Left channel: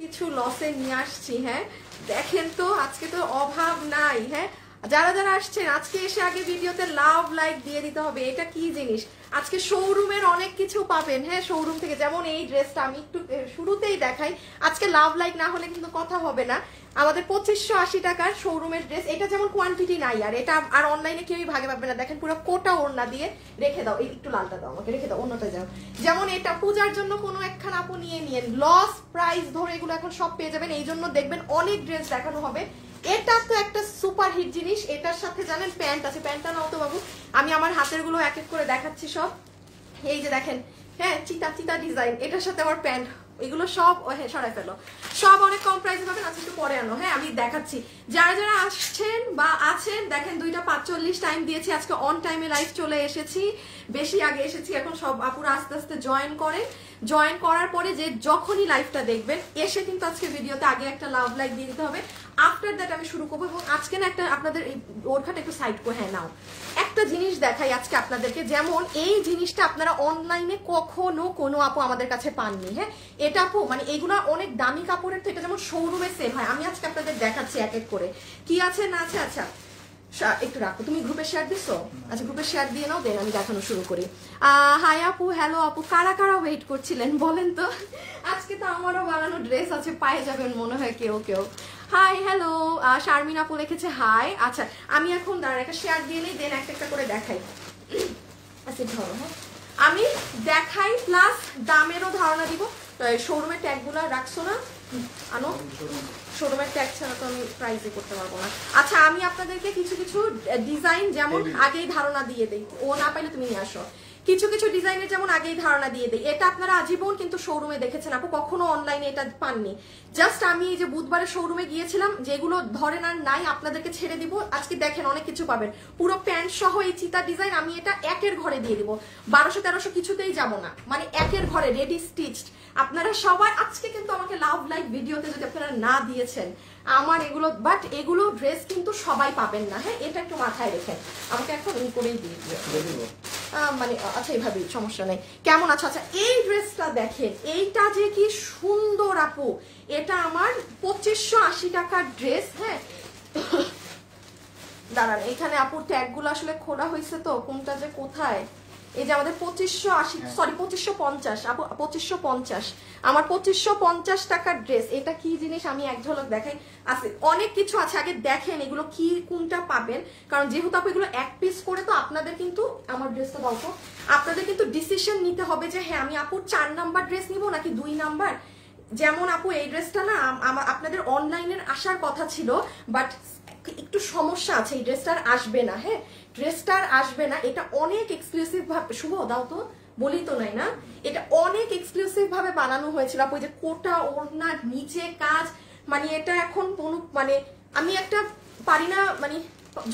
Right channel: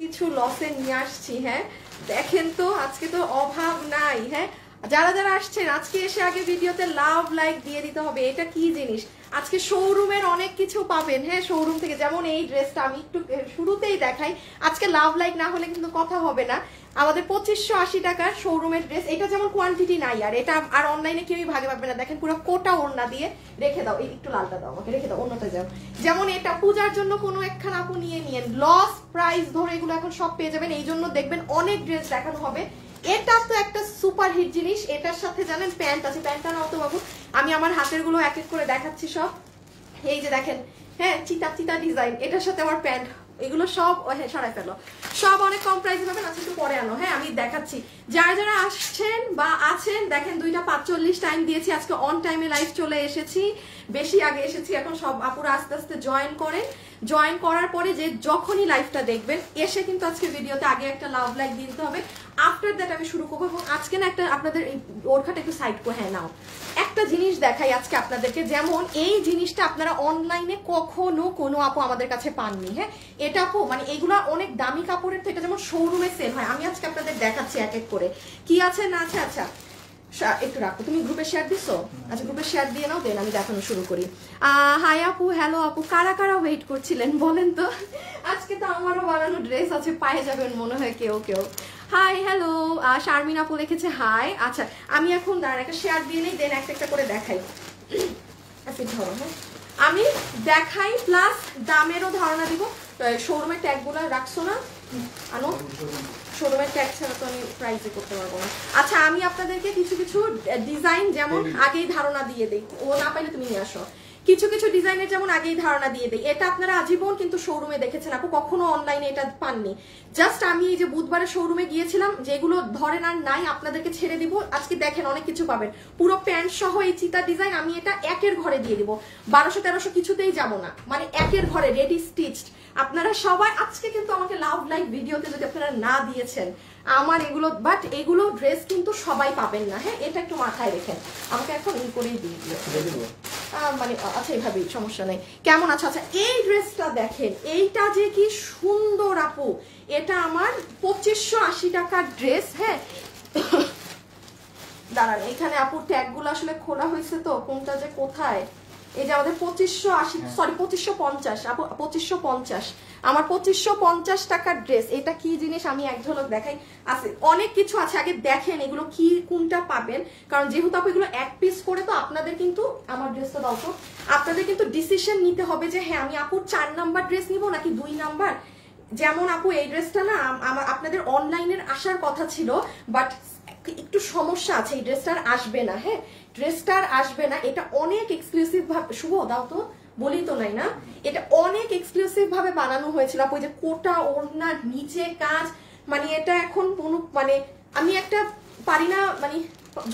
কিছু লসে নিয়ে আসছি। হ্যাঁ দেখেন তো আজকে তো অভাব নাই। হ্যাঁ যারা যারা আসছেন আজকে এসে আগে ভিডিওতে লাভ লাইক দিয়ে দিতে হবে। এটা কি জিনিস, আজকে শোরুমের অনেক কিছু পাবেন। হ্যাঁ শোরুম থেকে, যেমন এই ড্রেসটা আমি একটু শুরুতেই দেখাই। আজকে লাভ লাইক না হলে কিন্তু কথা হবে না। আমাদের 2580 টাকার শোরুমের ড্রেস, এটা যেমন কোয়ান্টিটি নাই আর এটা আর অনলাইনে কেউই ভাগে পাবে না। দেখেন পুরো কোটা ওড়না দিয়ে রেখে দাও, এই একটু লালটা দাও আমাকে, রেখে দাও অন্যটা যাও। যেমন এটা পূজার জন্য কোনো একখানা আপু নিয়ে লস প্রাইস ধরে এগুলো এখন সব পেয়ে যাবেন। এই জন্য দেখবেন অনেক ড্রেস দেখানো হবে। এটা তো একটা সুপার হিট জিনিস। এটার সাথে জানেন প্যান্ট আছে, প্যান্টটা নাও তো বাবু, আমি আমার হাতের গুলো এক এক করে দেখাচ্ছি সব। এই যে দেখেন, হ্যাঁ চিতা চিতা ডিজাইন, এটার সাথে আমার প্যান্ট, এগুলো সব হ্যাঁ সরাই ফেলো, সব অনেক কম প্রাইসে পাবেন। আজকে একটু পরে আনো। হ্যাঁ আমি দেখাচ্ছি যারা যারা আসছেন বা আছেন। দেখেন 2:45 টাইম দিয়েছি, আজকে অন টাইমে লাইভ চলে এসেছি, বেশি আগে এসেছি। এখন সব আপুরা আস্তে আস্তে জয়েন করেন। জয়েন করার পরে যে যখনই লাইভটা দেখবেন এসে কিন্তু আজকে ভিডিওতে আগে একটা লাভ লাইক দিয়ে দিতে হবে। আফটার দ্যাট আমি শুরু করবো। এবং আজকে না একটা আপনাদের ওরখাটা একটু সাইড করে, হ্যাঁ নাও একটা জিনিস দেখাই আজকে আপনাদেরকে। যেমন এই জিনিসটা আপনারা অনলাইনে কখনো কোনো আপু আমাদের কাছে পাননি। হ্যাঁ এটা আপু মানে এইগুলা অনেক দামি কাপড়ের থেকে যেমন শোরুমে সেল হয়। আমি আজকে আপনাদের দেখাচ্ছি এক এক করে কি আছে না আছে। আচ্ছা একটু রাখো, তুমি গ্রুপে শেয়ার দিছো? আচ্ছা গ্রুপে শেয়ার দিয়ে নাও, দেন আমি দেখানো শুরু করি। হাই আপু, হ্যালো আপু, কারা কারা ওয়েট করছিলেন বলেন তো? আজকে তো আমারও বানানো ড্রেস আছে, পায়ে যাবেন মনে হয় কেউ কেউ। হাই হ্যালো, শারমিন আপু লিখেছে হাই। আচ্ছা আমি এখন দাঁড়ান একটা শেয়ার দিয়ে নেই, দেন একটা একটা করে দেখাই। আচ্ছা ধরো, হ্যাঁ আমি দেখাই প্লাস দামেরও ধারণা দিব। শোরুমের ট্যাগ গুলো রাখছো না, আনো। শোরুমের ট্যাগ ছাড়া তো আমি প্রাইসে করতে পারবো না। আচ্ছা আমি আপনাদেরকে কিছু কিছু ডিজাইন যেমন আগেই ধারণা দিয়ে দিই, ও না পাইলে তুমি নিয়ে আসো। কিছু কিছু ডিজাইনের যেমন আগেই ধারণা দিয়ে দিই। এটা আপনারা আজীবন কিন্তু শোরুমে দেখেছেন আপু, কখনো অনলাইনে এটা পাননি। জাস্ট আমি এই যে বুধবারে শোরুমে গিয়েছিলাম, যেগুলো ধরেন আর নাই আপনাদেরকে ছেড়ে দিব। আজকে দেখেন অনেক কিছু পাবেন, পুরো প্যান্ট সহ এই চিতা ডিজাইন আমি এটা একের ঘরে দিয়ে দিব। 1200-1300 কিছুতেই যাবো না, মানে একের ঘরে রেডি স্টিচড। আপনারা সবাই আজকে কিন্তু আমাকে লাভ লাইভ ভিডিওতে যদি আপনারা না দিয়েছেন আমার এগুলো, বাট এগুলো ড্রেস কিন্তু সবাই পাবেন না। হ্যাঁ এটা একটু মাথায় রেখেন, আমাকে এখন ই করেই দিয়ে দিও মানে। আচ্ছা এইভাবেই সমস্যা নেই। কেমন আছে? আচ্ছা এই ড্রেসটা দেখেন, এইটা যে কি সুন্দর আপু। এটা আমার 2580 টাকার ড্রেস। হ্যাঁ দাঁড়ান, এখানে আপুর ট্যাগ গুলো আসলে খোলা হয়েছে তো কোনটা যে কোথায়। এই যে আমাদের 2580, সরি 2550 আপু, 2550 আমার 2550 টাকার ড্রেস। এটা কি জিনিস আমি এক ঝলক দেখাই। আছে অনেক কিছু আছে, আগে দেখেন এগুলো কি কোনটা পাবেন। কারণ যেহেতু আপু এগুলো এক পিস করে, তো আপনাদের কিন্তু আমার ড্রেসটা দাও তো, আপনাদের কিন্তু ডিসিশন নিতে হবে যে হ্যাঁ আমি আপুর 4 নাম্বার ড্রেস নিবো নাকি 2 নাম্বার। যেমন আপু এই ড্রেসটা না আপনাদের অনলাইনের আসার কথা ছিল, বাট একটু সমস্যা আছে, এই ড্রেসটার আসবে না। হ্যাঁ ড্রেসটার আসবে না। এটা অনেক এক্সক্লুসিভ ভাবে, শুভ দাও তো বলি তো নাই না, এটা অনেক এক্সক্লুসিভ ভাবে বানানো হয়েছিল আপু। যে কোটা ওড়নার নিচে কাজ, মানে এটা এখন মানে আমি একটা পারি না, মানে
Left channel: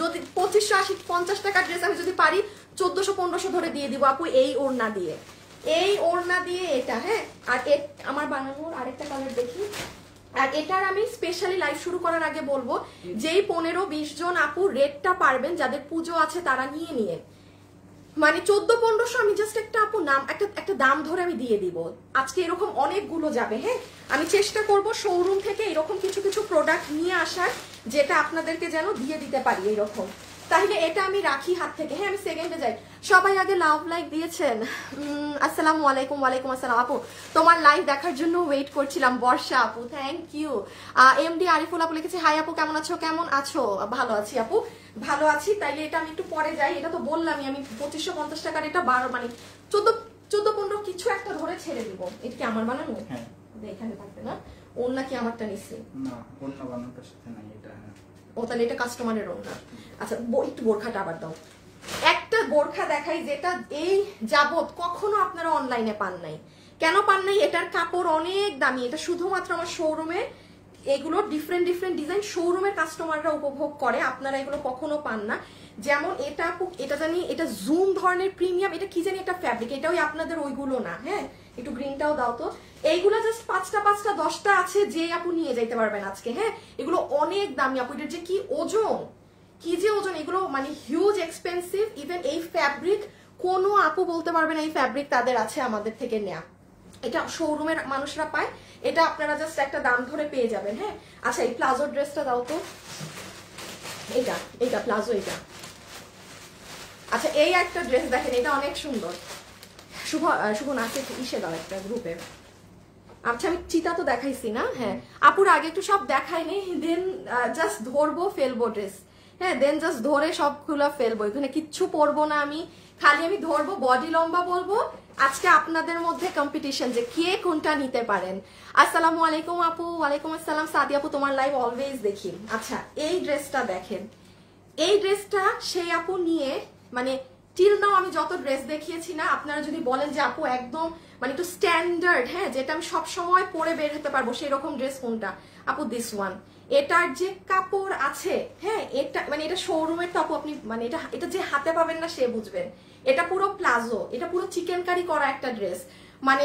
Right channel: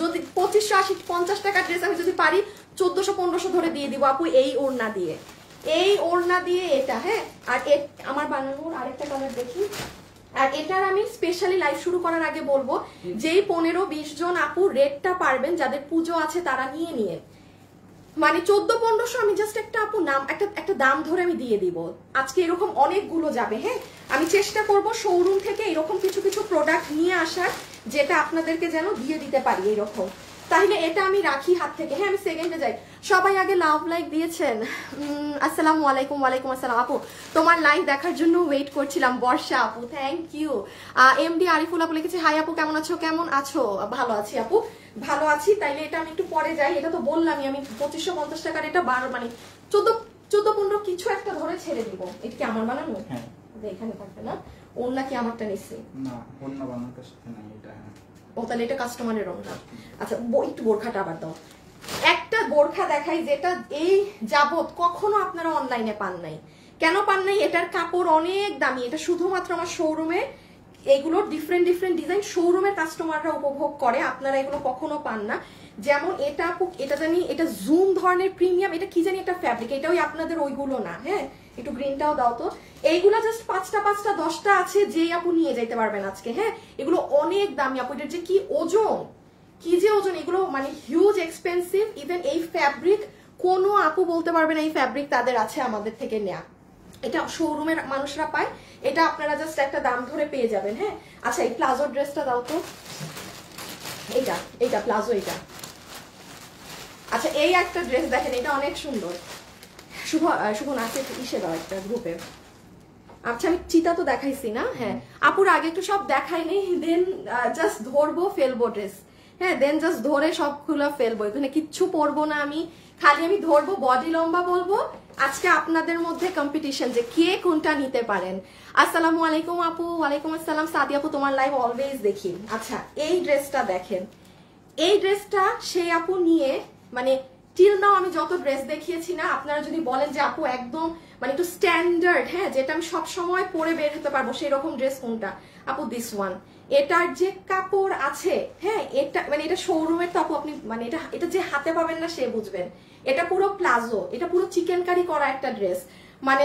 যদি 2550 টাকার ড্রেস আমি যদি পারি 1400-1500 ধরে দিয়ে দিব আপু এই ওড়না দিয়ে, এই ওড়না দিয়ে এটা। হ্যাঁ আর আমার বানানোর আরেকটা কালার দেখি। আর এটার আমি স্পেশালি লাইভ শুরু করার আগে বলবো, যেই 15-20 জন আপু রেটটা পারবেন, যাদের পুজো আছে তারা নিয়ে মানে 1400-1500 আমি জাস্ট একটা আপু নাম একটা দাম ধরে আমি দিয়ে দিব। আজকে এরকম অনেকগুলো যাবে। হ্যাঁ আমি চেষ্টা করব শোরুম থেকে এরকম কিছু কিছু প্রোডাক্ট নিয়ে আসার, যেটা আপনাদেরকে যেন দিয়ে দিতে পারি এইরকম। তাহলে এটা আমি রাখি হাত থেকে। হ্যাঁ আমি সেকেন্ডে যাই। সবাই আগে লাভ লাইক দিয়েছেন? আসসালামু আলাইকুম। ওয়ালাইকুম আসসালাম আপু, তোমার লাইভ দেখার জন্য ওয়েট করছিলাম। বর্ষা আপু থ্যাংক ইউ। এমডি আরিফুল আপু লিখেছে হাই আপু, কেমন আছো? কেমন আছো? ভালো আছি আপু, ভালো আছি। তাইলে এটা আমি একটু পরে যাই। এটা তো বললামই আমি 2550 টাকার, এটা 12 মানে 14-15 কিছু একটা ধরে ছেড়ে দিব। এটা কি আমার বানানো? হ্যাঁ এখানে থাকবে না। ওড়না কি আমারটা নিছি? না ওড়না বানানোর সাথে নাই এটা। ও তাহলে এটা কাস্টমারের ওড়না। আচ্ছা একটু বোরখাটা আবার দাও। একটা বোরখা দেখাই যেটা এই যাবত কখনো আপনারা অনলাইনে পান নাই। কেন পান নাই? এটার কাপড় অনেক দামি। এটা শুধুমাত্র আমার শোরুমে, এগুলো ডিফারেন্ট ডিফারেন্ট ডিজাইন শোরুমের কাস্টমাররা উপভোগ করে, আপনারা এগুলো কখনো পান না। যেমন এটা আপু, এটা জানি এটা জুম ধরনের প্রিমিয়াম, এটা কি জানি একটা ফ্যাব্রিক, এটাও আপনাদের ওইগুলো না। হ্যাঁ একটু গ্রিনটাও দাও তো। এইগুলা জাস্ট 5টা 10টা আছে, যে আপু নিয়ে যাইতে পারবেন আজকে। হ্যাঁ এগুলো অনেক দামি আপু, এটার যে কি ওজন, কি যে ওজন, এগুলো মানে হিউজ এক্সপেন্সিভ। ইভেন এই ফ্যাব্রিক কোনো আপু বলতে পারবে না এই ফ্যাব্রিক তাদের আছে আমাদের থেকে নেয়া। এটা শোরুমের মানুষরা পায়, এটা আপনারা জাস্ট একটা দাম ধরে পেয়ে যাবেন। হ্যাঁ, আচ্ছা এই প্লাজো ড্রেসটা দাও তো, এইটা প্লাজো, এইটা। আচ্ছা এই একটা ড্রেস দেখেন, এটা অনেক সুন্দর। শুভ নাচে ইসে দাও একটা গ্রুপে। আচ্ছা আমি চিতা তো দেখাইছি না? হ্যাঁ আপুর আগে একটু সব দেখাই নেই, দেন জাস্ট ধরবো ফেলবো ড্রেস। হ্যাঁ দেন জাস্ট ধরে সবগুলো ফেলবো, এখানে কিচ্ছু পরবো না আমি, খালি আমি ধরবো, বডি লম্বা বলবো। আজকে আপনাদের মধ্যে কম্পিটিশন যে কে কোনটা নিতে পারেন। আসসালামু আলাইকুম আপু। ওয়ালাইকুম আসসালাম সাদি আপু, তোমার লাইভ অলওয়েজ দেখি। আচ্ছা এই ড্রেসটা দেখেন, এই ড্রেসটা সেই আপু নিয়ে মানে টিল নাও আমি যত ড্রেস দেখিয়েছি না, আপনারা যদি বলেন যে আপু একদম মানে একটু স্ট্যান্ডার্ড, হ্যাঁ যেটা আমি সব সময় পরে বের হতে পারবো সেরকম ড্রেস কোনটা, আপু দিস ওয়ান। এটার যে কাপড় আছে, হ্যাঁ এটা মানে এটা শোরুমের তো আপু, আপনি মানে এটা যে হাতে পাবেন না সে বুঝবেন। এটা পুরো প্লাজো, এটা পুরো চিকেন কারি করা একটা ড্রেস, মানে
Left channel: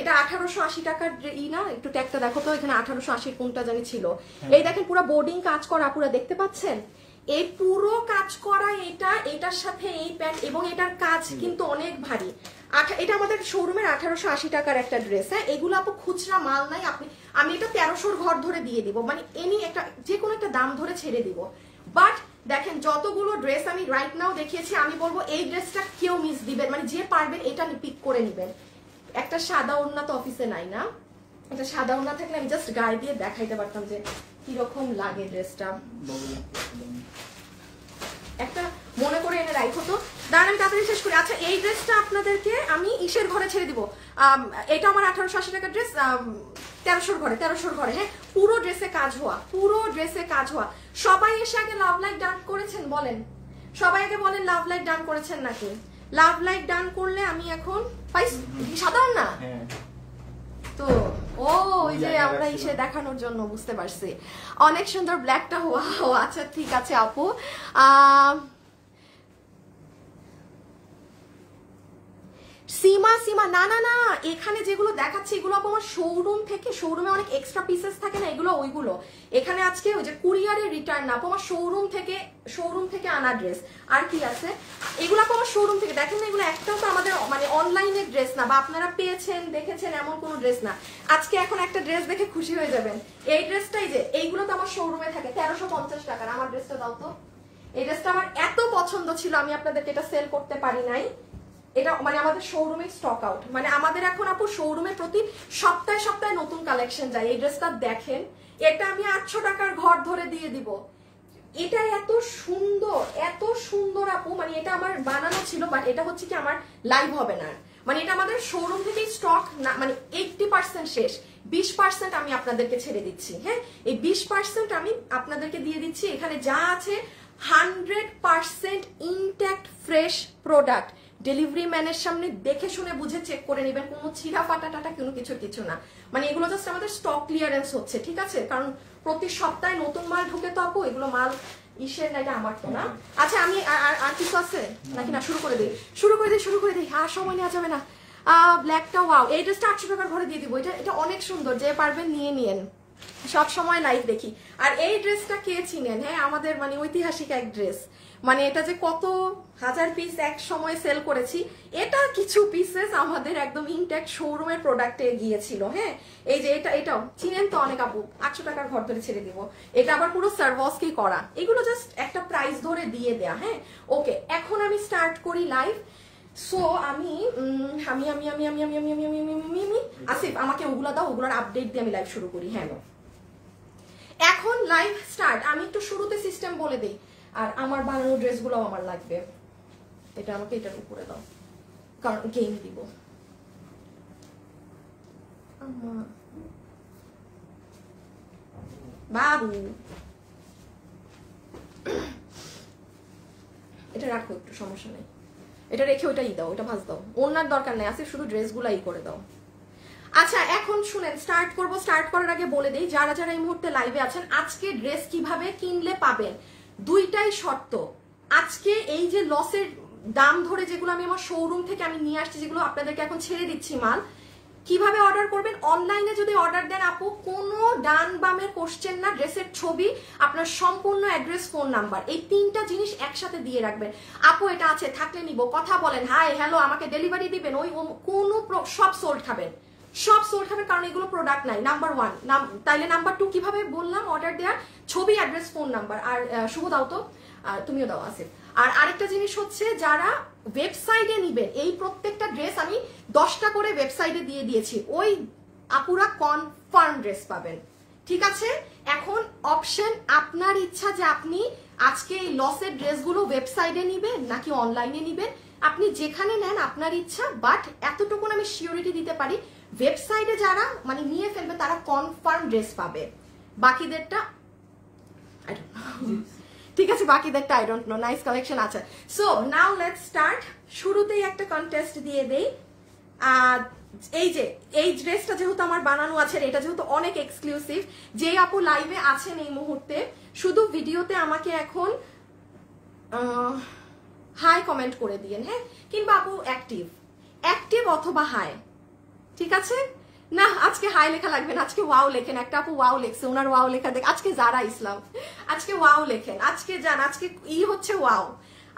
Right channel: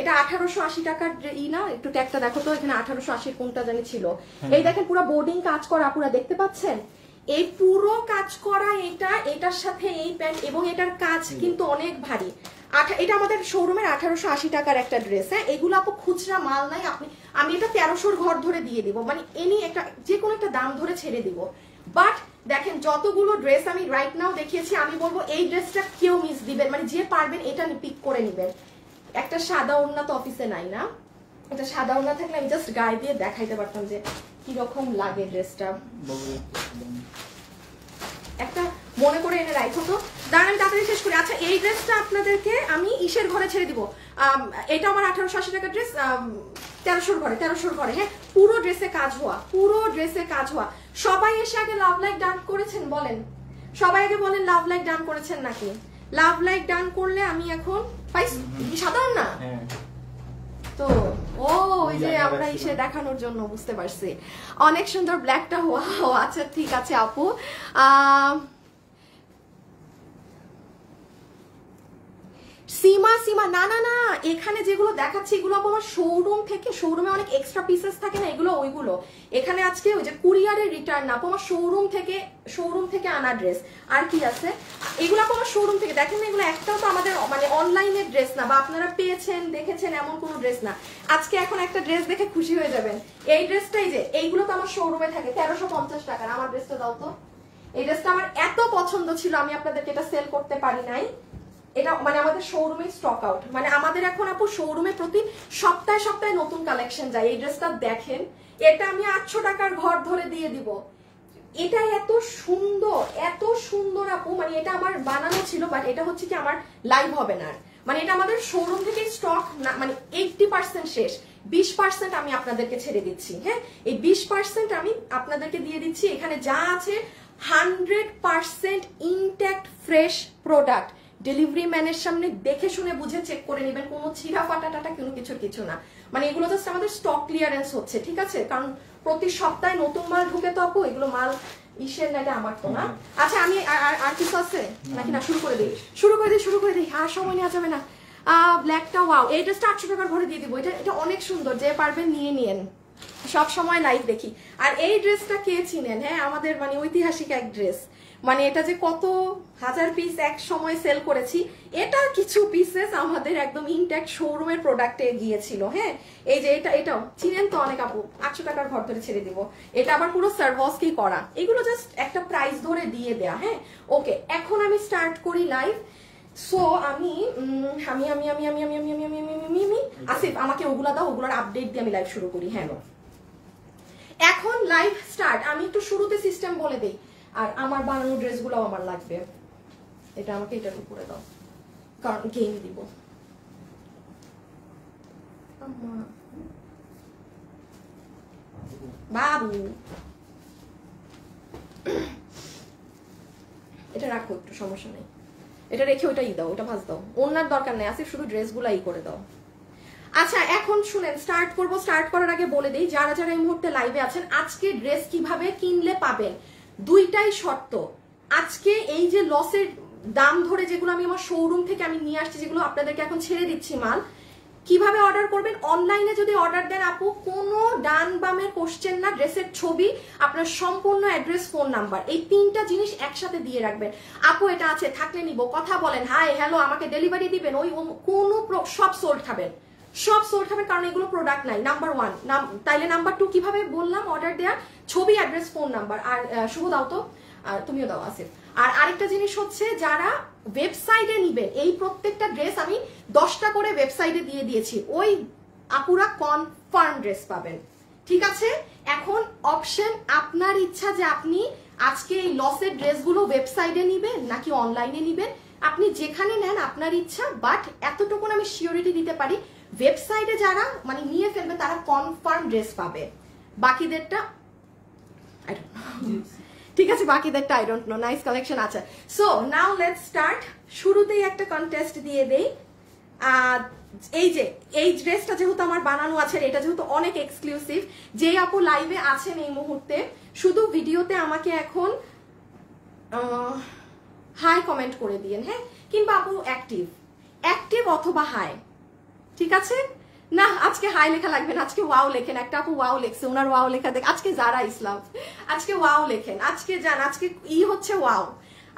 এটা 1880 টাকার না, একটু ট্যাগটা দেখো তো, এখানে 1880 কোনটা জানি ছিল। এই দেখেন পুরো বোর্ডিং কাজ করা, পুরো দেখতে পাচ্ছেন এই পুরো কাজ করা, এটার সাথে এই প্যান্ট, এবং এটার কাজ কিন্তু অনেক ভারী। এটা আমাদের শোরুমের 1880 টাকার একটা ড্রেস। হ্যাঁ এগুলো আপু খুচরা মাল নাই, আমি এটা 1300 ঘর ধরে দিয়ে দিব, মানে এনি একটা যে কোনো একটা দাম ধরে ছেড়ে দিব। বাট দেখেন যতগুলো ড্রেস আমি রাইট নাও দেখিয়েছি, আমি বলবো এই ড্রেসটা কেউ মিস দিবেন, মানে যে পারবেন এটা পিক করে নিবেন। একটা সাদা ওড়না তো অফিসে নাই না, একটা সাদা ওড়না থাকলে আমি জাস্ট গায়ে দিয়ে দেখাইতে পারতাম যে কিরকম লাগে ড্রেসটা। একটা মনে করে এনে রাখো তো, দাঁড়ান আমি তাড়াতাড়ি শেষ করি। আচ্ছা এই ড্রেসটা আপনাদেরকে আমি ইসের ঘরে ছেড়ে দিব, এটা আমার 1880 টাকার ড্রেস, 1300 ঘরে। হ্যাঁ পুরো ড্রেসে কাজ হওয়া, পুরো ড্রেসে কাজ হওয়া। সবাই এসে আগে লাভ লাইক ডান করেছেন বলেন, সবাই আগে বলেন লাভ লাইক ডান করেছেন নাকি? লাভ লাইক ডান করলে আমি এখন সাধারণ না তো, ও ওই যে আমরা এসে দেখানোর জন্য, বুঝতে পারছি। অনেক সুন্দর ব্ল্যাকটা হওয়া। আচ্ছা ঠিক আছে আপু। সীমা না না না, এখানে যেগুলো দেখাচ্ছি এগুলো আমার শোরুম থেকে, শোরুমে অনেক এক্সট্রা পিসেস থাকে না, এগুলো ওইগুলো। এখানে আজকে ওই যে কুরিয়ারের রিটার্ন না, আমার শোরুম থেকে আনা ড্রেস। আর কি আছে এগুলো আমার শোরুম থেকে, দেখেন না এগুলো একটাও তো আমাদের মানে অনলাইনের ড্রেস না, বা আপনারা পেয়েছেন দেখেছেন এমন কোনো ড্রেস না। আজকে এখন একটা ড্রেস দেখে খুশি হয়ে যাবেন, এই ড্রেসটাই যে এইগুলো তো আমার শোরুমে থাকে 1350 টাকার। আমার ড্রেসটা দাও তো, এই ড্রেসটা আমার এত পছন্দ ছিল আমি আপনাদেরকে এটা সেল করতে পারি নাই। এটা মানে আমাদের শোরুমে স্টক আউট, মানে আমাদের এখন আপু শোরুমে প্রতি সপ্তাহে নতুন কালেকশন যায়। এই ড্রেসটা দেখেন, এটা আমি 800 টাকার ঘর ধরে দিয়ে দিব। এটা এত সুন্দর আপু, মানে এটা আমার বানানো ছিল, বাট এটা হচ্ছে কি আমার লাইভ হবে না, মানে এটা আমাদের শোরুম থেকে স্টক না, মানে 80% শেষ, 20% আমি আপনাদেরকে ছেড়ে দিচ্ছি। হ্যাঁ এই 20% আমি আপনাদেরকে দিয়ে দিচ্ছি। এখানে যা আছে 100% ইনট্যাক্ট ফ্রেশ প্রোডাক্ট, ডেলিভারি ম্যানের সামনে দেখে শুনে বুঝে চেক করে নেবেন, কোনো ছিঁড়া ফাটা কোনো কিছু না, মানে এগুলো জাস্ট আমাদের স্টক ক্লিয়ারেন্স হচ্ছে, ঠিক আছে? কারণ প্রতি সপ্তাহে নতুন মাল ঢুকে তো আপু, এগুলো মাল ইসের না, এটা আমার তো না। আচ্ছা আমি আর কিছু আছে নাকি? না শুরু করে দিই, আর সময় নেওয়া যাবে না। ব্ল্যাকটা ওয়াও, এই ড্রেসটা 800 টাকার ঘরে দিয়ে দিব। এটা অনেক সুন্দর, যে পারবেন নিয়ে নিয়েন, সব সময় লাইভ দেখি। আর এই ড্রেসটা কে চিনেন? হ্যাঁ আমাদের মানে ঐতিহাসিক এক ড্রেস, মানে এটা যে কত হাজার পিস এক সময় সেল করেছি, এটা কিছু পিসেস আমাদের একদম ইনট্যাক্ট শোরুমের প্রোডাক্টে গিয়েছিল। হ্যাঁ এই যে এটাও চিনেন তো অনেক আপু, 800 টাকার ঘর ধরে ছেড়ে দিব। এটা আবার পুরো সার্ভসকেই করা, এগুলো জাস্ট একটা প্রাইস ধরে দিয়ে দেয়া। হ্যাঁ ওকে, এখন আমি স্টার্ট করি লাইভ। সো আমি আসিফ আমাকে ওগুলা দাও, ওগুলার আপডেট দিয়ে আমি লাইভ শুরু করি। হ্যাঁ এখন লাইভ স্টার্ট। আমি একটু শুরুতে সিস্টেম বলে দিই, আর আমার বানানো ড্রেসগুলো আমার লাগবে। এটা আমাকে এটার উপরে দাও, কারণ গেম দিব। বাবু এটা রাখো একটু, সমস্যা নেই, এটা রেখে ওইটাই দাও, ওটা ভাজ দাও, ওনার দরকার নেই, আসে শুধু ড্রেসগুলো ই করে দাও। আচ্ছা এখন শুনেন, স্টার্ট করবো। স্টার্ট করার আগে বলে দিই, যারা এই মুহূর্তে লাইভে আছেন, আজকে ড্রেস কিভাবে কিনলে পাবেন, দুইটাই শর্ত। আজকে এই যে লসের দাম ধরে যেগুলো আমি আমার শোরুম থেকে আমি নিয়ে আসছি, যেগুলো আপনাদেরকে এখন ছেড়ে দিচ্ছি মাল, কিভাবে অর্ডার করবেন? অনলাইনে যদি অর্ডার দেন আপু, কোনো ডান বামে কোশ্চেন না, ড্রেসের ছবি, আপনার সম্পূর্ণ অ্যাড্রেস, ফোন নাম্বার, এই 3টা জিনিস একসাথে দিয়ে রাখবেন। আপু এটা আছে, থাকলে নিব, কথা বলেন, হাই হ্যালো, আমাকে ডেলিভারি দিবেন, ওই কোনো সব সোল্ড খাবেন, সব সোল্ড হবে, কারণ এগুলো প্রোডাক্ট নাই। নাম্বার 1, তাইলে নাম্বার 2 কিভাবে বললাম অর্ডার দেওয়া, ছবি, অ্যাড্রেস, ফোন নাম্বার। আর শুভ দাও তো, তুমিও দাও আসিফ। আর আরেকটা জিনিস হচ্ছে, যারা ওয়েবসাইটে নিবেন, এই প্রত্যেকটা ড্রেস আমি 10টা করে ওয়েবসাইটে দিয়ে দিয়েছি, ওই আপুরা কনফার্ম ড্রেস পাবেন। ঠিক আছে, এখন অপশন আপনার ইচ্ছা যে আপনি আজকে এই লসের ড্রেসগুলো ওয়েবসাইটে নিবেন নাকি অনলাইনে নিবেন। আপনি যেখানে নেন আপনার ইচ্ছা, বাট এতটুকু আমি সিওরিটি দিতে পারি, ওয়েবসাইটে যারা মানে নিয়ে ফেলবে তারা কনফার্ম ড্রেস পাবে। বাকিদেরটা ঠিক আছে, বাকিদেরটা I don't know. Nice collection আছে। So now let's start. শুরুতেই একটা কন্টেস্ট দিয়ে দেই। এই যে এই ড্রেসটা যেহেতু আমার বানানো আছে, এটা যেহেতু অনেক এক্সক্লুসিভ, যে আপু লাইভে আছেন এই মুহূর্তে, শুধু ভিডিওতে আমাকে এখন হাই কমেন্ট করে দিয়েন, হ্যাঁ, কিংবা আপু অ্যাক্টিভ অথবা হাই। ঠিক আছে, না আজকে হাই লেখা লাগবে না, আজকে ওয়াও লেখেন। একটা আপু ওয়াও লেখছে, ওনার ওয়াও লেখা দেখ। আজকে যারা ইসলাম, আজকে ওয়াও লেখেন, আজকে যান, আজকে হচ্ছে ওয়াও,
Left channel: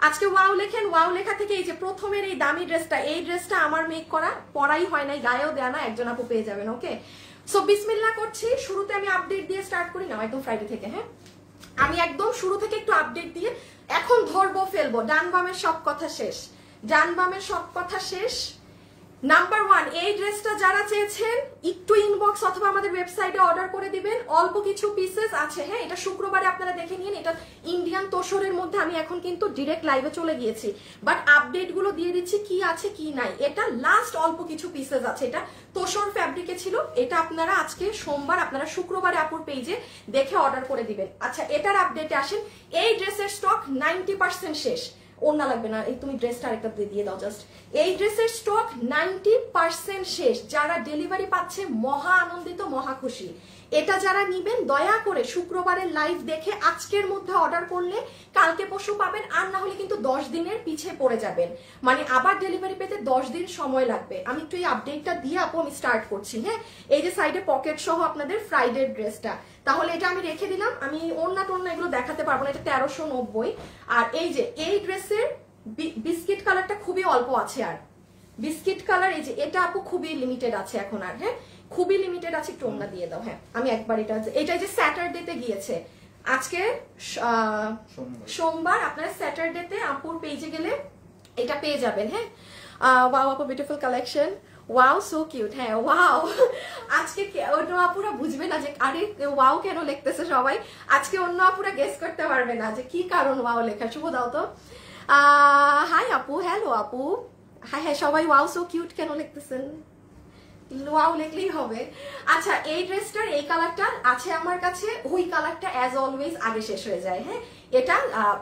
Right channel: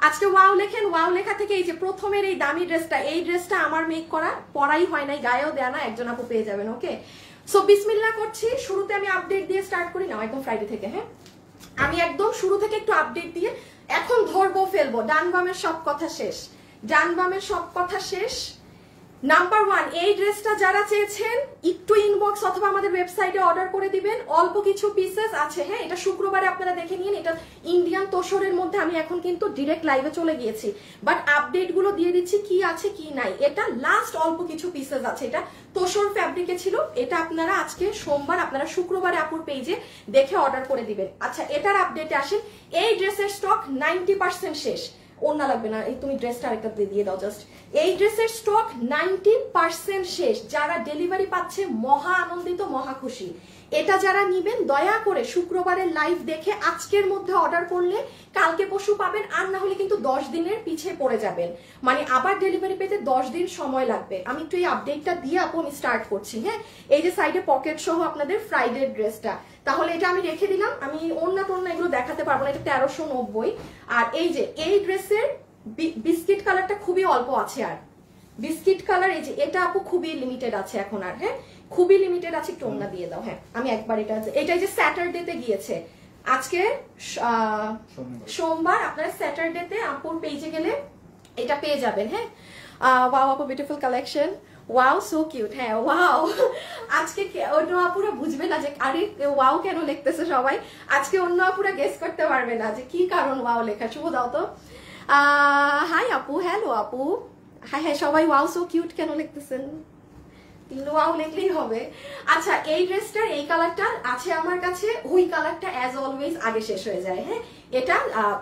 আজকে ওয়াও লেখেন। ওয়াও লেখা থেকে এই যে প্রথমের এই দামি ড্রেসটা, এই ড্রেসটা আমার মেক করা, পরাই হয় নাই, গায়েও দেয়া না, একজন আপু পেয়ে যাবেন। ওকে, সো বিসমিল্লাহ করছি। শুরুতে আমি আপডেট দিয়ে স্টার্ট করি না, একদম ফ্রাইডে থেকে। হ্যাঁ, আমি একদম শুরু থেকে একটু আপডেট দিয়ে এখন ধরবো ফেলবো। ডান বামের সব কথা শেষ, ডান বামের সব কথা শেষ। নাম্বার 1, এই ড্রেসটা যারা চেয়েছেন একটু ইনবক্স অথবা আমাদের ওয়েবসাইটে অর্ডার করে দিবেন। অল্প কিছু পিসেস আছে, হ্যাঁ, এটা শুক্রবারে আপনারা দেখে নিন। এটা ইন্ডিয়ান তোষরের মধ্যে আমি এখন কিন্তু ডিরেক্ট লাইভে চলে গিয়েছি, বাট আপডেট গুলো দিয়ে দিচ্ছি কি আছে কি নাই। এটা লাস্ট অল্প কিছু পিসেস আছে, এটা তোষর ফ্যাব্রিকে ছিল। এটা আপনারা আজকে সোমবার, আপনারা শুক্রবারে আপুর পেজে দেখে অর্ডার করে দিবেন। আচ্ছা, এটার আপডেটে আসেন। এই ড্রেসের স্টক 90% শেষ। ওড়না লাগবে না, এই তুমি ড্রেসটা আরেকটা দিয়ে দাও জাস্ট। এই ড্রেসের স্টক 90% শেষ। যারা ডেলিভারি পাচ্ছে মহা আনন্দিত, মহা খুশি। এটা যারা নিবেন দয়া করে শুক্রবারের লাইভ দেখে আজকের মধ্যে অর্ডার করলে কালকে পরশু পাবেন, আর না হলে কিন্তু 10 দিনের পিছে পড়ে যাবেন, মানে আবার ডেলিভারি পেতে 10 দিন সময় লাগবে। আমি একটু এই আপডেটটা দিয়ে আপু আমি স্টার্ট করছি। হ্যাঁ, এই যে সাইডে পকেট সহ আপনাদের ফ্রাইডে ড্রেসটা, তাহলে এটা আমি রেখে দিলাম। আমি ওড়না টোড়না এগুলো দেখাতে পারবো না, এটা 1390। আর এই যে এই ড্রেসের বিস্কিট কালারটা খুবই অল্প আছে, আর বিস্কিট কালার এই যে এটা আপু খুবই লিমিটেড আছে এখন, আর হ্যাঁ খুবই লিমিটেড আছে। একটু ওড়না দিয়ে দাও। হ্যাঁ, আমি একবার এটা যে স্যাটারডেতে গিয়েছে, আজকে সোমবার, আপনারা স্যাটারডেতে আপুর পেজে গেলে এটা পেয়ে যাবেন। হ্যাঁ, ওয়াও আপু beautiful collection, wow so cute. হ্যাঁ, ওয়াও। আজকে অন্য আপুরা বুঝবে না যে আরে ওয়াও কেন লিখতেছে সবাই, আজকে অন্য আপুরা গেস করতে পারবে না যে কি কারণ ওয়াও লেখা। শুভ দাও তো। হাই আপু, হ্যালো আপু, হাই হাই সবাই। ওয়াও সো কিউট কেন লিখতেছেন, ওয়াও লিখলেই হবে। আচ্ছা, এই ড্রেসটার এই কালারটা আছে আমার কাছে, ওই কালারটা অ্যাজ অলওয়েজ আগে শেষ হয়ে যায়। হ্যাঁ, এটা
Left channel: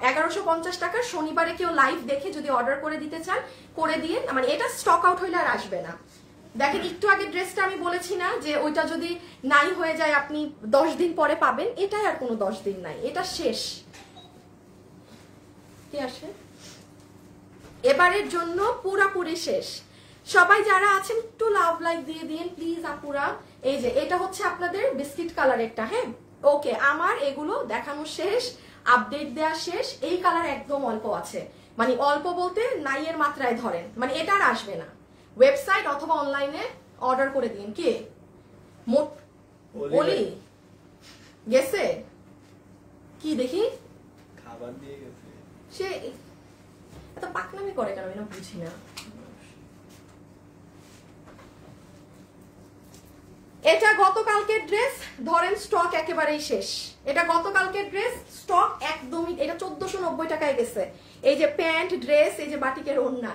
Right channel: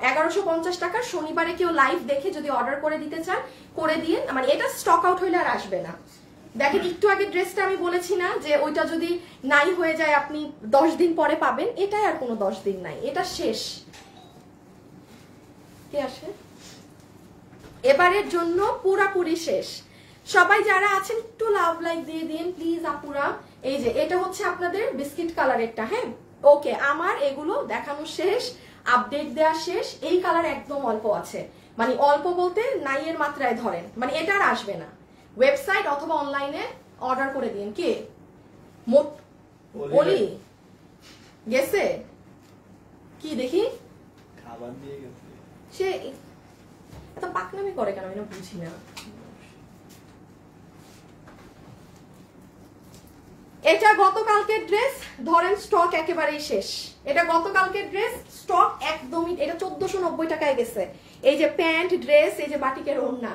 1150 টাকা। শনিবারে কেউ লাইভ দেখে যদি অর্ডার করে দিতে চান করে দিয়ে, মানে এটা স্টক আউট হইলে আর আসবে না। দেখেন একটু আগে ড্রেসটা আমি বলেছি না যে ওইটা যদি নাই হয়ে যায় আপনি 10 দিন পরে পাবেন, এটাই আর কোনো 10 দিন নাই, এটা শেষ। কে আসে এবারের জন্য পুরাপুরি শেষ। সবাই যারা আছেন একটু লাভ লাইক দিয়ে দিন প্লিজ আপুরা। এই যে এটা হচ্ছে আপনাদের বিস্কিট কালারেরটা। হ্যাঁ, ওকে, আমার এগুলো দেখানো শেষ, আপডেট দেওয়া শেষ। এই কালার একদম অল্প আছে, মানে অল্প বলতে নাই এর মাত্রায় ধরেন, মানে এটা আর আসবে না। ওয়েবসাইট অথবা অনলাইনে অর্ডার করে দিন। কে বলি গেছে কি দেখি, খাবার দিয়ে গেছে, সে এত পাকনামি করে কেন আমি না বুঝি না। এটা গতকালকের ড্রেস, ধরেন স্টক একেবারেই শেষ। এটা গতকালকের ড্রেস, স্টক একদমই, এটা 1490 টাকায় গেছে। এই যে প্যান্ট, ড্রেস, এই যে বাটিকের ওড়না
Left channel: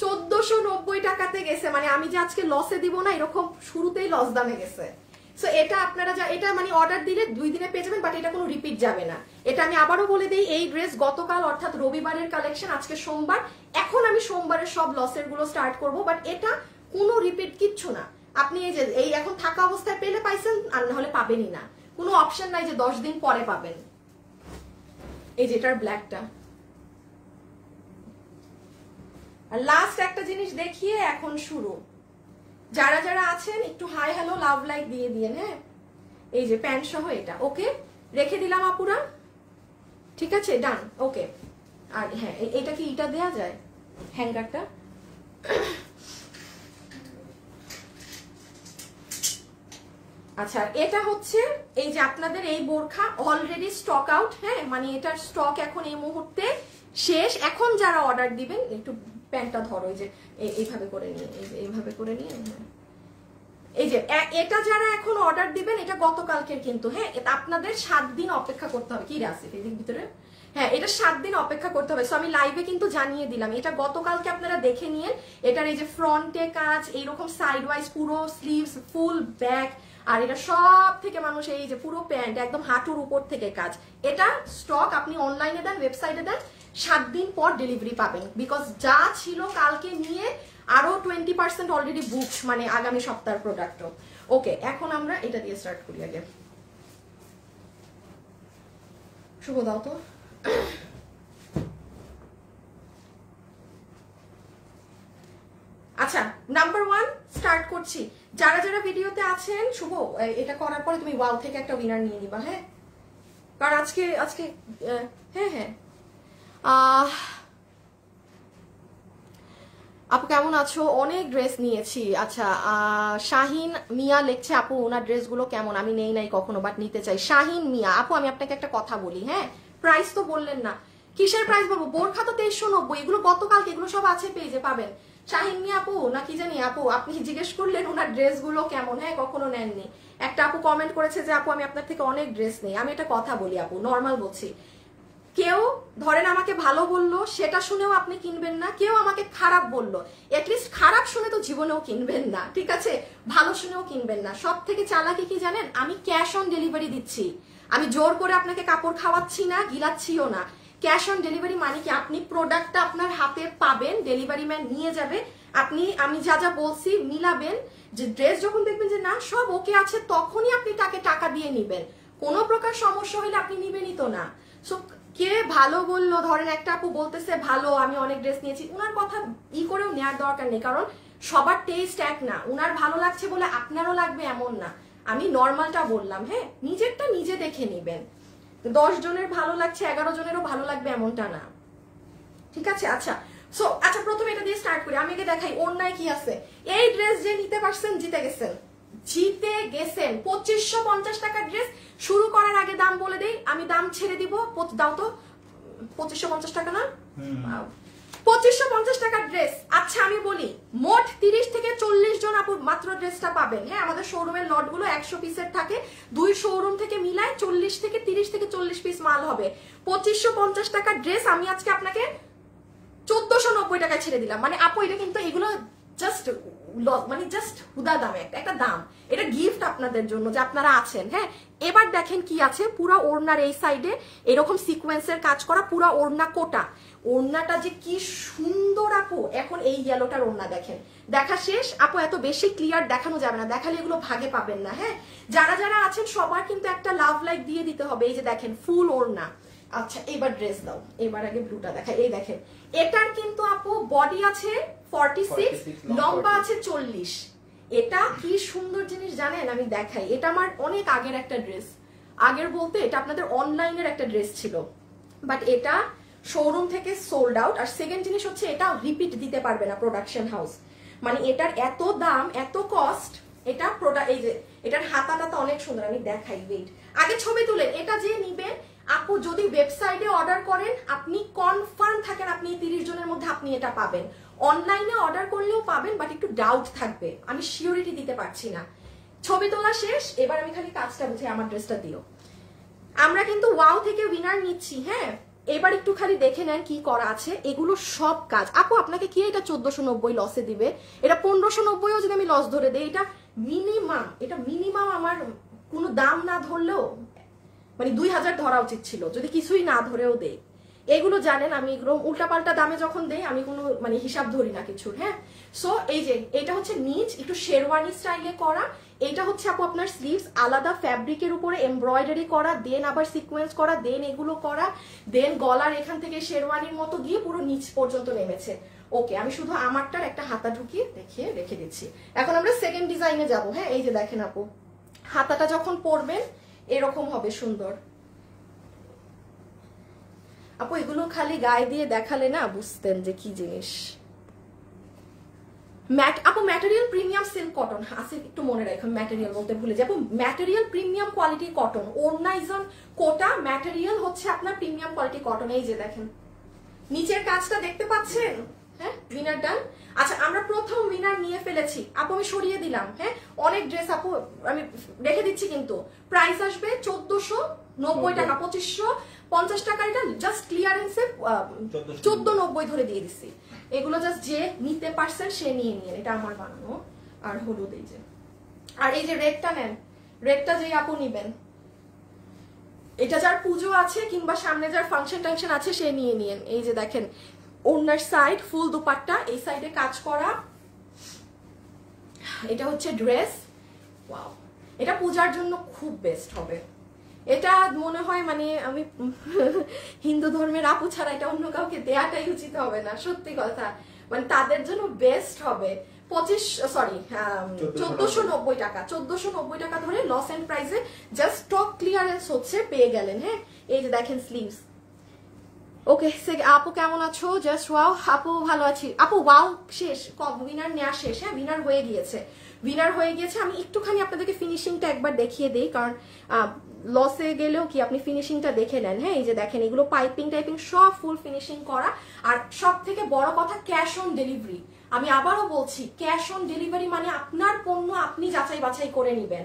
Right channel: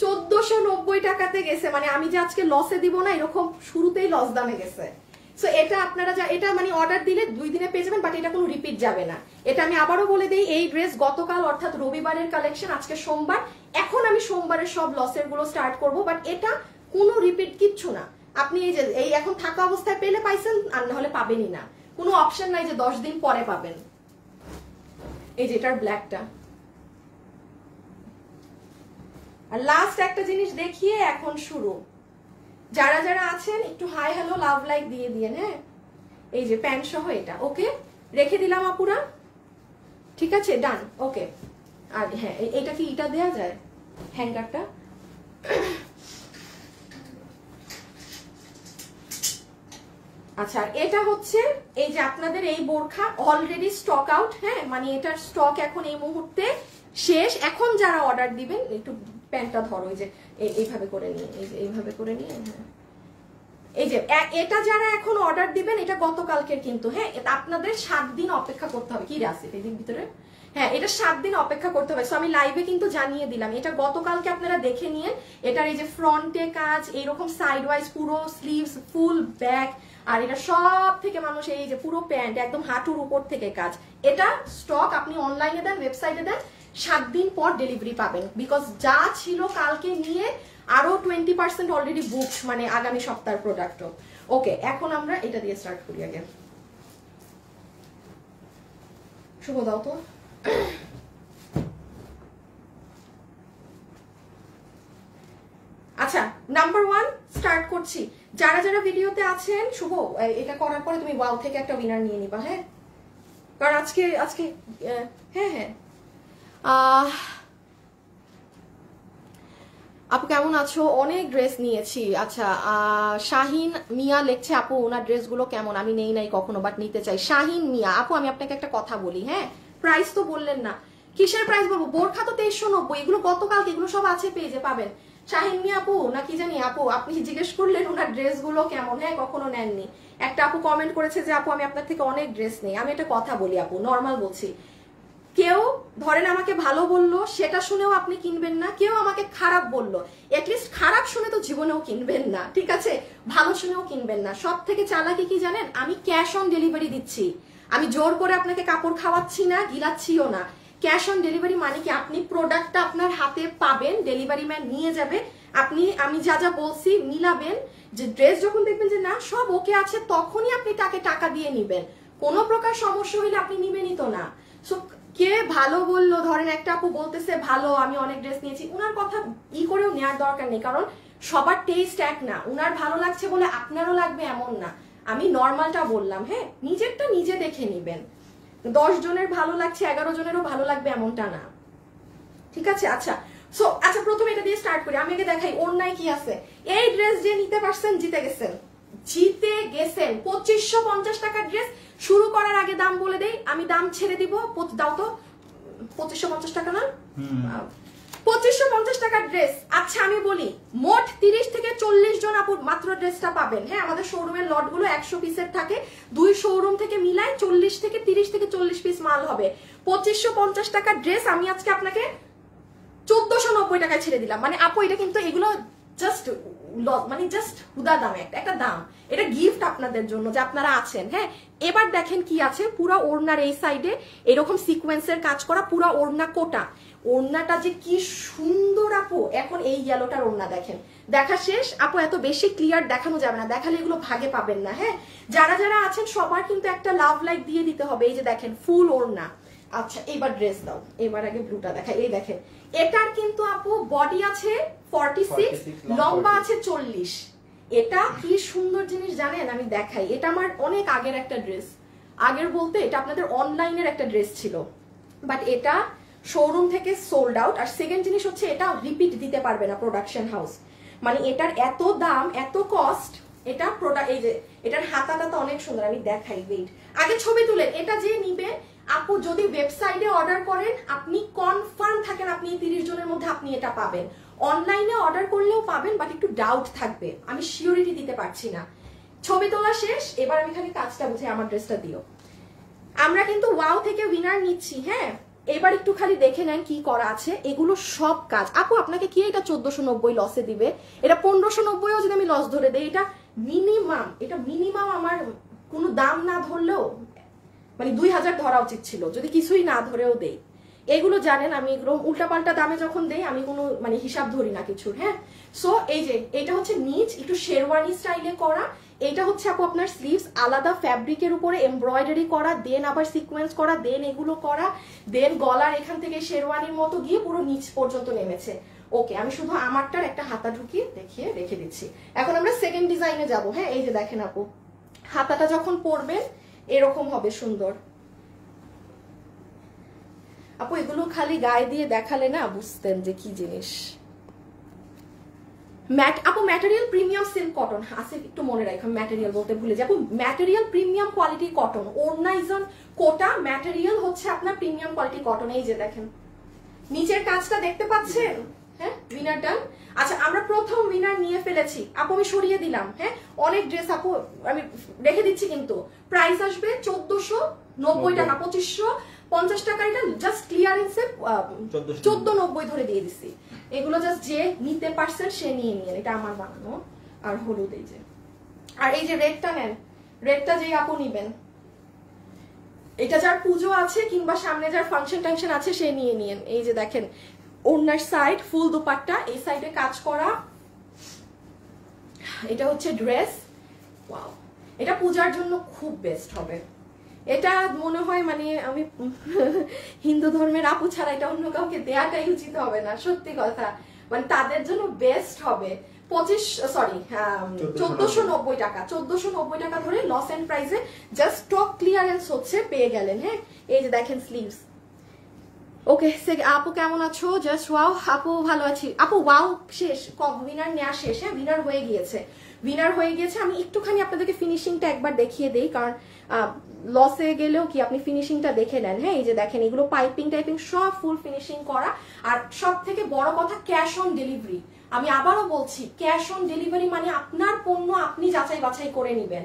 1490 টাকাতে গেছে। মানে আমি যে আজকে লসে দিব না এরকম শুরুতেই লস দামে গেছে। সো এটা আপনারা এটা মানে অর্ডার দিলে 2 দিনে পেয়ে যাবেন, বাট এটা কোনো রিপিট যাবে না। এটা আমি আবারও বলে দিই, এই ড্রেস গতকাল অর্থাৎ রবিবারের কালেকশন, আজকে সোমবার। এখন আমি সোমবারের সব লসের গুলো স্টার্ট করব, বাট এটা কোনো রিপিট কিচ্ছু না। আপনি এই যে এই এখন থাকা অবস্থায় পেলে পাইছেন, আর নাহলে পাবেনই না। কোনো অপশন নাই যে 10 দিন পরে পাবেন। এই যে এটার ব্ল্যাকটা। আর লাস্ট একটা জিনিস দেখিয়ে এখন শুরু। যারা যারা আছেন একটু হাই হ্যালো লাভ লাইক দিয়ে দিয়ে। হ্যাঁ, এই যে প্যান্ট সহ এটা ওকে রেখে দিলাম আপুরা, ঠিক আছে, ডান, ওকে। আর হ্যাঁ, এটা কি এটা দেয়া যায় হ্যাঙ্গারটা? আচ্ছা এটা হচ্ছে এই যে আপনাদের এই বোরখা অলরেডি স্টক আউট, হ্যাঁ মানে এটা স্টক এখন এই মুহূর্তে শেষ। এখন যারা অর্ডার দিবেন একটু প্যান্টটা ধরো, এই যে এইভাবে করে নিয়ে, এই যে এইভাবে করে নিয়ে, হ্যাঁ এই যে এটা যারা এখন অর্ডার দিবেন এটা গতকালকের কিন্তু, হ্যাঁ এটা আপনাদের 7 দিন অপেক্ষা করতে হবে। কি আছে এর ভিতরে, হ্যাঁ এটা 7 দিন অপেক্ষা করতে হবে। সো আমি লাইভে কিন্তু জানিয়ে দিলাম, এটা গতকালকে আপনারা দেখে নিয়ে। এটার এই যে ফ্রন্টে কাজ, এইরকম সাইড ওয়াইজ পুরো স্লিভস, ফুল ব্যাক, আর এটা সব থেকে মানুষ এই যে পুরো প্যান্ট একদম হাঁটুর উপর থেকে কাজ। এটা স্টক আপনি অনলাইনে দেন, ওয়েবসাইটে দেন, 7 দিন পর ডেলিভারি পাবেন। বিকজ যা ছিল কালকে নিয়ে আরো 20% অলরেডি বুকড, মানে আগামী সপ্তাহের প্রোডাক্টও। ওকে এখন আমরা এটা দিয়ে স্টার্ট করি আগে। শুভ দাও তো। আচ্ছা নাম্বার 1 স্টার্ট করছি। যারা যারা ভিডিওতে আছেন, শুভ এটা করার পরে তুমি ওয়াও থেকে একটা উইনার নিয়ে নিবা, হ্যাঁ কারণ আজকে হ্যাঁ হ্যাঁ আপু কেমন আছো? অনেক ড্রেস নিয়েছি। আচ্ছা শাহিন মিয়া লিখছে, আপু ওনার ড্রেসগুলো কেমন? আমি নেই নাই কখনো, বাট নিতে চাই। শাহিন মিয়া আপু আমি আপনাকে একটা কথা বলি, হ্যাঁ প্রাইস তো বললেন না, কিসের প্রাইস বলবো? বোরখা তো 2390, এগুলো গতকালকে, এগুলো সব আছে পেজে পাবেন। শাহিন মিয়া আপু না কি জানি আপু, আপনি জিজ্ঞেস করলেন ওনার ড্রেসগুলো কেমন, হ্যাঁ কখনো নেননি। একটা আপু কমেন্ট করেছে যে আপু আমি আপনার থেকে অনেক ড্রেস নেই। আমি একটা কথা বলি আপু, নর্মাল বলছি, কেউ ধরেন আমাকে ভালো বললো সেটা শুনেও আপনি কিনবেন না, কেউ আমাকে খারাপ বললো এটলিস্ট খারাপ শুনে তো জীবনেও কিনবেন না, ঠিক আছে? ভালো শুনেও কিনবেন না। সব থেকে চালাকি কি জানেন? আমি ক্যাশ অন ডেলিভারি দিচ্ছি, আমি জোর করে আপনাকে কাপড় খাওয়াচ্ছি না, গিলাচ্ছিও না। ক্যাশ অন ডেলিভারি মানে কি, আপনি প্রোডাক্টটা আপনার হাতে পাবেন, ডেলিভারি ম্যান নিয়ে যাবে, আপনি আমি যা যা বলছি মিলাবেন, যে ড্রেস যখন দেখবেন যে না সব ওকে আছে তখনই আপনি তাকে টাকা দিয়ে নিবেন। কোনো প্রকার সমস্যা হলে আপনি নিবেনই তো না। সো কে ভালো বললো, ধরেন একটা আপু বলতেছে ভালো আমি অনেক ড্রেস নিয়েছি, উনার কথা করেও নেওয়ার দরকার নেই, কারণ সবার টেস্ট এক না। উনার ভালো লাগছে বলে আপনারও লাগবে এমন না। আমি নর্মালটা বললাম, হ্যাঁ নিজেরটা নিজে দেখে নিবেন। 10 জনের ভালো লাগছে 11 জনেরও ভালো লাগবে এমনটা না, ঠিক আছে? আচ্ছা সো আচ্ছা প্রথমে এটা দিয়ে স্টার্ট করি। আমি আগে দেখাই ওড়নায় কি আছে। এই ড্রেস যে নিতে পারছেন জিতে গেছেন, 2550 টাকার ড্রেস। শুরু করার আগে দাম বলে দেই, আমি দাম ছেড়ে দিব, দাও তো 2550 টাকা না, 2550 টাকার ড্রেস। আচ্ছা আমি বলি মোট 30 থেকে 40 জন আপু মাত্র ড্রেসটা পাবেন, হ্যাঁ আমাদের শোরুমের লট গুলো 100 পিসের থাকে, 2 শোরুম থেকে মিলায় 30 থেকে 40 পিস মাল হবে। 2550 টাকার ড্রেস আমি আজকে আপনাকে 1490 টাকায় ছেড়ে দিলাম। মানে আপু এটা কিন্তু এগুলো জাস্ট মানে জাস্ট হুদা দামে একটা দাম, এটা গিফট আপনাদের জন্য যে আপনারা আছেন, হ্যাঁ। এবার দেখেন কি আছে, পুরা ওড়নার এই সাইডে এরকম সিকোয়েন্সের কাজ করা, পুরা ওড়না কোটা। ওড়নাটা যে কি সুন্দর আপু। এখন এই ইয়েলোটার ওড়না দেখেন, দেখা শেষ আপু, এত বেশি ক্লিয়ার দেখানো যাবে না, দেখালে এগুলো ভাগে পাবেন না, হ্যাঁ। যারা যারা আছেন সবার কিন্তু একটা লাভ লাইক দিয়ে দিতে হবে। এই যে দেখেন ফুল ওড়না। আচ্ছা এবার ড্রেস দাও, এবার আগে ব্লুটা দেখাই। এই দেখেন এটার কিন্তু আপু বডি আছে 46, লম্বা আছে 40। এটা কি সুন্দর জিনিস জানেন, আমি দেখাই। এটা আমার অনেক আগের একটা ড্রেস, আগের বলতে এটা আপনাদের অনলাইনের একটা ড্রেস ছিল, বাট এটা শোরুম থেকে সোল্ড আউট। আর সেকেন্ড জিনিস হচ্ছে এটা রিপিট দিতে পারবে না প্রোডাকশন হাউস, মানে এটার এত দাম এত কস্ট। এটা প্রোডাক্ট, এই যে এটার হাতাটা তো অনেক সুন্দর, আমি দেখাই ওয়েট। আগে ছবি তুলে এটা যে নিবে আপু, যদি ওয়েবসাইটে অর্ডার করেন আপনি কনফার্ম থাকেন আপনি 30 জনের মধ্যে আপনি এটা পাবেন। অনলাইনে অর্ডার করলেও পাবেন, বাট একটু ডাউট থাকবে, আমি সিওরিটি দিতে পারছি না। ছবি তোলা শেষ, এবার আমি খালি কাজটা বুঝে আমার ড্রেসটা দিও। আমরা কিন্তু ওয়াও থেকে উইনার নিচ্ছি, হ্যাঁ। এবার একটু খালি দেখে নেন কি করা আছে, এগুলো সব কাজ। আপু আপনাকে কি এটা 1490 লসে দিবে? এটা 1590ও যদি আমি লস ধরে দেই, এটা মিনিমাম আমার কোনো দাম না ধরলেও মানে 2000 ধরা উচিত ছিল, যদি কিছুই না ধরেও দেই। এগুলো জানেন আমি এগুলো উল্টাপাল্টা দামে যখন দেই আমি কোনো মানে হিসাব ধরি না কিছুর, হ্যাঁ। সো এই যে এটা হচ্ছে নিচ একটু শেরওয়ানি স্টাইলে করা, এটা হচ্ছে আপু আপনার স্লিভস আলাদা ফ্যাব্রিকের উপরে এমব্রয়ডারি করা, দেন আবার সিকোয়েন্স করা, দেন এগুলো করা, দেন গলার এখান থেকে শেরওয়ানির মতো গিয়ে পুরো নিচ পর্যন্ত নেমেছে। ওকে আমি শুধু আমারটার একটা হাতা ঢুকিয়ে দেখিয়ে রেখে দিচ্ছি। এখন আমরা সেকেন্ড ডিজাইনে যাব, হ্যাঁ। এই যে দেখেন আপু, হাতাটা যখন পরবেন এরকম হবে সুন্দর। আপু এগুলো খালি গায়ে দিয়ে দেখালে না বুঝতেন যে কি জিনিস। আপু ম্যাটেরিয়াল প্রিমিয়াম সিল্ক কটন আছে, একটু মনে রাখুন, ম্যাটেরিয়াল বলতে ভুলে যাবো। ম্যাটেরিয়াল প্রিমিয়াম কোয়ালিটি কটন, ওড়না ইজ অন কোটা, ম্যাটেরিয়াল হচ্ছে আপনার প্রিমিয়াম কোয়ালিটি কটন। এই যে দেখেন নিচের কাজটা দেখতে পাচ্ছেন, হ্যাঁ উইনার ডান। আচ্ছা আমরা প্রথম উইনার নিয়ে ফেলেছি আপু, আমি সরিয়ে দিলাম, হ্যাঁ অনেক ড্রেস আপু আমি রেখে দিচ্ছি, কিন্তু প্রাইস আসবে 1490 টাকা, 2550 টাকা, এটা জাস্ট ক্লিয়ারেন্সে 1490 ধরে দিয়ে দিচ্ছি। এগুলো জাস্ট যে নিতে পারছেন সে নিয়ে নিয়ে, এটা আমার বানানো। আর হলুদ এই যে, আর এই যে রেডটা নেন, রেডটা যেই আপু নিবেন, এটা যার পুজো আছে কিংবা সামনে যার ফাংশন টাংশন আছে সে নিয়ে নিয়েন। এই যে দেখেন ওনার সাইড ফুল দুপাট্টা, এই সাইডে কাজ করা, এটা হচ্ছে ড্রেস। ওয়াও, এটা পূজার জন্য খুব বেস্ট হবে। এটা মনে হয় মানে আমি হিন্দু ধর্মের আপু ছাড়া এটা অন্য কাউকে দেয়াটাই উচিত হবে না, সত্যি কথা, মানে তাদের জন্য বেস্ট হবে। 1490 টাকা, 1490 টাকা ধরে লস এন্ড প্রাইসে জাস্ট স্টক ক্লিয়ারেন্স হচ্ছে, পেয়ে গেলেন। হ্যাঁ এই যে দেখেন স্লিভস। ওকে আপু কেমন আছো? জাস্ট ওয়াও আপু ভালো আছি আপু। ওয়াও শেষ, উইনার নেওয়া শেষ, হ্যাঁ উইনার হয়ে গিয়েছে, উইনার হয়ে গিয়েছে। আমি একটুখানি আপনাদেরকে ফিনিশিংটা একবার দেখিয়ে দিই, কারণ লসে গেলেও কি আপনি ফিনিশিংটা দেখে নেন। হ্যাঁ এই যে দেখেন এগুলো পাইপিং টাইপিং সব ফুল ফিনিশিং করা। আর সব থেকে বড় কথা ক্যাশ অন ডেলিভারি। আমি আবারও বলছি ক্যাশ অন ডেলিভারি মানে আপনার পণ্য আপনি যাচাই বাছাই করে নিবেন,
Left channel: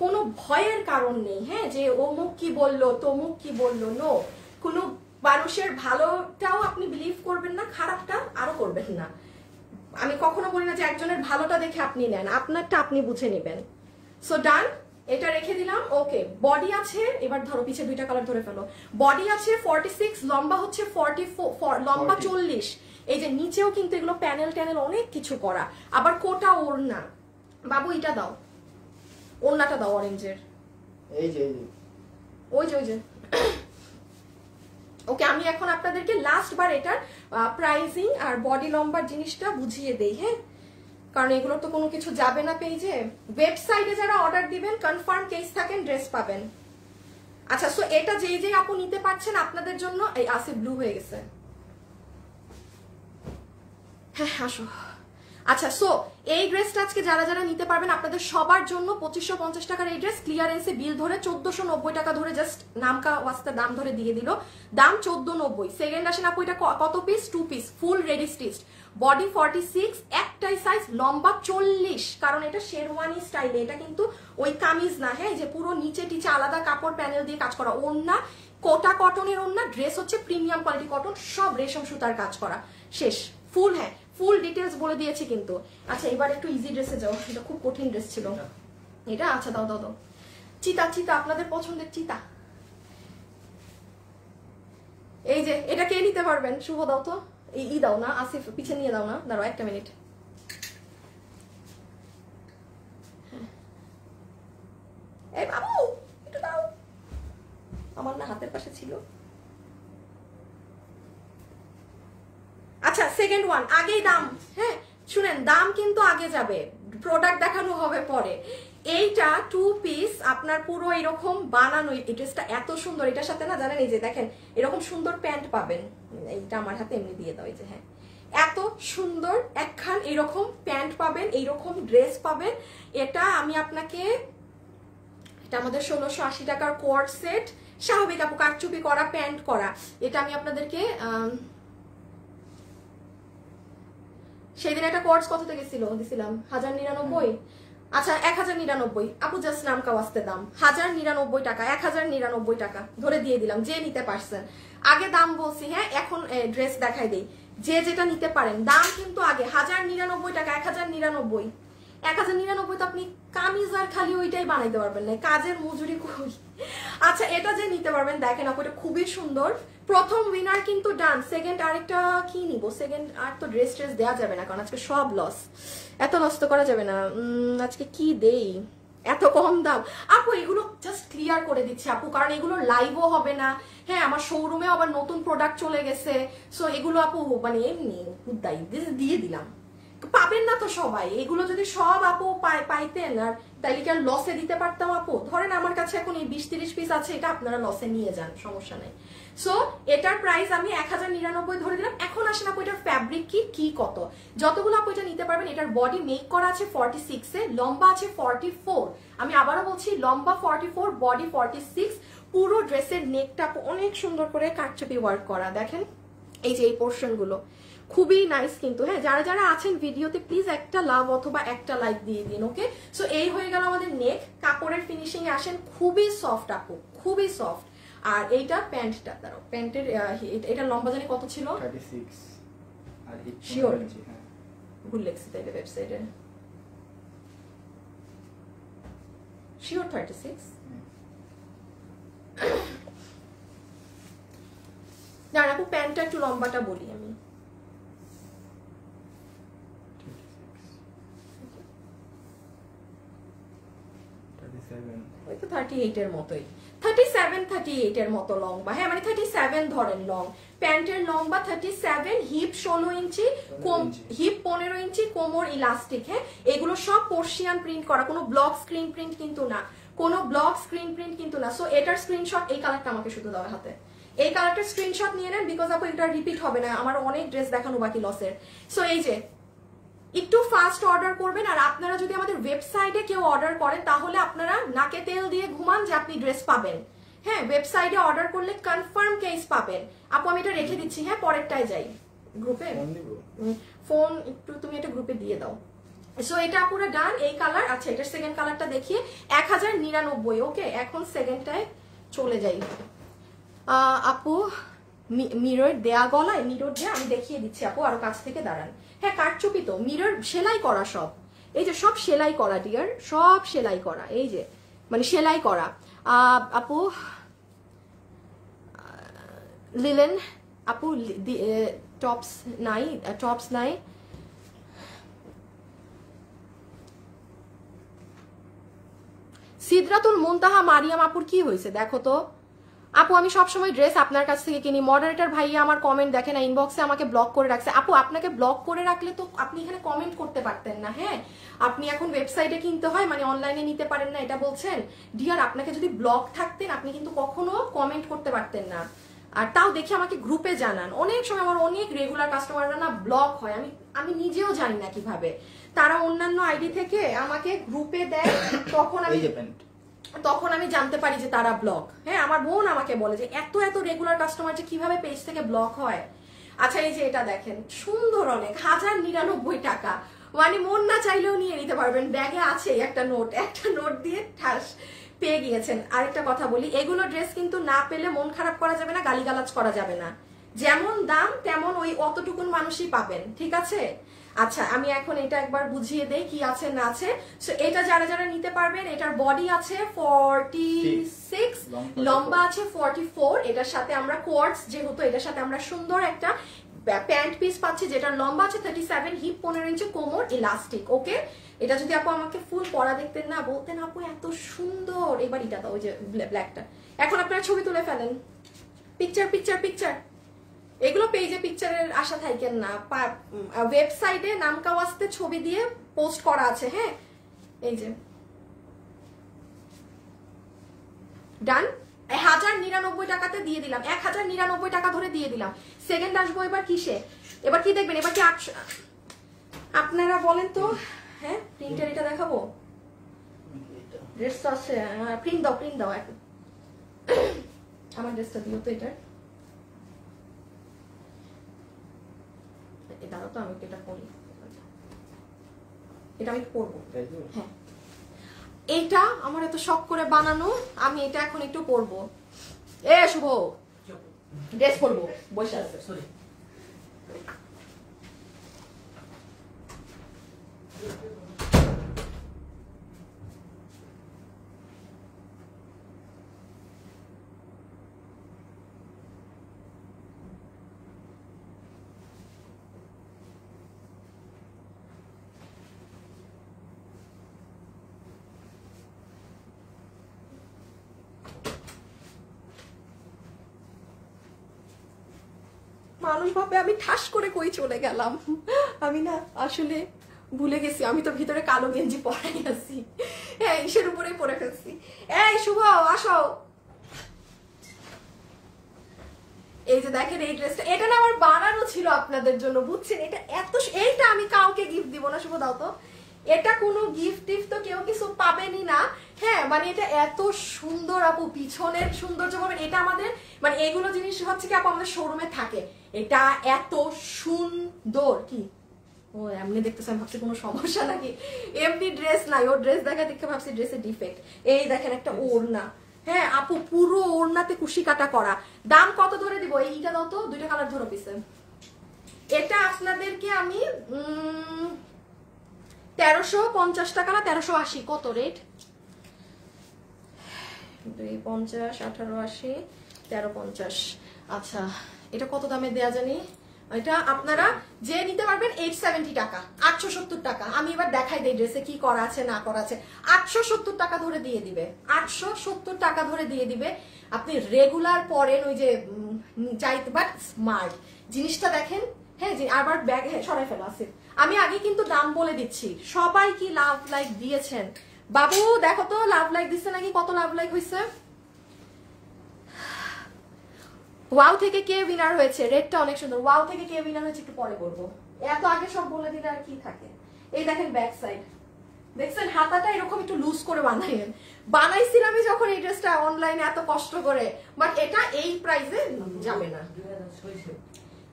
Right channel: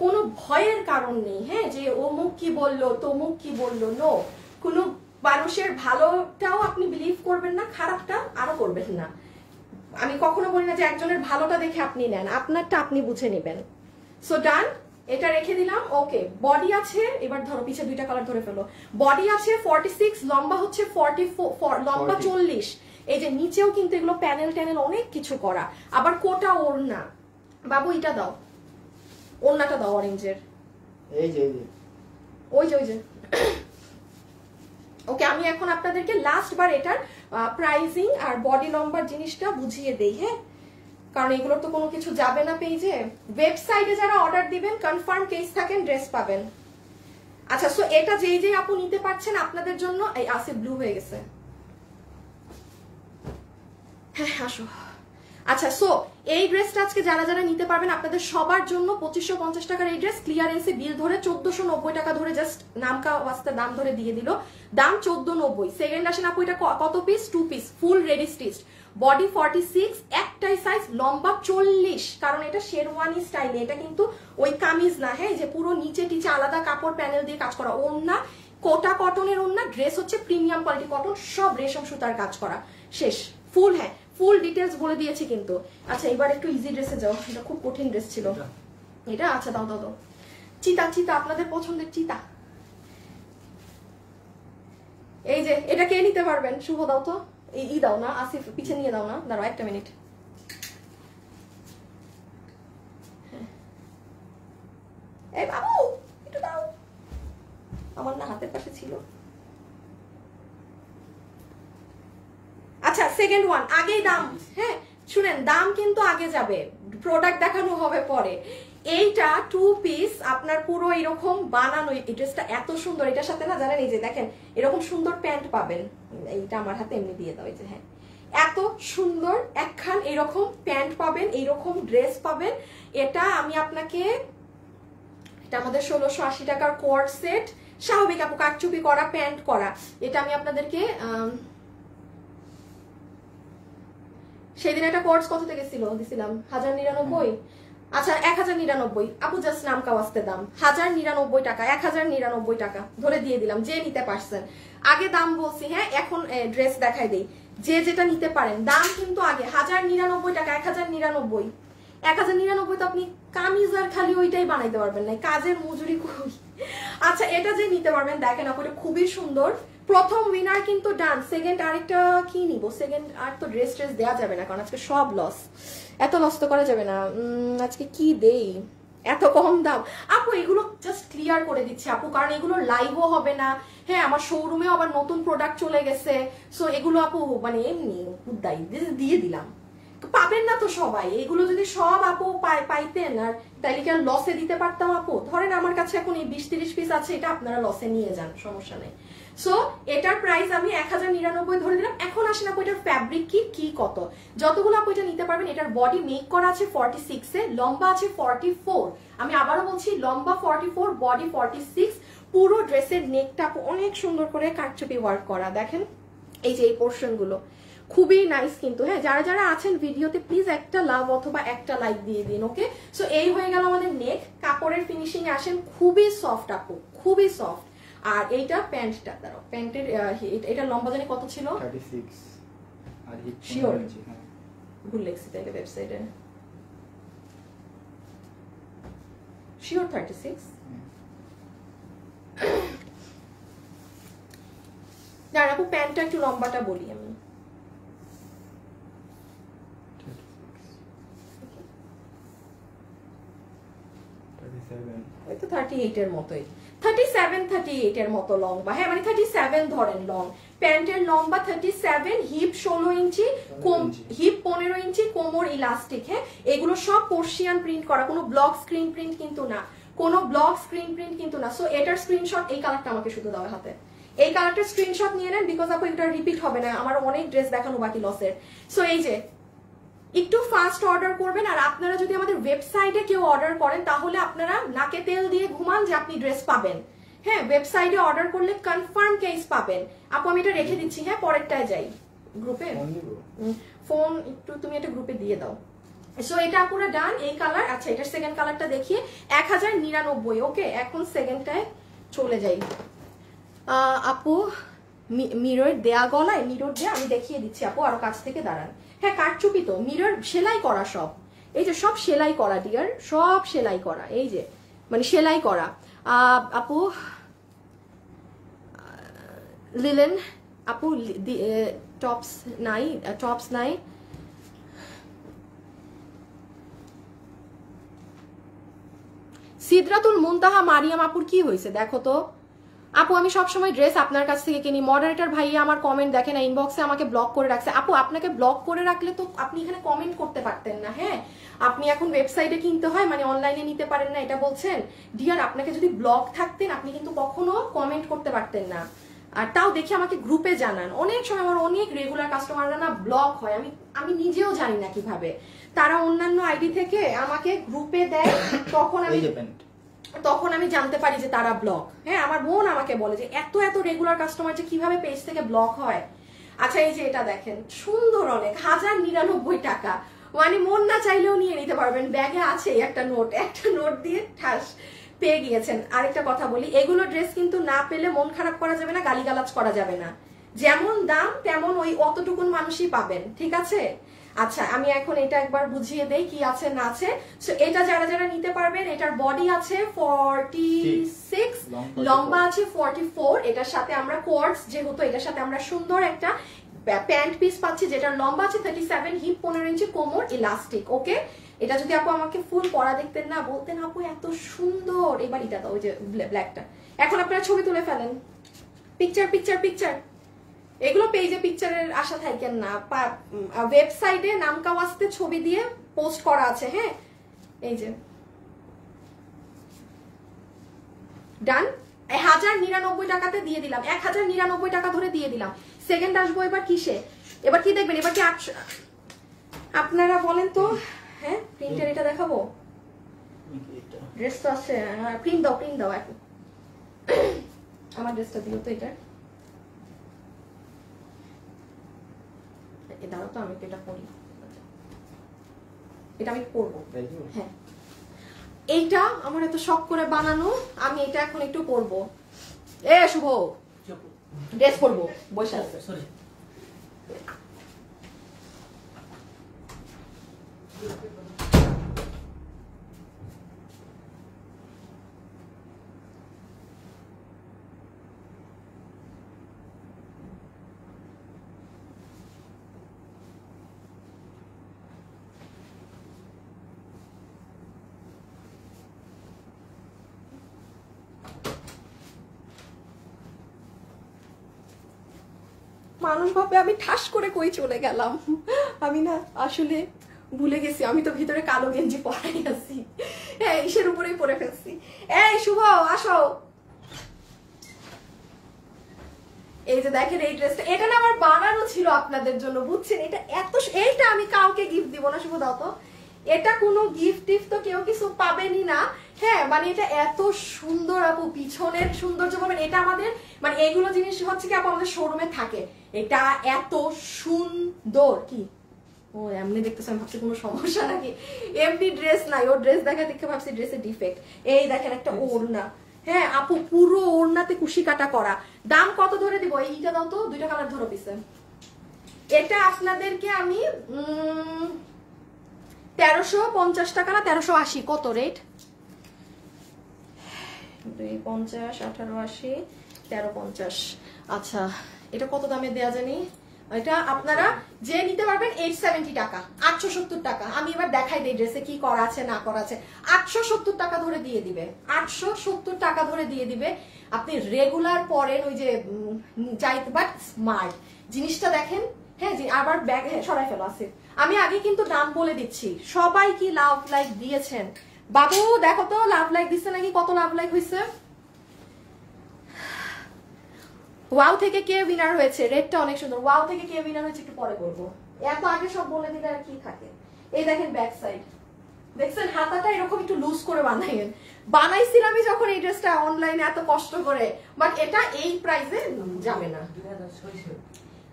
কোনো ভয়ের কারণ নেই। হ্যাঁ যে অমুক কি বললো তমুক কি বললো, নো, কোনো মানুষের ভালোটাও আপনি বিলিভ করবেন না, খারাপটা আরো করবেন না। আমি কখনো বলি না যে একজনের ভালোটা দেখে আপনি নেন, আপনারটা আপনি বুঝে নেবেন। সো ডান, এটা রেখে দিলাম। ওকে বডি আছে, এবার ধরো পিছে দুইটা কালার ধরে ফেলো। বডি আছে 46, লম্বা হচ্ছে 44, লম্বা 40। এই যে নিচেও কিন্তু এগুলো প্যানেল ট্যানেল অনেক কিছু করা, আবার কোটা ওড়না। বাবু এটা দাও, ওড়নাটা দাও অরেঞ্জের, এই যে ওই যে ওকে আমি এখন আপনাদেরকে লাস্ট বার এটার প্রাইসিং আর বডি লম্বার জিনিসটা বুঝিয়ে দেই। হ্যাঁ কারণ এগুলো তো কোনো কিছু যাবে না পেজে। ওয়েবসাইটে যারা অর্ডার দিবেন কনফার্ম কেস থাকেন ড্রেস পাবেন। আচ্ছা সো এটা যেই আপু নিতে পারছেন আপনাদের জন্য, এই আসে ব্লু হয়ে গেছে, হ্যাঁ আসো। আচ্ছা সো এই ড্রেসটা আজকে যারা যারা নিতে পারবেন আপনাদের সবার জন্য 2550 টাকার এই ড্রেস ক্লিয়ারেন্সে বিল ধরে 1490 টাকা ধরে জাস্ট নামকা ওয়াস্তে দাম ধরে দিয়ে দিল, দাম 1490। সেকেন্ড আসেন আপু এটা কত piece? 2 piece full ready stitch, body 46, একটাই সাইজ, লম্বা 40, কারণ এটা শেরওয়ানি স্টাইলে, এটা কিন্তু ওই কামিজ না। হ্যাঁ যে পুরো নিচে টিচে আলাদা কাপড় প্যানেল দিয়ে কাজ করা, ওড়না কোটা কটনের ওড়না, ড্রেস হচ্ছে প্রিমিয়াম কোয়ালিটি কটন, সব রেশম সুতার কাজ করা, শেষ ফুল। হ্যাঁ ফুল ডিটেলস বলে দিয়েছি কিন্তু। আচ্ছা এবার একটু ইজি ড্রেসে যাও, এটা খুব কঠিন ড্রেস ছিল এটা। আচ্ছা দাও দাও দাও, চিতা চিতা, আপনাদের পছন্দের চিতা। এই যে এটা কে নিতে পারবেন? শুভ দাও তো, ই দাও না, আসিফ পিছে নিয়ে দাও না, দাঁড়াও একটা মিনিট। এই বাবু একটু দাও, আমার না হাতের পাশে ছিল। আচ্ছা সেকেন্ড ওয়ান, আগেই দাম, হ্যাঁ শুনেন দাম কিন্তু আগে যাবে, প্রোডাক্ট দেখানো হবে পরে। এইটা 2 পিস আপনার পুরো এরকম বানানো, এই ড্রেসটা এত সুন্দর, এটার সাথে না জানেন এই যে দেখেন এরকম সুন্দর প্যান্ট পাবেন, এইটা আমার হাতে এমনি দিয়ে দাও, এই যে হ্যাঁ এত সুন্দর একখান এরকম প্যান্ট পাবেন, এইরকম ড্রেস পাবেন। এটা আমি আপনাকে, এটা আমাদের 1680 টাকার কোয়ার্ড সেট, স্বাভাবিক আপু কাটচুপি করা প্যান্ট করা। এটা আমি আপনাদেরকে সেদিন একটা কোর্স কত থেকে দিছিলাম 1099। আচ্ছা 1099 আপু জাস্ট নাম কাওয়াস্তে দাম 1099 টাকা, 1099 টাকা ধরে দিয়ে দিলাম যে নিতে পারছেন। আগে দাম বলছি, হ্যাঁ এখন ড্রেস দেখাই দেই, যে যেটা নিতে পারেন দাম কিন্তু আগে 1099 টাকা, 1099। 1099 তো আপনি কামিজ আর খালি ওইটাই বানাইতে পারবেন না, কাজের মজুরি কই। আচ্ছা এটা যে নিতে পারবেন দেখেন আপু এটা খুবই সুন্দর। প্রথম উইনার কিন্তু ডান। সেকেন্ড আরেকটা কি নিব? সেকেন্ড আর তো ড্রেস ট্রেস দেওয়া যাবে না কারণ আজকে সব লস, এত নষ্ট করা যাবে না। আজকে কি দেই এত কম দাম? আপু এগুলো জাস্ট ক্লিয়ার করে দিচ্ছে আপু, কারণ এগুলো লাইভও হবে না। হ্যাঁ আমার শোরুমেও আবার নতুন প্রোডাক্ট চলে গেছে, সো এগুলো আপু মানে এমনি দিয়ে দিলাম, পাবেন না তো সবাই। এগুলো যদি সব আপু পাইতেন আর তাইলে কি আর লসে দিতে পারতাম আপু? ধরেন আমার কাছে এখন এই 20-30 পিস আছে, এটা আপনারা লসে নিয়ে যান, সমস্যা নেই। সো এটার প্রাইস আমি 1099 ধরে দিলাম। এখন আসেন আপু এটার ফ্যাব্রিক কি কত, যতগুলো আপু এটা নিতে পারবেন। এটার বডি মেক করা আছে 46 এ, লম্বা আছে 44, আমি আবারও বলছি লম্বা 44, বডি 46। পুরো ড্রেসের নেকটা অনেক সুন্দর করে কাটছুপি ওয়ার্ক করা, দেখেন এই যে এই পোর্শন গুলো খুবই নাইস কিন্তু। হ্যাঁ, যারা যারা আছেন ভিডিওতে প্লিজ একটা লাভ অথবা একটা লাইক দিয়ে দিন। ওকে, সো এই হয়ে গেল আমাদের নেক। কাপড়ের ফিনিশিং এ আসেন, খুবই সফট আপু, খুবই সফট। আর এইটা প্যান্টটা, দাঁড়াও, প্যান্টের এটা লম্বা জানি কত ছিল, 36 আর হিপ শিওর হ্যাঁ ভুল লেখছি তাইলে ওয়েবসাইটে, শিওর 36। দাঁড়া আপু প্যান্টটা একটু লম্বাটা বলি আমি, ওই তো 38 এর মতোই, 37 38 এর মতো লম্বা। হ্যাঁ মানে 37 ধরেন লং। প্যান্টের লম্বা 37, হিপ 16 ইঞ্চি, হিপ 15 ইঞ্চি, কোমর ইলাস্টিক। হ্যাঁ, এগুলো সব পার্সিয়ান প্রিন্ট করা, কোনো ব্লক স্ক্রিন প্রিন্ট কিন্তু না, কোনো ব্লক স্ক্রিন প্রিন্ট কিন্তু না। সো এটার স্ক্রিনশট, এই কালারটা আমাকে শুধু দেওয়া হাতে, এই কালারটার স্ক্রিনশট নিয়ে নেন, বিকজ আপু এটা রিপিট হবে না, আমার অনেক ড্রেস দেখানো বাকি লসের। সো এই যে একটু ফাস্ট অর্ডার করবেন। আর আপনারা যদি আমাদের ওয়েবসাইটে কেউ অর্ডার করেন তাহলে আপনারা নাকে তেল দিয়ে ঘুমান যে আপনি ড্রেস পাবেন। হ্যাঁ, ওয়েবসাইটে অর্ডার করলে কনফার্ম কেস পাবেন। আপু আমি এটা রেখে দিচ্ছি, হ্যাঁ পরেরটায় যাই গ্রুপে, ফোন একটু তুমি এটা গ্রুপে দিয়ে দাও। সো এটা পুরো ডান। এই কালার, আচ্ছা এটা সেকেন্ড কালারটা দেখিয়ে 1099। ওকে, এখন সেকেন্ডটায় চলে যাই। আপু মিরর দেয়া, গলায় মিরর দেয়া, আমি দেখিয়ে দিচ্ছি আপু, আরো কাছ থেকে দাঁড়ান। হ্যাঁ কাটচুপি তো, মিরর সেলাই করা সব, এই যে সব সেলাই করা ডিয়ার, সব সেলাই করা, এই যে মানে সেলাই করা। আপু লিলেন আপু টপস নাই, টপস নাই। সিদরাতুল মুনতাহা মারিয়াম আপুর কি হয়েছে দেখো তো আপু, আমি সবসময় ড্রেস আপনার কাছ থেকে কিনি। মডারেটর ভাইয়া আমার কমেন্ট দেখে না, ইনবক্সে আমাকে ব্লক করে রাখছে। আপু আপনাকে ব্লক করে রাখলে তো আপনি এখানে কমেন্ট করতে পারতেন না। হ্যাঁ, আপনি এখন ওয়েবসাইটে কিনতে হয় মানে অনলাইনে নিতে পারেন না, এটা বলছেন ডিয়ার। আপনাকে যদি ব্লক থাকতেন আপনি কিন্তু কখনো কমেন্ট করতে পারতেন না। আর তাও দেখে আমাকে গ্রুপে জানান। অনেক সময় আমার অনেক রেগুলার কাস্টমাররা না ব্লক হয়, আমি নিজেও জানি না কিভাবে। তারা অন্যান্য আইডি থেকে আমাকে গ্রুপে দেয়, তখন আমি জানতে পারি যে তারা ব্লক। হ্যাঁ, আমার বোন আমাকে বলে যে এত এত রেগুলার কাস্টমার যে কিভাবে পেজ থেকে ব্লক হয়। আচ্ছা এই যে এটা দেখেন, সুন্দর অনেক, 1099 টাকা, মানে মন না চাইলেও নিয়ে নিতে পারবেন। ব্যাগে আছে একটা নোট দিয়ে ঠাস পেয়ে গিয়েছেন। আরেকটা কথা বলি, এগুলো ড্রেস কিন্তু না পেলে মন খারাপ করা যাবে না, গালিগালাজ করা যাবে না। যেমন দাম তেমন ওই অতটুকুন মানুষই পাবেন, ঠিক আছে? আচ্ছা আমি এখন এটা একবার বুঝিয়ে দেই কি আছে না আছে। সো এটা যারা যারা নিতে পারবেন, এটার বডি আছে 46, লম্বা আছে 44। এটার সাথে আমরা কোয়ার্টস, যেহেতু এটার সাথে আমরা সুন্দর একটা প্যান্ট পিস পাচ্ছি যেটা লম্বা আছে 37, হিপ 15 ইঞ্চি, কোমর ইলাস্টিক। ওকে, এটা যদি আপু আমাকে ফুল পরা দেখতেন না, বলতেন আপু এত সুন্দর। এবার এটা দাও, ওই যে ব্ল্যাকটা। এখন আপনারা ছবি তুলে ফেলেন, পিকচার পিকচার পিকচার। এগুলো পেজে পিকচারের আশা থাকেন না, ওয়েবসাইটে নাম কাওয়াজতে ছবি দিয়ে পোস্ট করা আছে। হ্যাঁ, এই যে ডান। 1099 টাকাতে দিয়ে দিলাম, 1099 টাকা ধরে দিয়ে দিলাম। সেকেন্ড আসবো এবার কিসে, এবার কি দেখবেন, এবার কি আপনারা বলেন তো। হ্যাঁ, প্রিন্টের এটা দেখাবো, ড্রেস তো আছে, প্রিন্ট দাও প্রিন্ট দাও। এখন আমার ড্রেসটা দিও তো, এটা দাঁড়াও তো, আমি এটা পরি, এটা আমি পরবো। হ্যাঁ, এইটা আমার এত শখ করে বানানো, আমি এটা এখন একটু পরবো। এ শুভ ড্রেস পরবো, বসে আছে। মানুষ ভাবে আমি ঠাস করে কই চলে গেলাম। আমি না আসলে ভুলে গেছি, আমি তো ভিতরে কালো গেঞ্জি পরাই আছি। হ্যাঁ, ইসের উপরেই পরে ফেলছি। এই শুভ আসো, এই যে দেখেন এই ড্রেসটা, এটা না আমার বানানো ছিল আপনাদের জন্য, বুঝছেন? এটা এত, এইটা আমি কাউকে গিফট দিব না, শুভ দাও তো। এটা কোনো গিফট টিফট তো কেউ কিছু পাবেনই না। হ্যাঁ মানে এটা এত সুন্দর আপু, পিছনের সৌন্দর্য পাবেন। এটা আমাদের মানে এইগুলো জিনিস হচ্ছে কি আপু আমাদের শোরুমে থাকে। এটা এত সুন্দর। কি ও এমনি দেখতেছেন, ভাবছি কোনো সমস্যা নাকি? এমনি ড্রেস নাই, ও ড্রেস দেখা দেখে ভাবছি ড্রেসের ডিফেক্ট। এই দেখেন একটা ওড়না, হ্যাঁ আপু পুরো ওড়নাতে কুশি কাটা করা। দাম কত ধরে দিব? এইটা দাও তো, দুইটা কালার ধরো পিছে। এটা আপনাদেরকে আমি 1350 টাকা না 1380, কত রেট? 250, 1880, 1350। আচ্ছা এটা কত দামে দেয়া জানি? এটা আপনারা যে নিতে পারবেন 870 টাকা, 870 টাকা। আমি এবার দেখাই দিই ড্রেসে কি করা আছে না করা আছে। 870 টাকা ধরে দিয়ে দিবে, 870 টাকা ধরে দিয়ে দিবে। আপনি রেগুলার পরেন, ওই যে চাইতে, বাট স্মার্ট জিনিসটা দেখেন। হ্যাঁ আবার ব্যাগ, হ্যাঁ সরাই ফেলো আছে। আমি আগে কিন্তু দাম বলে দিচ্ছি। সবাই কি লাভ লাইক দিয়েছেন? বাবু দেখো তো লাভ লাইক দিচ্ছে নাকি, কত লাভ লাইক হয়েছে? ওয়াও থেকে কে উইনার হয়েছে? রেডটা অনেক সুন্দর। ওয়াও থেকে কে উইনার হয়েছে একটু পরে বলবো, এত আগে সব বলে দিলে আর কি থাকে। এই দেখেন ব্যাক সাইড, দেখছেন হাতাটা এরকম একটু লুজ করে বানাইয়েন। বানাইছিলাম আমি যখন এই ড্রেসটা অনলাইনে এত কষ্ট করে, বাট এটা এই প্রাইসে যাবে না।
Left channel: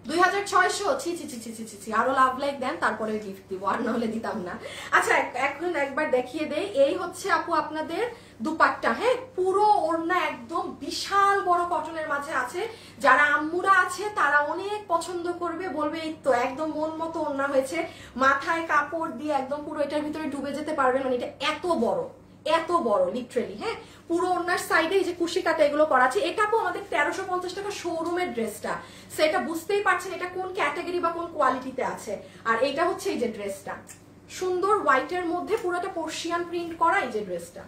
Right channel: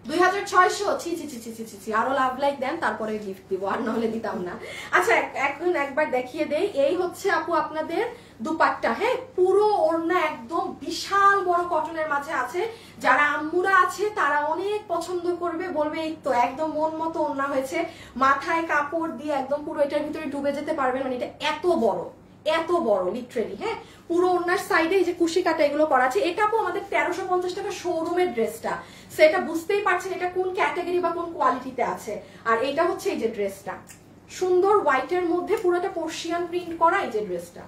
2600, ছি ছি ছি ছি ছি ছি। আরো লাভ লাইক দেন তারপরে গিফট দিব, আর নাহলে দিতাম না। আচ্ছা এখন একবার দেখিয়ে দেই। এই হচ্ছে আপু আপনাদের দুপাট্টা। হ্যাঁ পুরো ওড়না একদম বিশাল বড় কটনের মাঝে আছে। যারা আম্মুরা আছে তারা অনেক পছন্দ করবে, বলবে এই তো একদম মন মতো ওড়না হয়েছে। মাথায় কাপড় দিয়ে একদম পুরো এটার ভিতরে ডুবে যেতে পারবে, মানে এটা এত বড়, এত বড় লিটারেলি। হ্যাঁ পুরো ওড়নার সাইডে এই যে কুশি কাটা এগুলো করা আছে। এটা তো আমাদের 1350 টাকা শোরুমের ড্রেসটা, সেটা বুঝতেই পারছেন এটা কোন ক্যাটাগরি বা কোন কোয়ালিটিতে আছে। আর এটা হচ্ছে এই যে ড্রেসটা, সুন্দর হোয়াইটের মধ্যে পুরোটা পার্সিয়ান প্রিন্ট করা এই যে ড্রেসটা।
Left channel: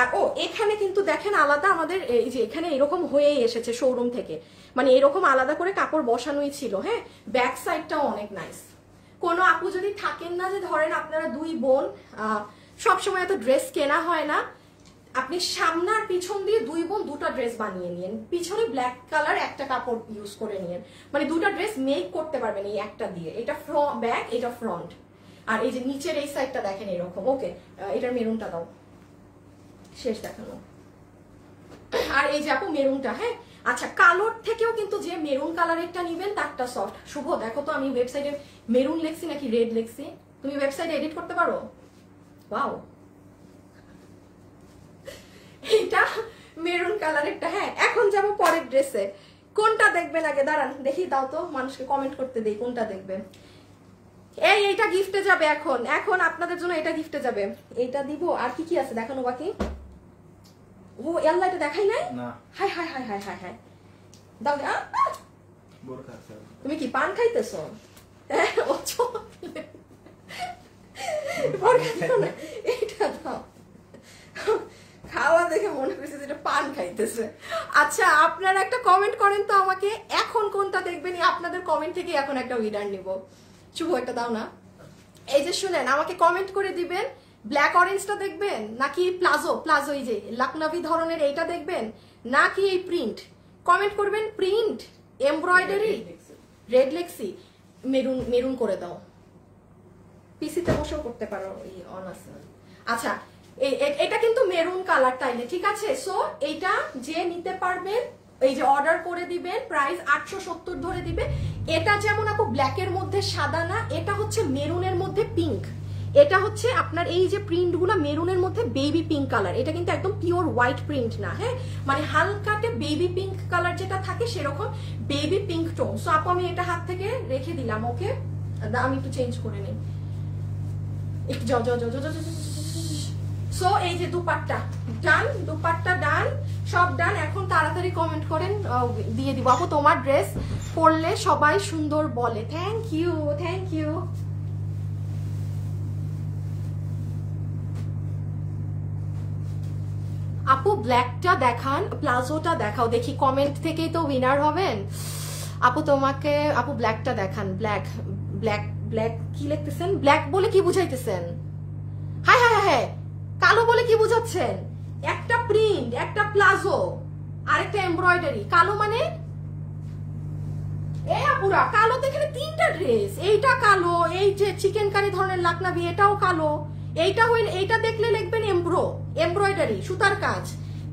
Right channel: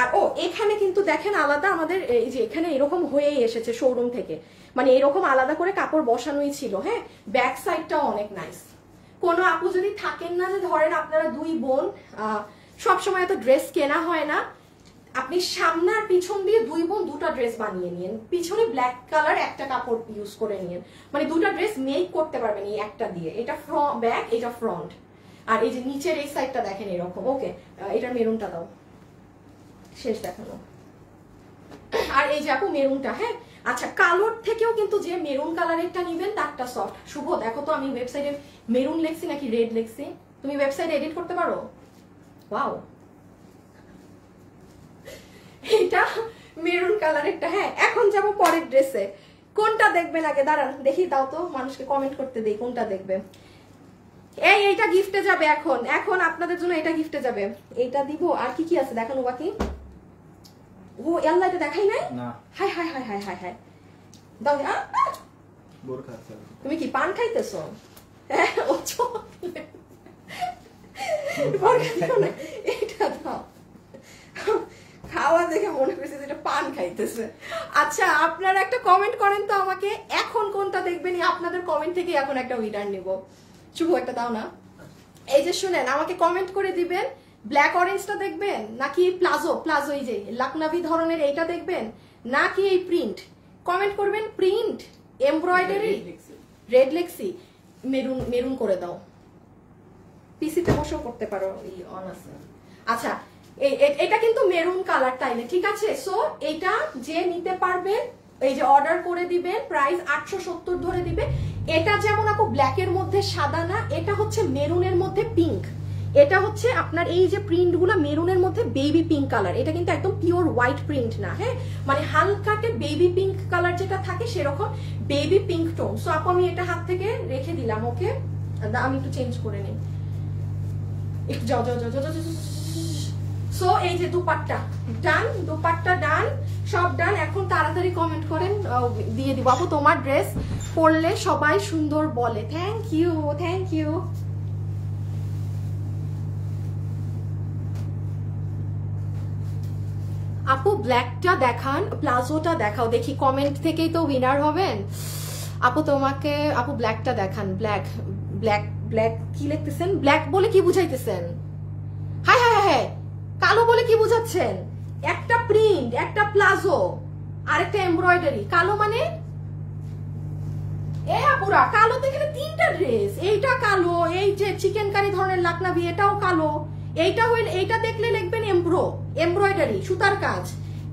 আর ও এখানে কিন্তু দেখেন আলাদা আমাদের এই যে এখানে এরকম হয়েই এসেছে শোরুম থেকে, মানে এরকম আলাদা করে কাপড় বসানোই ছিল। হ্যাঁ ব্যাক সাইডটাও অনেক নাইস। কোনো আপু যদি থাকেন না, যে ধরেন আপনারা দুই বোন, সবসময় এত ড্রেস কেনা হয় না, আপনি সামনে আর পিছন দিয়ে দুই বোন দুটা ড্রেস বানিয়ে নিয়েন, পিছনে ব্ল্যাক কালার একটা কাপড় ইউজ করে নিয়েন, মানে দুটা ড্রেস মেক করতে পারবেন এই একটা দিয়ে। এটা ব্যাক, এটা ফ্রন্ট। আর এই যে নিচের এই সাইডটা দেখেন এরকম। ওকে এটার মেরুনটা দাও, শেষ দেখানো। আর এই যে আপু মেরুনটা, হ্যাঁ আচ্ছা কালোর থেকেও কিন্তু যে মেরুন কালারেরটা নিবেন তারটা সফট। শুভ দেখো তো আমি ওয়েবসাইটে মেরুন লেখছি নাকি রেড লেখছি? তুমি ওয়েবসাইটে এডিট করতে পারো? ওয়াও এটা মেরুন কালারেরটা। হ্যাঁ এখন যাবো পরের ড্রেসে। কোনটা দেখবেন আগে? দাঁড়ান দেখি, দাও তো মানুষকে কমেন্ট করতে দেই কোনটা দেখবে। এইটা গিফটে যাবে এখন, এখন আপনাদের জন্য এটা গিফটে যাবে। এইটা দিব। আর কি কি আছে দেখানো বাকি? ও আল্লাহ এটা দেখাই নাই। High high high high high high দাও। তুমি কি পান খাইতেছো? এইটা দাও, খাওয়া দেখে মনে করছে যেটা পান খাইতেছে। আচ্ছা আপনারা একটা কমেন্ট করেন তো আমাকে, এখন কোনটা দেখবেন? আপনাদের কমেন্ট থেকে এখন একটা উইনার নিব। শুভ একটা দাও না। এই যে শুনেন, আমাকে কমেন্ট করে দিবেন ব্ল্যাক অরেঞ্জটা দেখবেন নাকি প্লাজো, প্লাজো এই যে লাকনাভি ধরনের এইটা দেখবেন নাকি এই প্রিন্ট? কমেন্ট করবেন। Print, embroidery, red লেক্সি, maroon, maroon করে দাও। পিসিতে বসেও করতে পারো, অন আছে। আচ্ছা এটা কিন্তু মেরুন কালার তাইলে ঠিক আছে। সো এটা যে নিতে পারবেন এই যে অর্ডার করে দিবেন, প্রাইস 870 ধরে দিবে। এটা যেমন আপু ব্ল্যাকের মধ্যে সাদা না, এটা হচ্ছে মেরুনের মধ্যে পিঙ্ক। এটা হচ্ছে আপনার এই যে প্রিন্ট গুলো মেরুনের মধ্যে বেবি পিঙ্ক কালার, এটা কিন্তু একদম পিওর হোয়াইট প্রিন্ট না। হ্যাঁ মানে হালকাটে বেবি পিঙ্ক কালার যেটা থাকে সেরকম বেবি পিঙ্ক টোন। সো আপু আমি এটা হাত থেকে রেখে দিলাম। ওকে আমি একটু চেঞ্জ করে নিই, একটু যাও যাও যাও যাও। সো এই যে দুপাট্টা ডান, দুপাট্টা ডান, সব ডান। এখন তাড়াতাড়ি কমেন্ট করেন, দিয়ে দিব। আপু তোমার ড্রেস পরলে সবাই সুন্দর বলে। Thank you, thank you. আপু ব্ল্যাকটা দেখান, প্লাজোটা দেখাও দেখি। কমেন্ট থেকেই তো উইনার হবেন। আপু তোমাকে, আপু ব্ল্যাকটা দেখান। ব্ল্যাক ব্ল্যাক ব্ল্যাক কি লিখতেছেন? ব্ল্যাক বলে কি বুঝাইতেছেন? হাই হাই হাই, কালো বলে কি বুঝাচ্ছেন? একটা প্রিন্ট, একটা প্লাজো, আরেকটা এমব্রয়ডারি। কালো মানে এ আপুরা কালোতে এখানে 3টা ড্রেস, এইটা কালো, এই যে চিকেন কারি ধরনের লাকনাবি এটাও কালো, এইটা দেখলে লিখবেন এমব্রয়ডারি সুতার কাজ,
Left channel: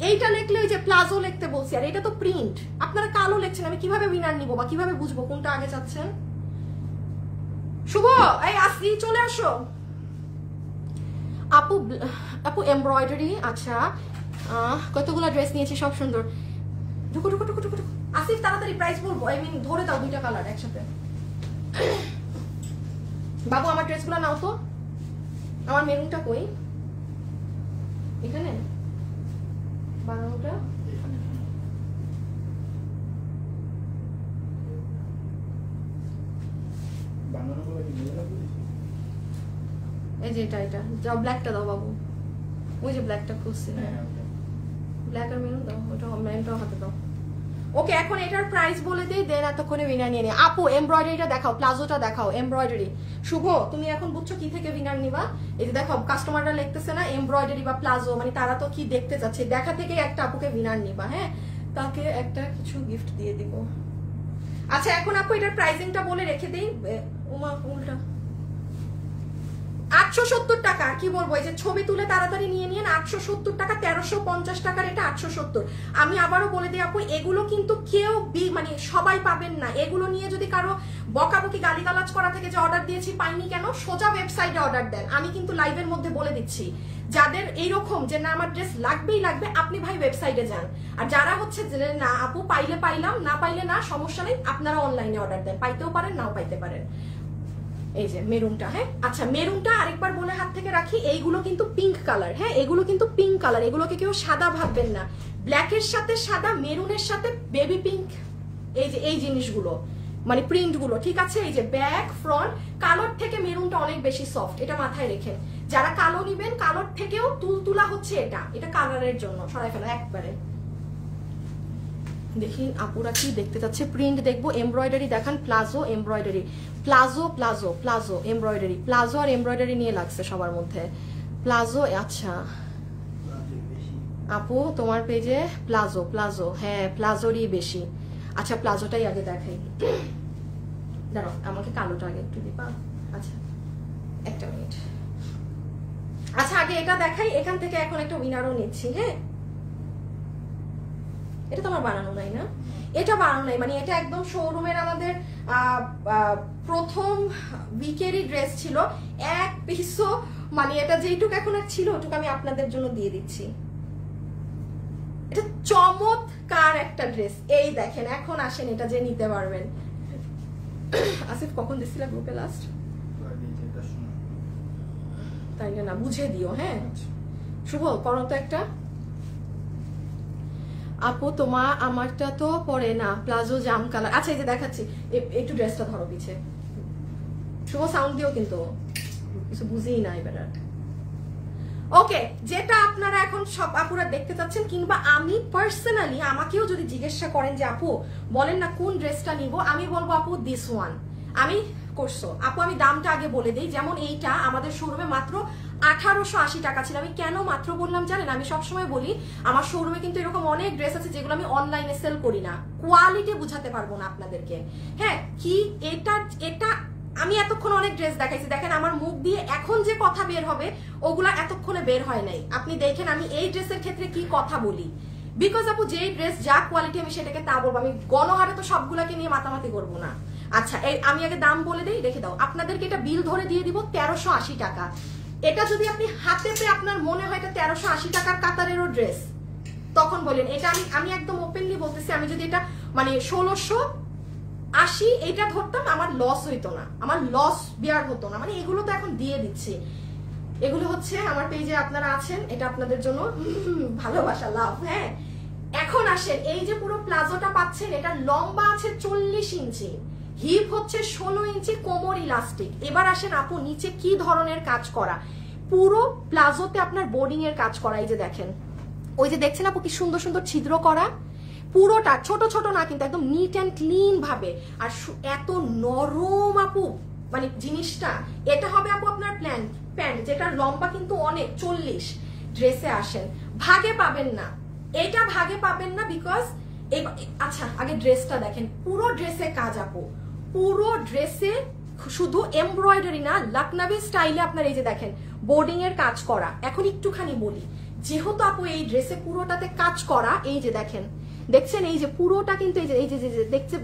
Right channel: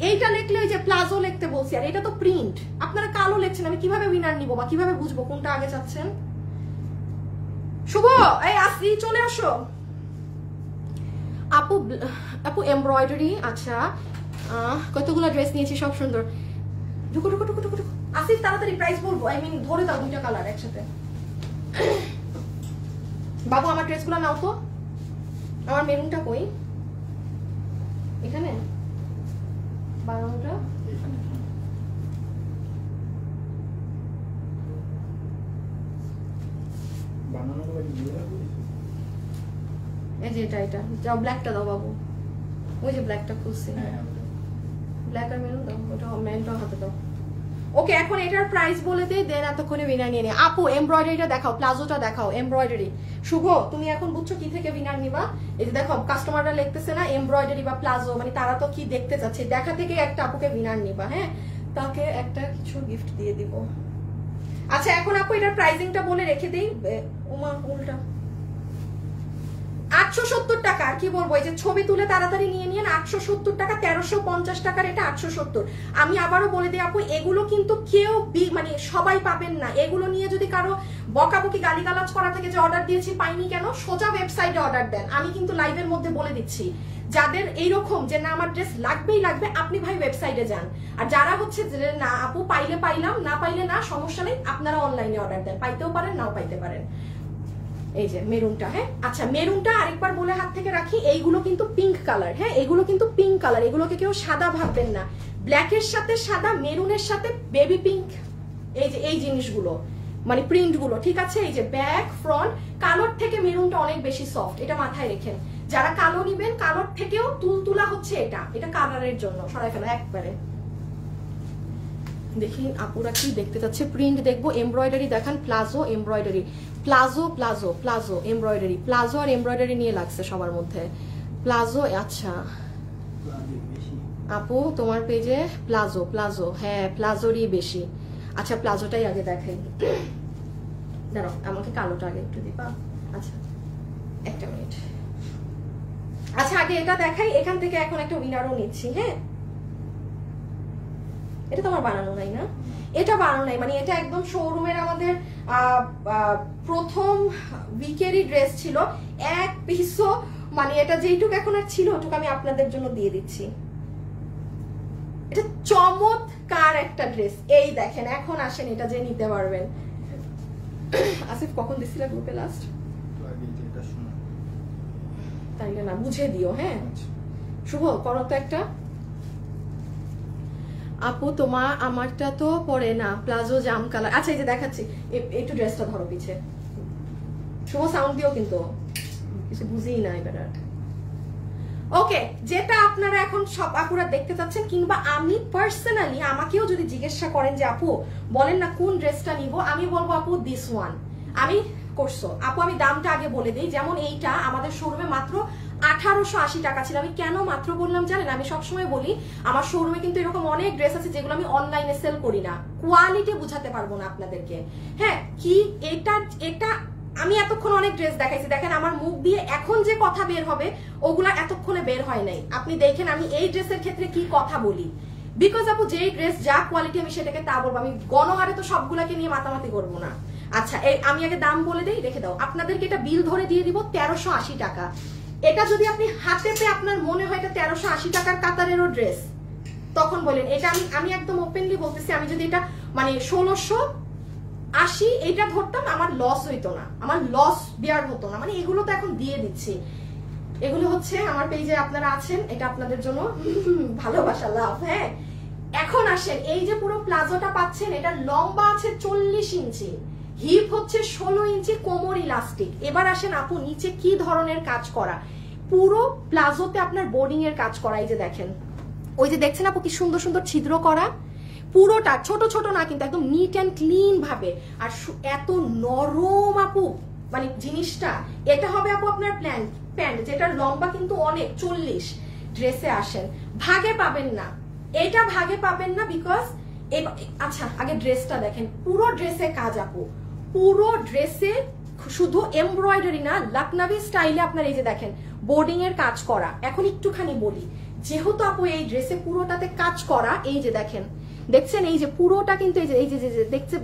এইটা লিখলে যে প্লাজো লিখতে বলছি, আর এটা তো প্রিন্ট। আপনারা কালো লিখছেন, আমি কিভাবে উইনার নিব বা কিভাবে বুঝবো কোনটা আগে চাচ্ছেন? শুভ এই আসি চলে আসো আপু। আপু এমব্রয়ডারি, আচ্ছা কতগুলো ড্রেস নিয়েছি, সব সুন্দর। ঢুকো ঢুকো ঢুকো ঢুকো আসি, তাড়াতাড়ি প্রাইস বলবো, আই মিন ধরে দাও 2টা কালার একসাথে। বাবু আমার ড্রেসগুলো নাও তো, আমার মেরুনটা কই? এখানে বানানোটা এই যে এটা যাও, ব্ল্যাকটা দাও বাবু, ওই যে ব্ল্যাকটা খুলছি, ব্ল্যাক আর মেরুন দাও, ওটা মেরুনটা হাতে দাও। ওকে এখন এটার প্রাইস বলে দেই, দেন এতক্ষণে উইনার নিয়ে নিয়ে। আপু এমব্রয়ডারিটা দেখাও, প্লাজোটা দেখাও, এমব্রয়ডারি। শুভ তুমি এখন বুঝছো কি থেকে উইনার নিবা? এই যে দেখো কাস্টমাররা লিখতেছে না এমব্রয়ডারি বা প্লাজো, মানে তারা তো কি দেখতে চাচ্ছে, দেখা থেকে একটা আপুকে উইনার নিবা। হ্যাঁ, তাকে একটা কিছু গিফট দিয়ে দিব। আচ্ছা এখন আপু এটার প্রাইসিংটা বলে রেখে দেই। ওমা উল্টা 870 টাকা, আর কি বলবো, এই যে ছবি তুলে তাড়াতাড়ি নিয়ে নিন। 870 টাকা, 1350 টাকার এটা 870। আমি আবারও বলে দিই আপু, এগুলো কিন্তু কেউ মানে সবাই পাবেন না। এগুলো নিয়ে যদি কারো বকাবকি গালিগালাজ করা থেকে যে অর্ডার দিয়েছি পাইনি কেন, সোজা ওয়েবসাইটে অর্ডার দেন। আমি কিন্তু লাইভের মধ্যে বলে দিচ্ছি, যাদের এইরকম যে না আমার ড্রেস লাগবেই লাগবে, আপনি ভাই ওয়েবসাইটে যান। আর যারা হচ্ছে না আপু পাইলে পাইলাম, না পাইলে না, সমস্যা নেই, আপনারা অনলাইনে অর্ডার দেন, পাইতেও পারেন নাও পাইতে পারেন। এই যে মেরুনটা, হ্যাঁ আচ্ছা মেরুনটা আরেকবার বলে হাত থেকে রাখি, এইগুলো কিন্তু পিঙ্ক কালার। হ্যাঁ এগুলো কিন্তু পিঙ্ক কালার, এগুলোকে কেউ সাদা ভাববেন না। ব্ল্যাকের সাথে সাদা, মেরুনের সাথে বেবি পিঙ্ক, এই যে এই জিনিসগুলো মানে প্রিন্ট গুলো, ঠিক আছে। এই যে ব্যাক ফ্রন্ট, কালোর থেকে মেরুনটা অনেক বেশি সফট, এটা মাথায় রেখেন। যারা কালো নিবেন, কালোর থেকেও তুলতুলা হচ্ছে এটা কালারের জন্য। সরাই ফেলো একবারে। দেখি আপুরা কি দেখতে চাচ্ছে, প্রিন্ট দেখবো, এমব্রয়ডারি দেখান, palazzo embroidery, palazzo palazzo palazzo embroidery, palazzo আর এমব্রয়ডারি নিয়ে লাগছে সবার মধ্যে। প্লাজো, আচ্ছা আপু তোমার পেজে প্লাজো প্লাজো, হ্যাঁ প্লাজোরই বেশি। আচ্ছা প্লাজোটাই আগে দেখাই, দাঁড়াও আমাকে কালোটা আগে একটু দিবা। আচ্ছা একটা মিনিট, আচ্ছা আগে এটা দেখাই, এখান থেকে এখন একটা উইনারও নিচ্ছি। হ্যাঁ এটা তো আমার বানানো নাই না, এটা বানানো নাই, মানে এটা একদম শোরুমের আমাদের প্রথম উইকেরই ড্রেস ছিল, এক পিসও, মানে এটা যেইটুকু এখন আর ছিল ওটুকু আমি আপনাদের জন্য দিয়ে দিচ্ছি। এটা চমৎকার একটা ড্রেস, এই দেখেন। এখন আসেন এটা যে নিতে পারবেন। আসিফ কখন দিছিল গ্রুপে লাস্ট? তাই না, বুঝে দিও। হ্যাঁ শুভ করো তো একটা। আপু আমারটা তো পরে না, প্লাজো জাম কালার। আচ্ছা এই যে দেখাচ্ছি, একটু ড্রেসটা ধরো পিছে, শুভ সাউন্ড দিও, কিন্তু কিছু বুঝেই না এবার। ওকে যেটা আপনারা এখন সব আপুরা দেখতে চাচ্ছেন, কিংবা আমি পার্সোনালি আমাকেও যদি জিজ্ঞাসা করেন যে আপু বলেন না কোন ড্রেসটা নিব, আমি বলবো আপু দিস ওয়ান। আমি করছো আপু, আমি দামটা আগে বলে দিই। যেমন এইটা আমাদের শোরুমে মাত্র 1880 টাকা ছিল। আমি কেন মাত্র বললাম জানেন, আমি সবসময় বলি আমার শোরুমে কিন্তু এরকম অনেক ড্রেস আছে যেগুলো আমি অনলাইনে সেল করি না, কোয়ালিটি বুঝাতে পারবো না আপনাদেরকে। হ্যাঁ কি এটা আমি এতক্ষণ অনেক ড্রেস দেখাইছি, দেখেন আমার মুখ দিয়ে এখন যে কথা বের হবে ওগুলা এতক্ষণে বের হয় নাই। আপনি দেখেন আমি এই ড্রেসের ক্ষেত্রে কি কথা বলি, বিকজ আপু যেই ড্রেস যা কোয়ালিটি আমি সেটাকে তা বলবো, আমি গণহারে তো সবগুলাকে নিয়ে মাতামাতি করবো না। আচ্ছা এই আমি আগে দাম বলে দিই, দেখে দাও। আপনাদেরকে এটা বিল ধরে দিয়ে দিব 1380 টাকা। এটা যদি আপনি হাতে পেয়ে আপনার মনে হয় এটা 1380 টাকার কাতারেরও ড্রেস, তখন বলেন। এটা আমি একদম ওপেনলি বলতেছি, আমি যদি এটা মানে 1680 এইটা ধরতাম আমার লস হইতো না, আমার লস বিয়ার হতো না। মানে এগুলো তো এখন দিয়ে দিচ্ছি, এগুলো হচ্ছে আমার পেজে আপনারা আছেন, এটা আপনাদের জন্য ভালোবাসা লাভ। হ্যাঁ এখন আসেন, এই যে পুরো প্লাজোটা পাচ্ছেন, এটা লম্বা আছে 40 ইঞ্চি, হিপ হচ্ছে 16 ইঞ্চি, কোমর ইলাস্টিক। এবার আসেন আপু নিচে কি ধরনের কাজ করা, পুরো প্লাজোতে আপনার বোর্ডিং এর কাজ করা। এই যে দেখেন, ওই যে দেখছেন আপু কি সুন্দর সুন্দর ছিদ্র করা, পুরোটা ছোট ছোট না কিন্তু একদম নিট অ্যান্ড ক্লিন ভাবে। আর এত নরম আপু মানে জিনিসটা, এটা হবে আপু আপনার প্যান্ট যেটা লম্বা কিন্তু অনেক 40। ড্রেসে আসেন ভাগে পাবেন না, এটা ভাগে পাবেন না, বিকজ আচ্ছা আগে ড্রেসটা দেখেন, পুরো ড্রেসে কাজ আপু, পুরো ড্রেসে শুধু এমব্রয়ডারি না, লখনভি স্টাইলে আপনার এই যে দেখেন বোর্ডিং এর কাজ করা। এখন একটুখানি বলি, যেহেতু আপু এই ড্রেসে পুরোটাতে কাজ করা, এই যে দেখেন দেখছেন এই যে পুরোটা কিন্তু এই যে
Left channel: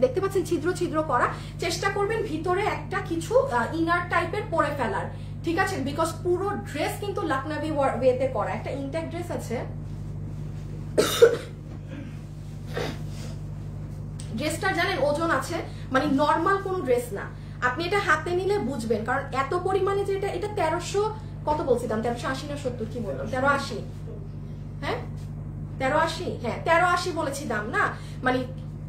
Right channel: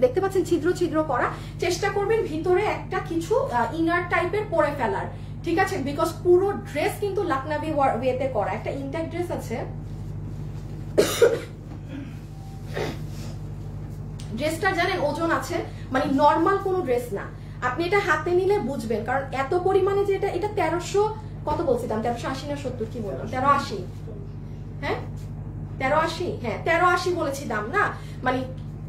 দেখতে পাচ্ছেন ছিদ্র ছিদ্র করা, চেষ্টা করবেন ভিতরে একটা কিছু ইনার টাইপের পরে ফেলার, ঠিক আছে? বিকজ পুরো ড্রেস কিন্তু লখনভি ওয়েতে করা। একটা ইনটেক ড্রেস আছে, ড্রেসটা জানেন ওজন আছে, মানে নর্মাল কোনো ড্রেস না। আপনি এটা হাতে নিলে বুঝবেন, কারণ এত পরিমাণে যে এটা 1300 কত বলছিলাম, 1380 না 70 কি বললাম, 1380, হ্যাঁ 1380, হ্যাঁ 1380 বলেছি দাম না, মানে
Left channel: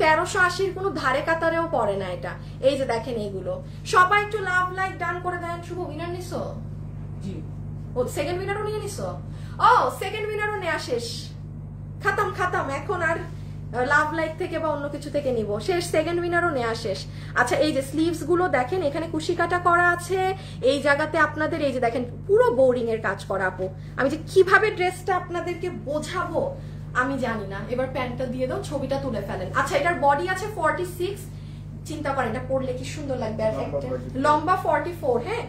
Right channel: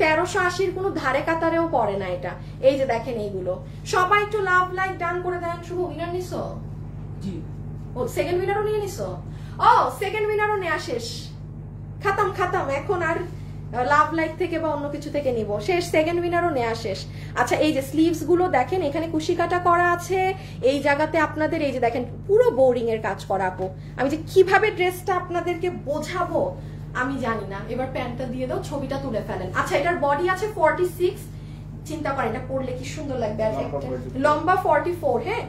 1380 কোনো ধারে কাতারেও পড়ে না এটা। এই যে দেখেন এইগুলো সবাই একটু লাভ লাইক ডান করে দেন। শুভ উইনার নিছো? জি। ও সেকেন্ড উইনারও নিয়ে নিছো? ও সেকেন্ড উইনারও নেওয়া শেষ, খাতাম খাতাম, এখন আর লাভ লাইক থেকে বা অন্য কিছু থেকে নিব, শেষ, সেকেন্ড উইনারও নেওয়া শেষ। আচ্ছা এই যে স্লিভস গুলো দেখেন, এখানে কুশি কাটা করা আছে, এই জায়গাতে আপনাদের এই যে দেখেন পুরো বোরিং এর কাজ করা আপু। আমি যে কিভাবে ড্রেসটা আপনাদেরকে বোঝাবো আমি জানি না, এবার প্যান্টটা দিয়ে দাও, ছবিটা তুলে ফেলেন। আচ্ছা এটার বডি আছে 46, চিন্তা করেন এটা পরলে কি সুন্দর লাগবে, লম্বা 44, হ্যাঁ।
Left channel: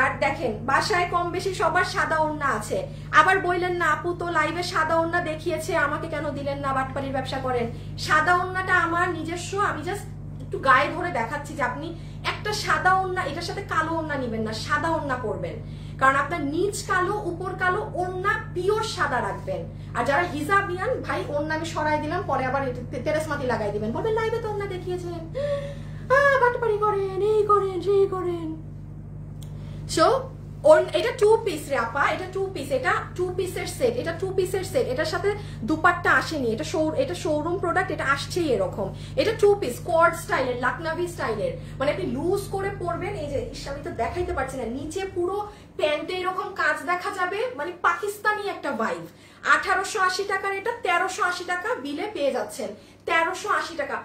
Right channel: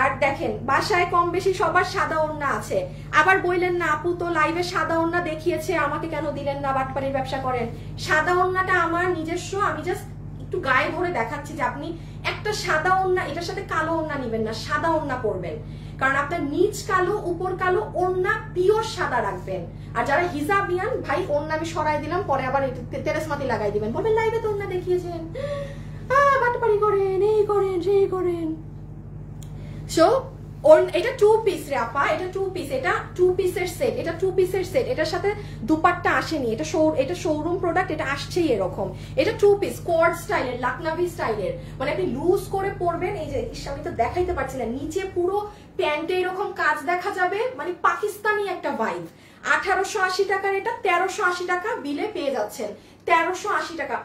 আর দেখেন বাসায় কম বেশি সবার সাদা ওড়না আছে, আবার বললেন না আপু তো লাইভে সাদা ওড়না দেখিয়েছে আমাকে কেন দিলেন না, বাটপাড়ির ব্যবসা করেন। সাদা ওড়নাটা আমার নিজস্ব, আমি জাস্ট একটু গায়ে ধরে দেখাচ্ছি যে আপনি একটা সাদা ওড়না, এটার সাথে কালো ওড়না নিবেন না, সাদা ওড়না পরবেন, কারণ আপনার নিচ কালো উপর কালো, ওড়না পিওর সাদা রাখবেন। আর যারা হিজাবিয়ান ভাই ওড়না আমি সরাই দিলাম, পরে আবার তেরেসমাতি লাগাই দিবেন, বলবেন লাইভে তো ওড়না দেখিয়েছেন, বাটপাড়ি করেন, এই করেন সেই করেন। সো এটা 2 পিস রে আপা, এটা 2 পিস, এটা 2 পিসের সেট, এটা 2 পিসের সেট, এটার সাথে দুপাট্টা আসেনি, এটা শোরুম প্রোডাক্ট, এটা আসছেই এরকম। এটা 2 পিস কোয়ার্ড স্টাইলের, লখনভি স্টাইলের, মানে আপনি লুজ করে পরবেন। এই যে আমি তো দেখাইতে পারছি না, নিচে পুরো প্যান্টে এরকম কাজ দেখা যাবে, মানে পাকিস্তানি একটা ভাইব। 1880 টাকার এটা 1380 টাকা বিলে পেয়ে যাচ্ছেন, 1380 টাকা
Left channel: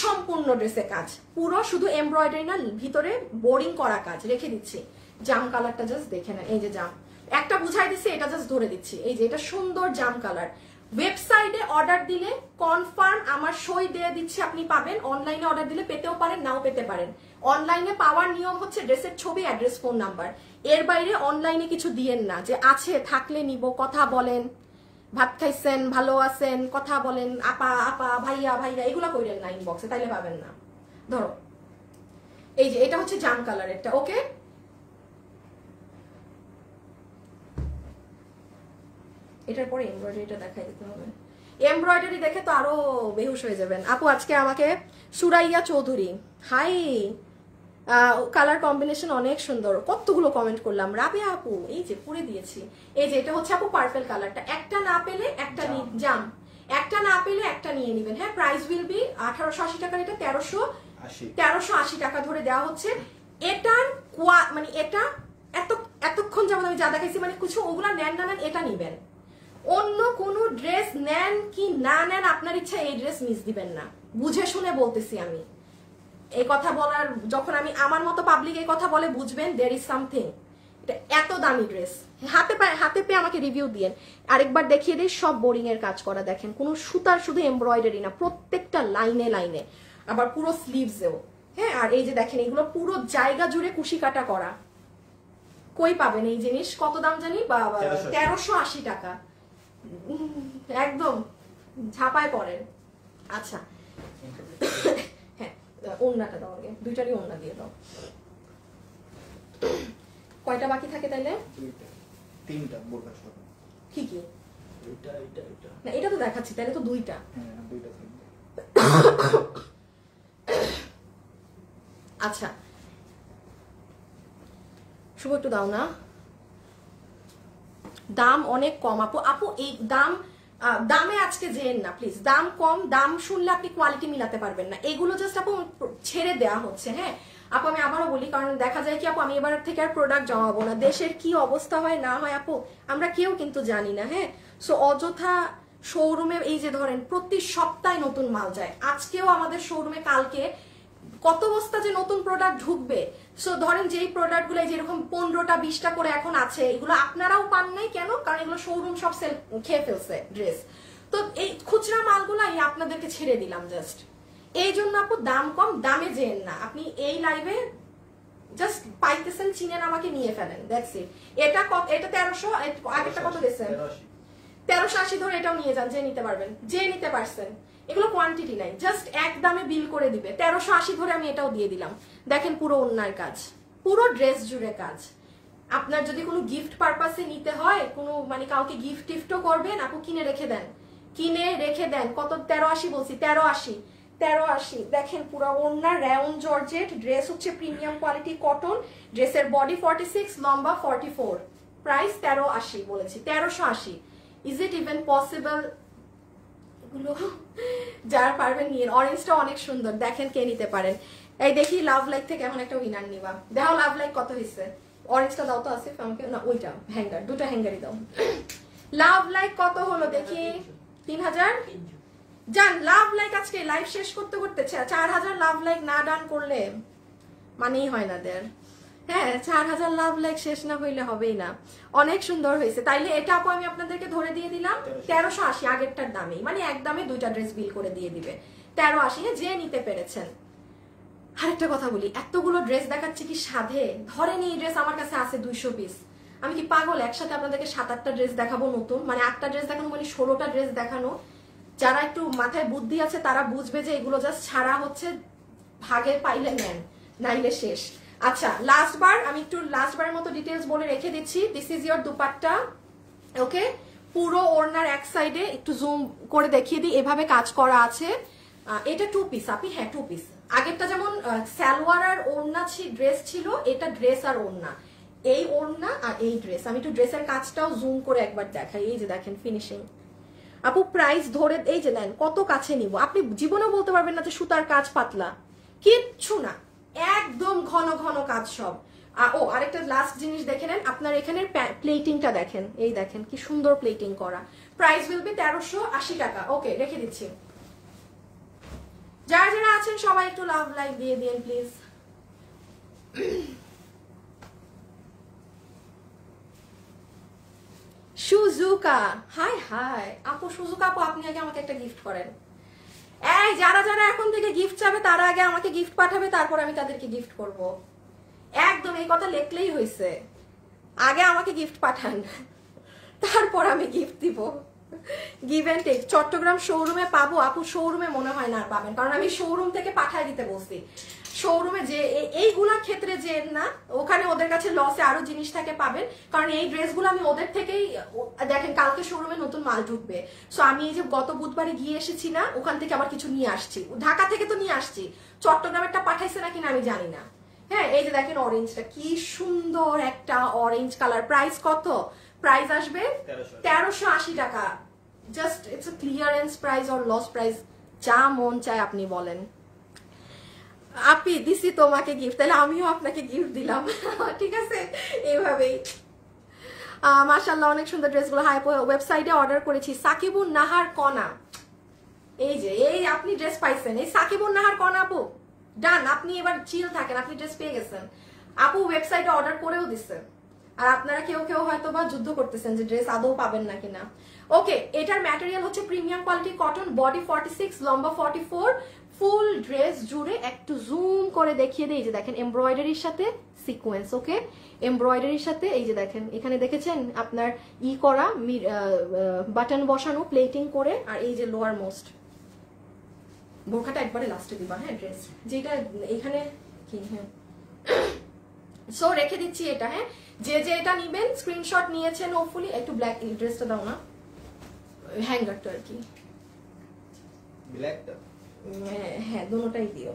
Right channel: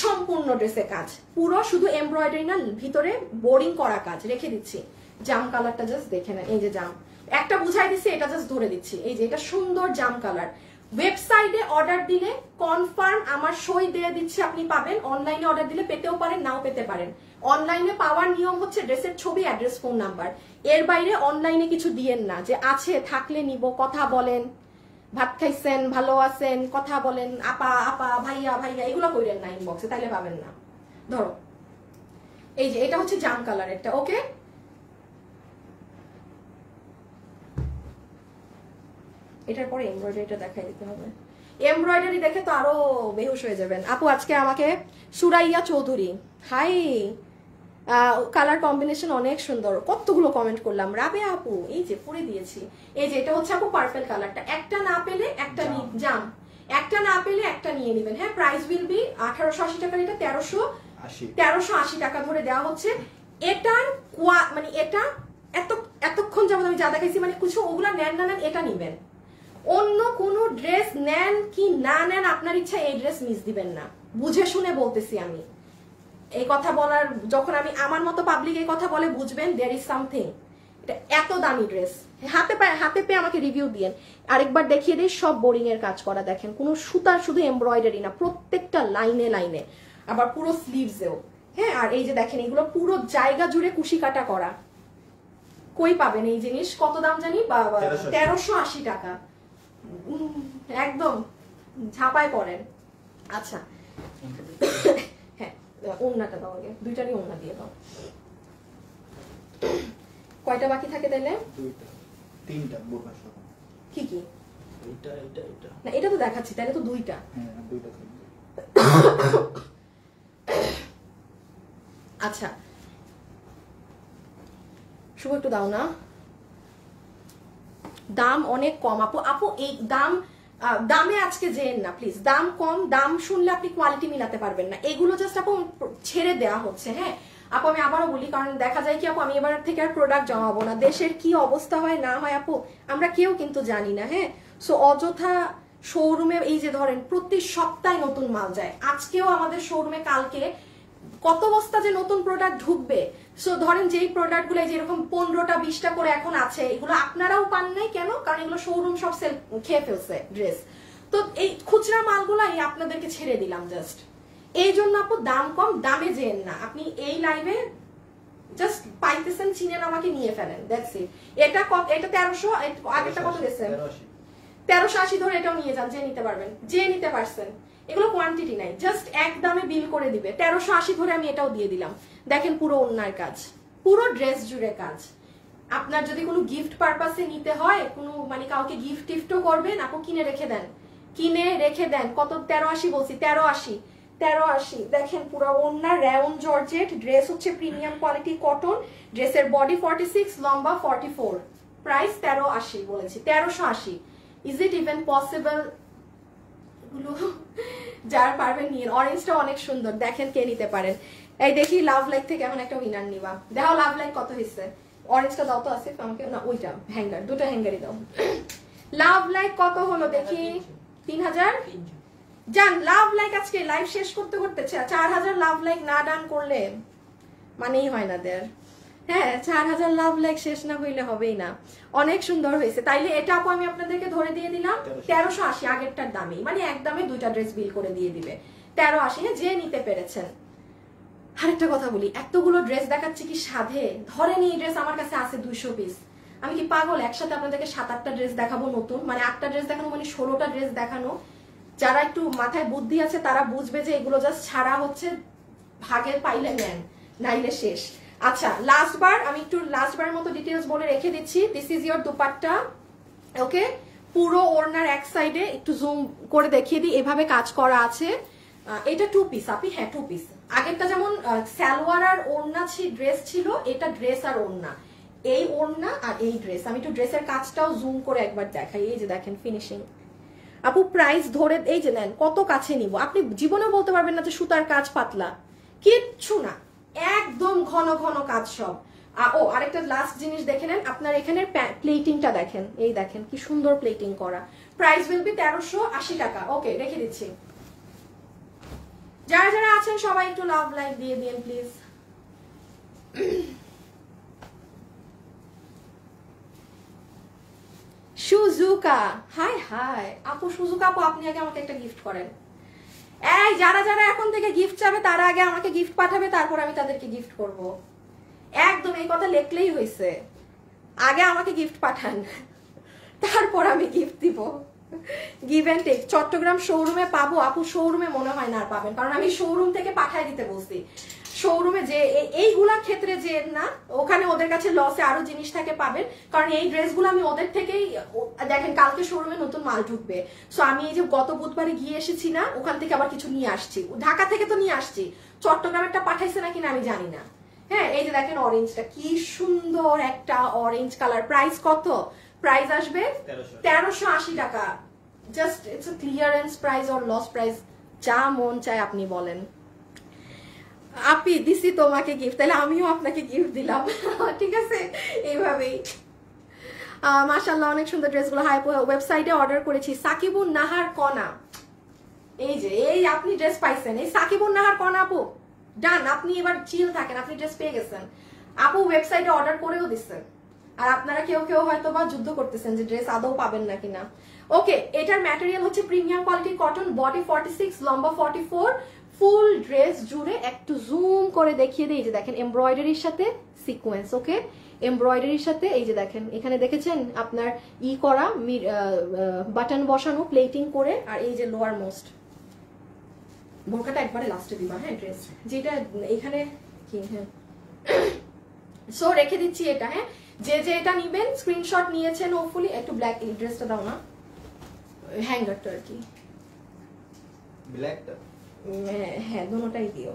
সম্পূর্ণ ড্রেসে কাজ, পুরো শুধু এমব্রয়ডারি না, ভিতরে বোরিং করা কাজ। রেখে দিচ্ছি জাম কালারটা, জাস্ট দেখে না, এই যে জাম একটা বুঝাই দিচ্ছি, এটা জাস্ট ধরে দিচ্ছি, এই যে এটা সুন্দর জাম কালার। ওয়েবসাইটে অর্ডার দিলে কনফার্ম আমার সই দিয়ে দিচ্ছি, আপনি পাবেন। অনলাইনে অর্ডার দিলে পেতেও পারেন, নাও পেতে পারেন। অনলাইনে পাওয়ার নিয়ম হচ্ছে ড্রেসের ছবি, অ্যাড্রেস, ফোন নাম্বার, এর বাইরে অনলাইনে কিছু দিয়েন না, যে আছে থাকলে নিব, কথা বলেন, ভাত খাইছেন, ভালো আছেন, কথা বলেন, আপা আপা, ভাইয়া ভাইয়া, এগুলো কইলেন না ইনবক্সে, তাইলে পাবেন না। ধরো এই যে এটা হচ্ছে জাম কালার, এটা ওকে। এটার পরে এমব্রয়ডারিটা দেখাই দিতে হবে, এমব্রয়ডারি দেখে তো আরো বেহুশ হয়ে যাবেন আপু। আজকে আমাকে Suraiya Chowdhury, hi, colour combination অনেক সুন্দর, কতগুলো কমেন্ট করলাম। রাবে আপু এই যে পরে দিয়েছি, এই যে এটা হচ্ছে আপু পার্পল কালারটা, একটা না পেলে একটা জাম, একটা না পেলে একটা নিয়ে নেবেন, হ্যাঁ। প্রাইস উইল বি 1880 টাকার, এটা 1380 টাকা ধরে দেওয়া হচ্ছে। এটার মানে এটা এতক্ষণ যেমন আমি যা দেখাইছি, মানে কিছু ওগুলা নেন না নেন, এটা নিবেন। অন্য কোন ড্রেস নেন কি না নেন আপনার ইচ্ছা, এই ড্রেস মিস দিবেন না, বুঝে শুনে বলতেছি আমি এই কথা বলার। যখন আমি আমার মতো পাবলিক এই কথা বলে, বুঝবেন দেয়ার ইজ সামথিং। এত দামি ড্রেস হাতে পেয়ে আমাকে রিভিউ দিয়েন। আরেকবার দেখিয়ে দিই, সব বোরিং এর কাজ করা, দেখেন কোনো সুতার, শুধু এমব্রয়ডারি না, প্রত্যেকটা লাইনে লাইনে, আবার পুরো স্লিভসেও, হ্যাঁ। আর এই যে দেখেন এগুলো পুরো জায়গা জুড়ে কুশি কাটা করা। কই পাবেন এই জিনিস, কত দাম জানি, 1380 টাকা, একদম ঝাপায় পড়েন। আচ্ছা হ্যাঁ, ওড়নাটা দাও আগে, দুইটারই ওড়না দিয়ে দাও। কয়টা বাকি থাকে তাইলে? তিনটা। কি কি? এটা এটা এটা না, এটা তো দেখাচ্ছি, তাহলে তো দুইটা। হ্যাঁ, দুইটা। আচ্ছা শুভ একটু দাও না, দাম অনেক কম আপু। আপু এই দামে আজকে যেন না প্লিজ, দাম কম, দাম শুনলে আপনি কোয়ালিটি মিলাতে পারবেন না। এগুলো জাস্ট আপু ছেড়ে দেওয়া হচ্ছে, হ্যাঁ আপু। আমি আবারও বলি, কারণ দেখা যায় কি আপু, আমি এবার থেকে আর প্রোডাক্ট জমাবো না, দেশের কি অবস্থা হয় না হয় আপু আমরা কেউ কিন্তু জানি না, হ্যাঁ। সো অযথা শোরুমে এই যে ধরেন প্রতি সপ্তাহে নতুন মাল যায়, আজকেও আমাদের শোরুমে কালকে কত বস্তা যে নতুন প্রোডাক্ট ঢুকবে। সো ধরেন যেই প্রোডাক্ট গুলো যেরকম 15টা 20টা করে এখন আছে, এগুলো আপনারাও পান নাই কেন, কারণ এগুলো শোরুম সব সেল খেয়ে ফেলছে ড্রেস। তো এই খুচরা মালগুলাই আপনাদেরকে ছেড়ে দিলাম জাস্ট এই জন্য। আপু দাম কম, দামে যেন না, আপনি এই লাইভে জাস্ট পাইতেছেন, চিনেন, আমাকে নিয়ে ফেলেন, দ্যাটস ইট। এটা 1300, আগেরটা কত দিয়েছেন? 1380 ধরে এটাও নিয়ে যান, যে নিতে পারবেন, যে নিতে পারছেন। এগুলো কোয়ান্টিটি নাই, জাস্ট এক দামে বিল করে দিবে। 1380 ধরে আমি এটাও দিয়ে দিলাম। দেখেন পুরো ওন্নার কাজ, পুরো ড্রেস জুড়ে কাজ। আপনার যদি কোনো গিফট পারপাসে নিতে হয়, কোনো মানে কাউকে গিফটও করবেন, আপু কিনে রেখে দেন, কিনে রেখে দেন। কত? 1380 বলছি, 1380। দেখেন পুরো ওন্না রেয়ন জর্জেট, ড্রেস হচ্ছে প্রিমিয়াম কোয়ালিটি কটন, ড্রেসের বডি 46, লম্বা 44, প্রাইস 1380 বলেছি, 1380। Is it even possible? যারা পারবেন নিয়ে। অরেঞ্জটা অনেক সুন্দর, দেখেন কে নিতে পারেন। এই দেখি লাভ লাইক থেকে এমন একটা উইনার নিবা। দেখো লাভ লাইক কত হয়েছে। অরেঞ্জটা দাও তো, আছে আমাকে না, ওইটা হ্যাঙ্গার, দুটো হ্যাঙ্গারই দাও। লাভ লাইক কত হলো দেখি? 3000 জান। লাভ লাইক আজকে লাইভ শেষ করতে 4000 লাভ লাইক না ডান করলে মানেই হয় না দের। হ্যাঁ, 4000 লাভ লাইক শেষ না হইলে হবেই না। অনেক সুন্দর হয়েছে। তাইলে এটা আপু আমি আপনাদেরকে ধরে দিয়ে দিলাম 1380, আগেরটার দামে, মানে এক দামে দুইটা ড্রেস বিল করে দিয়ে দিবে 1380, যে নিতে পেরেছেন। আরেকটা কথা বলি, এতগুলো ড্রেস দেখাচ্ছি কি সাধে? ধরেন এই ড্রেস আমার কাছে আছে 200 পিস, আমি কি পাগল একসাথে আপনাদেরকে 7-8টা ড্রেস দেখাবো নতুন? মানে 8টা ড্রেস দেখানো মানে 16টা ড্রেস দেখানো। যারা একটু মাথায় বুদ্ধি আছে তারা বুঝবে যে এগুলো জাস্ট ছাড়া হচ্ছে, ভাগের পাইলে নেন, নাইলে শেষ। আচ্ছা, আমি একটু লাস্টবারের মতো ডিটেলস বলে রেখে দিচ্ছি। দিস ইজ ইয়োর দুপাট্টা, ওকে? পুরো ওড়নার এক সাইডে একটু জুম করে দেখিয়ে দিই, এভাবে কাজ করা আছে। এটা 2 পিস আপনি, হ্যাঁ 2 পিস। আগেরটা যেমন সালোয়ার আর ওড়না ড্রেস ছিল, এটা ড্রেস আর ওড়না, এই ওড়না আর এই ড্রেস। আমি একটু ড্রেসের কাজটাও জুম করে একবার দেখাই। এই যে দেখেন ফিনিশিং। আপু প্রাইস ধরে এই যে নেন, কত কাছে নিব, আপনি জীবনেও বলতে পারবেন না যে সুতার কাজ পাতলা, কিচ্ছু না, একদম ঘন ঘন কাজ সব। ও আরেকটা লাস্ট জিনিস দেখে নেন, আপনার এখানে প্লেটিংটা দেখেন, এই দেখেন কি সুন্দর প্লেটিং করা। প্রাইস উইল বি 1380 টাকা। ওকে, রেখে দিচ্ছি। যারা যারা আছেন সবাই একটু লাভ লাইক দিয়ে দিন প্লিজ। সুজুকা, হাই হাই আপু, সুজুকা আপু আপনি আগে আমাকে একটা গিফট করেন। এই যারা যারা এখন থেকে গিফট চাবে তারা আগে আমাকে গিফট পাঠাবে, তারপর আমি তাদেরকে গিফট করব। একদম এই কথা লেখলেই হয়েছে, আগে আমাকে গিফট পাঠান, তারপর আমি গিফট দিব। Give and take. চট্টগ্রাম শোরুমে পাবো আপু? শোরুমে মনে হয় না পাবেন, কারণ আমি শোরুম থেকে পাঠাই দিতে বলছি। শোরুমে যে এইগুলা ক্ষেত্রে যে না, ওখানে ওদের কাছে লসে আরো জিনিস থাকে পাবেন, কারণ এই ড্রেসগুলো আমি ওদের থেকেই, দেখেন কালকে শোরুমে নতুন মাল ঢুকবে, সো আমি এই যে গত বুধবারে গিয়ে এসেছি না, ওখান থেকে আবার কিছু নিয়ে আসছি, ঢাকা থেকে তো নিয়ে আসছি, চট্টগ্রামেরটা পাঠাইছে নাকি না আমি জানি না। হ্যাঁ, এই যে দেখেন অরেঞ্জটা কি সুন্দর একটা অরেঞ্জ কালার। প্রাইস কত? প্রাইস আসবে 1380 টাকা। Just it's a clearance price or loss price, যা মন চায় আপনি বলেন। আপনি দিছি তোমাকে গিফট, তাহলে আমিও আপনাকে গিফট দিলাম, ঠিক আছে? এইভাবেই মাশাআল্লাহ অনেক সুন্দর ড্রেসগুলো। হাই ওয়েবসাইটে অর্ডার করেছি, সাকিবুন নাহার কনা। এই যে এই আপনি ড্রেস পাইছেন, এই সাকিবুন নাহার কনা আপু ডান। আপনি এবার চিল থাকেন, আপনি ড্রেস পেয়ে গেছেন। আপু ওয়েবসাইটে অর্ডার করেও দিচ্ছেন, আর আপনারা কেউ কেউ হয়তো বা যুদ্ধ করতেছেন যে ড্রেস আদৌ পাবেন নাকি না। ওকে, এটার ম্যাটেরিয়াল হচ্ছে প্রিমিয়াম কোয়ালিটি কটন, বডি 46, লম্বা 44, ফুল ড্রেস জুড়ে একটু জুম করে দেখিয়ে দিই। যে দেখেন এমব্রয়ডারির সাথে সিকোয়েন্স, ওকে? এমব্রয়ডারির সাথে এই যে দেখেন এখানে দেখেছেন আপনার করা বাটন বসানো, প্লেটিং করে, আর এই যে লোয়ার মোস্ট বোরকাটা একবারে লাস্টে দিবা, হ্যাঁ ড্রেস যেটা এখানে কি, হ্যাঁ সো রেখে দিচ্ছি এটা। হ্যাঁ, যে যে এটা নিবেন স্ক্রিনশট নিয়েছেন হোপফুলি। একটু ব্ল্যাক এই ড্রেসটা দাও না, হ্যাঙ্গারটা আর কি, ব্ল্যাকটা, হ্যাঁ দুটোটাই দিও।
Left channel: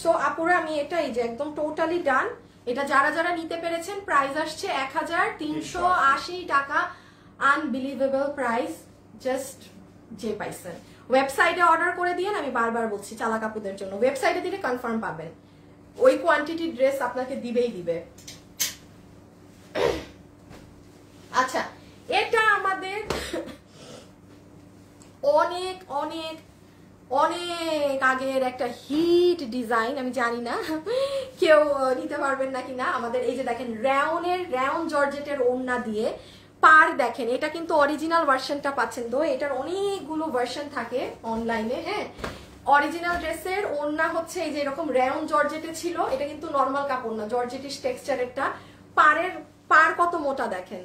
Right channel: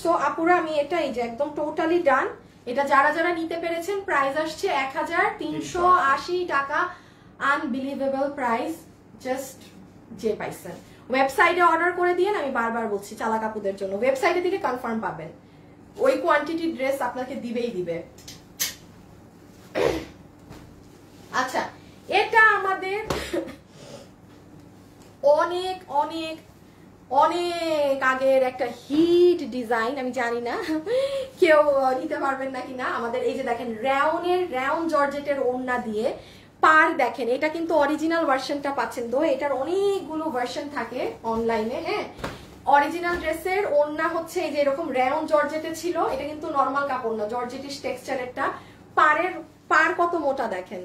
সো আপুরা আমি এটাই যে একদম টোটালি ডান। এটা যারা যারা নিতে পেরেছেন প্রাইস আসছে 1380 টাকা। আনবিলিভেবল প্রাইস, জাস্ট যে পাইছেন। ওয়েবসাইটে অর্ডার করে দিয়ে, আমি বারবার বলছি চালাক আপুদের জন্য, ওয়েবসাইটে দিলে কনফার্ম পাবেন, ওই কোয়ান্টিটির ড্রেস আপনাকে দিবেই দিবে। আচ্ছা, এটা আমাদের অনেক অনেক অনেক আগের একটা হিট ডিজাইন, আমি জানি না কেউ নিতে পারবেন নাকি না। আমাদের এই যে দেখেন রাউন জর্জেটের ওড়না দিয়ে পার দেখেন, এটা কিন্তু অরিজিনাল ভার্সনটা পাচ্ছেন। তো এটার অনেকগুলো ভার্সন থাকে অনলাইনে। হ্যাঁ, অরিজিনাল ড্রেসের ওড়না হচ্ছে এই যে এরকম রাউন জর্জেটের ছিল, এটা কিন্তু নর্মাল কাপড় না, জর্জেটিশ টেক্সচারেরটা। পার কত মোটা দেখেন,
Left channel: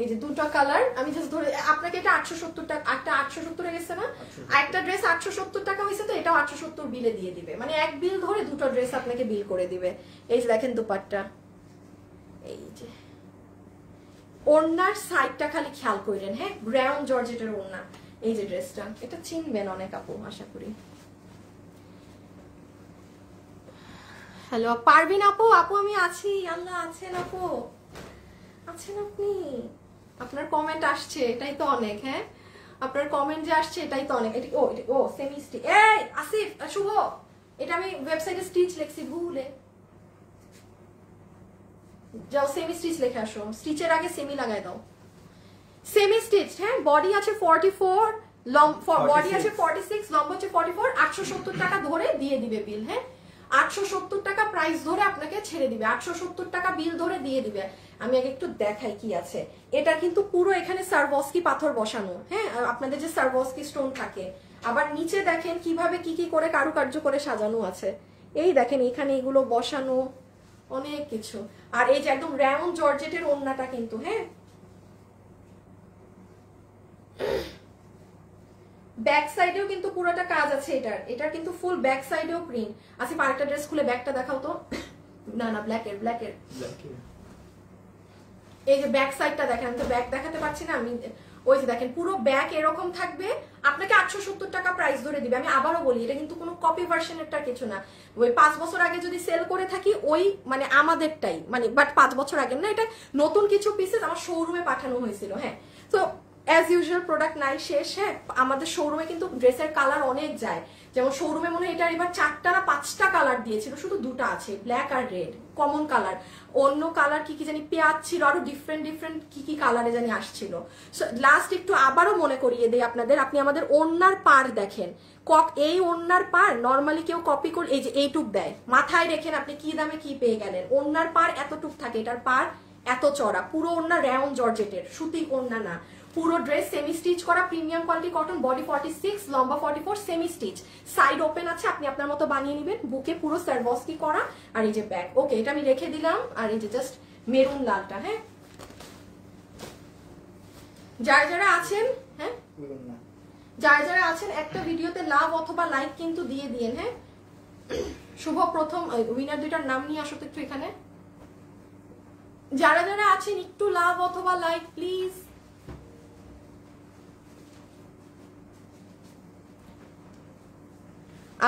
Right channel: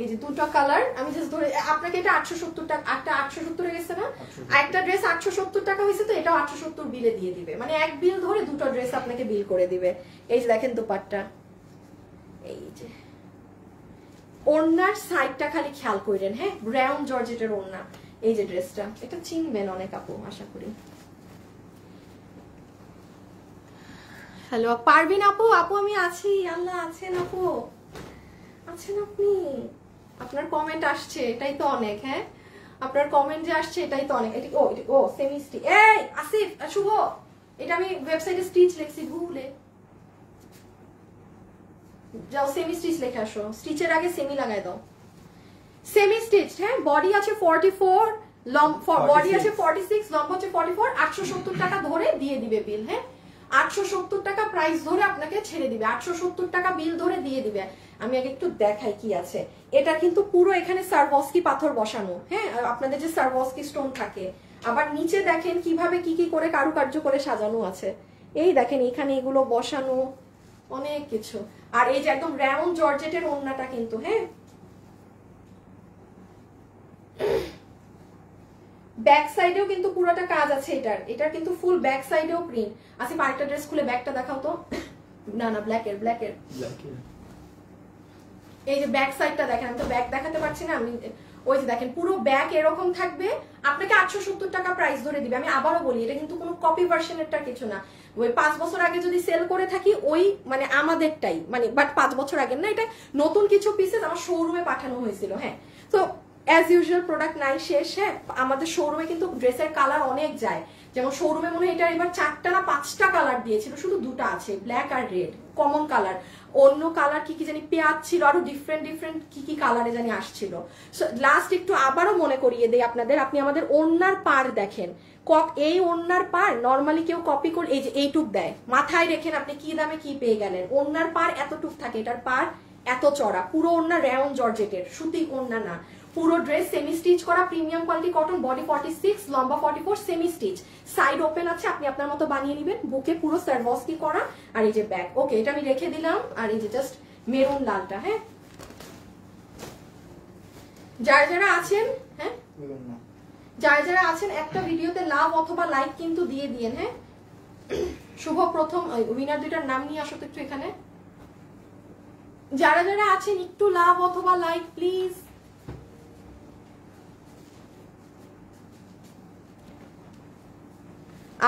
এই যে দুটো কালার। আমি জাস্ট ধরে আপনাকে, এটা 870 টাকা, একটা 870 এ গেছে না, একটা ড্রেস 870 টাকা হয়েছে, তো এটাও 870 বিলে দিয়ে দিবে, মানে এক বিল ধরে দুটো ড্রেস আপনাকে বিল করে দিবে। এই যে দেখেন দুপাট্টা, এই যে ওড়নার সাইডটা খালি খেয়াল করেন। হ্যাঁ, ব্রাউন জর্জেটের ওড়না। এই যে ড্রেসটা, এটা চিনবেন অনেক আপু আশা করি। হ্যালো পারবিন আপু, আপু আমি আছি, আল্লাহ আছেন আপু, আছেন আপনি? আপনার কমেন্ট আসছে, এটাই তো অনেক। হ্যাঁ, আপনার কমেন্ট যে আসছে এটাই তো অনেক। ও সেমি স্টিচ, এই আসিফ শুভ, এটা আমি ওয়েবসাইটে স্টিচ লিখছি ভুলে যাও, সেমি স্টিচ লিখে আসো, স্টিচের আগে সেমি লাগাই দাও। Semi stitch. হ্যাঁ, বডি আছে 44, বডি আছে 46, লম্বা হচ্ছে 44, 870 টাকা ধরে দিয়ে দিবে বিল। হ্যাঁ, 870 টাকা প্রাইস ধরে আপনাকে ছেড়ে দিবে, 870 টাকা বিল ধরে দিয়ে দিবে। আমি আগে একটু দেখাই কি আছে। এটা কিন্তু পুরো এখানে সারভস্কি পাথর বসানো। হ্যাঁ, আর আপনাদের যে সারভস্কি স্টোন থাকে, আবার নিচে দেখেন কিভাবে কি কি করে কারুকার্য করে সাজানো আছে। এই দেখেন এখানে এগুলো বসানো, অনেক কিছু। আর এই যে একদম রাউন্ড জর্জেটের ওড়নাটা কিন্তু। হ্যাঁ, ব্যাক সাইডেও কিন্তু পুরোটা কাজ আছে এটার কিন্তু ফুল ব্যাক সাইডেও প্রিন্ট আছে। আরেকটা ড্রেস খুলে ব্যাকটা দেখাও তো। না ব্ল্যাকের এই যে ব্যাক সাইডটা দেখেন, তো ব্যাক দেখাতে পারছি না আমি। ওই যে দেখেন পুরো ব্যাক এরকম থাকবে, আপনাকে 870 টাকা প্রাইস ধরে দিবে। আমি আবারও বলি, এটা কিন্তু কোনো কপি ভার্সনেরটা কিছু না। ওই 5 বছর আগে যদি সেল করে থাকি, ওই মানে আমাদেরটাই, মানে বাট 5 বছর আগে না, এটা নতুন কিছু পিসেস আমার শোরুমে পাঠানো হয়েছিল। হ্যাঁ, তো অ্যাজ ইউজুয়াল প্রোডাক্ট নাই শেষ। হ্যাঁ, আমাদের শোরুমে কিন্তু ড্রেসের কালার অনেক যায়। যেমন শোরুমে মনে হয় এটা এবার 4টা না 5টা কালার দিয়েছিল, শুধু 2টা আছে, ব্ল্যাক আর রেড কমন কালার। অন্য কালার কি জানি পেঁয়াজ ছিল, আরো ডিফারেন্ট কি কালারে জানি আসছিল। সো লাস্ট একটু আবারও মনে করিয়ে দেই আপনাদের, আপনি আমাদের ওড়নার পার দেখেন, এই ওড়নার পার নর্মালি কেউ কপি করে এই যে এইটুক দেয়, মাথায় রেখেন আপনি কি দামে কি পেয়ে গেলেন। ওড়নার পার এতটুক থাকে, এটার পার এত চড়া, পুরো ওড়না রাউন্ড জর্জেটের, সুতি ওড়না না। পুরো ড্রেস সেমি স্টিচ করা, প্রিমিয়াম কোয়ালিটি কটন, বডি 46, লম্বা 44, সেমি স্টিচ, সাইড ওপেন আছে, আপনি আপনার মতো বানিয়ে নেবেন। বুকে পুরো সারভস্কি করা, আর এই যে ব্যাক। ওকে, এটা আমি রেখে দিলাম। আর এই যে জাস্ট মেরুন লালটা। হ্যাঁ, যারা আছেন, হ্যাঁ যারা আছেন একটা ভিডিওতে লাভ অথবা লাইক কিন্তু দিয়ে দিয়েন। হ্যাঁ, শুভ প্রথম উইনার দুটার নাম নিয়ে আসো তো একটু এখানে। যারা আছেন একটু লাভ অথবা লাইক প্লিজ।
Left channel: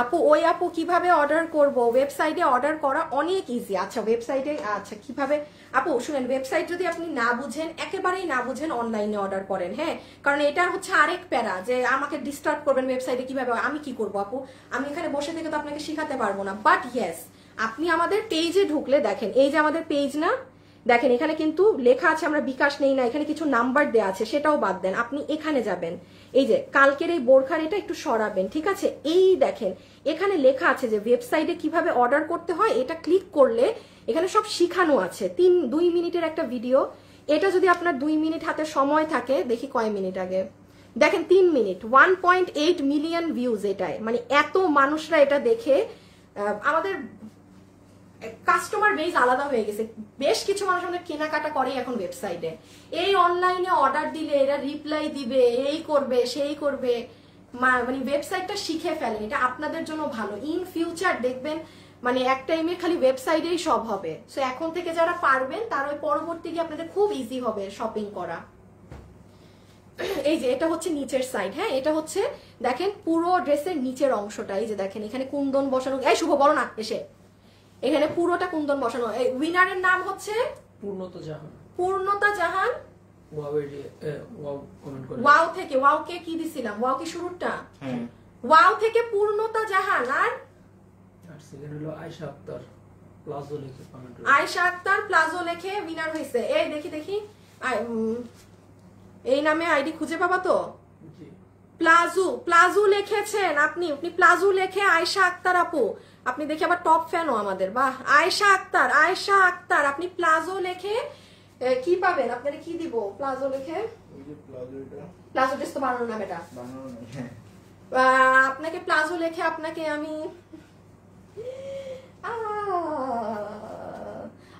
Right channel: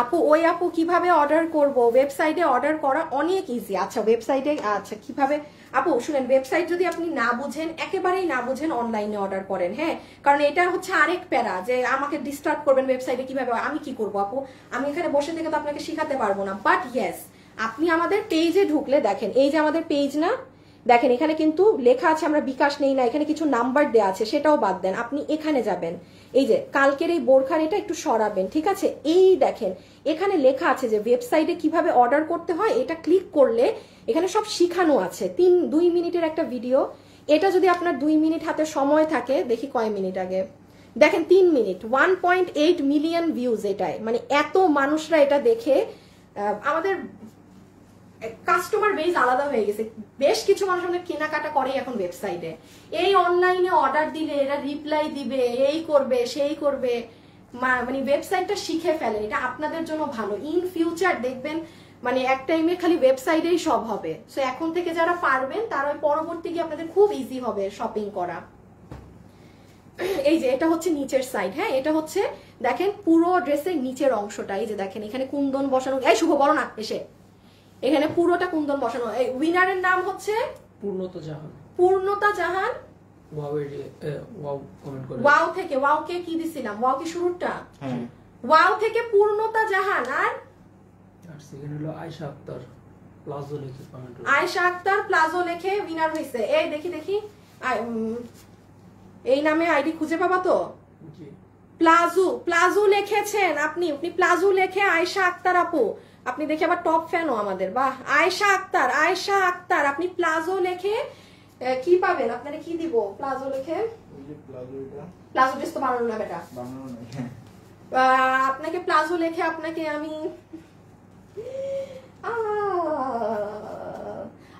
আপু ওই আপু কিভাবে অর্ডার করব? ওয়েবসাইটে অর্ডার করা অনেক ইজি। আচ্ছা ওয়েবসাইটে, আচ্ছা কিভাবে আপু শুনেন, ওয়েবসাইট যদি আপনি না বুঝেন, একেবারেই না বুঝেন, অনলাইনে অর্ডার করেন। হ্যাঁ, কারণ এটা হচ্ছে আরেক প্যারা যে আমাকে ডিস্টার্ব করবেন ওয়েবসাইটে কিভাবে, আমি কি করবো আপু, আমি এখানে বসে থেকে তো আপনাকে শিখাতে পারবো না। বাট ইয়েস, আপনি আমাদের পেজে ঢুকলে দেখেন, এই যে আমাদের পেজ না, দেখেন এখানে কিন্তু লেখা আছে আমরা বিকাশ নেই না, এখানে কিছু নাম্বার দেওয়া আছে, সেটাও বাদ দেন, আপনি এখানে যাবেন, এই যে কালকের এই বোরখার এটা একটু সরাবেন, ঠিক আছে? এই দেখেন এখানে লেখা আছে যে ওয়েবসাইটে কিভাবে অর্ডার করতে হয়, এটা ক্লিক করলে এখানে সব শিখানো আছে। 2 মিনিটের একটা ভিডিও, এটা যদি আপনার 2 মিনিট হাতে সময় থাকে, দেখি কয় মিনিট আগে, দেখেন 3 মিনিট, 1.8 মিলিয়ন ভিউজ এটায়, মানে এত মানুষরা এটা দেখে আমাদের কাস্টমার বেস আলাদা হয়ে গেছে। বেশ কিছু মানুষ আমাদের কেনাকাটা করে এখন ওয়েবসাইটে, এই অনলাইনে অর্ডার দিলে এরা রিপ্লাই দিবে, এই করবে সেই করবে, মানে ওয়েবসাইটটা শিখে ফেলে। এটা আপনাদের জন্য ভালো, ইন ফিউচার দেখবেন মানে এক টাইমে খালি ওয়েবসাইটেই সব হবে। সো এখন থেকে যারা পারবেন তারা ওই পরবর্তী গিয়ে আপনাদের খুব ইজি হবে শপিং করা। এই যে এটা হচ্ছে নিচের সাইড। হ্যাঁ, এটা হচ্ছে দেখেন পুরো ড্রেসের নিচের অংশটা, এই যে দেখেন এখানে কুন্দন বসানো, এই শুভ বড় না এসে, এখানে পুরোটা কুন্দন বসানো। এই উইনারের নাম হচ্ছে পূর্ণতা জাহান। ওয়াও থেকে, ওয়াও কে কি দিছিলাম, ওয়াও কি শুরুটা, ওয়াও থেকে পূর্ণতা জাহান, আর সেকেন্ড হলো আয়েশা আক্তার প্লাজো লিখে কমেন্ট করুন। আয়েশা আক্তার প্লাজো লিখে উইনার হইছে। এই দেখি এই নামে আইডি খুঁজে পাবা তো? জি প্লাজো প্লাজো লিখেছেন আপনি, প্লাজো লেখে আয়েশা আক্তার আপু, আপনি দেখে আবার টপ ফ্যানও আমাদের, বাহ। আয়েশা আক্তার আপনি প্লাজো লেখে কি পাবেন? আপনারা কি দিব? প্লাজো লেখে প্লাজো ড্রেস তো বানানো না বেটা, আপনাকে প্লাজো লেখে আপনাকে আমি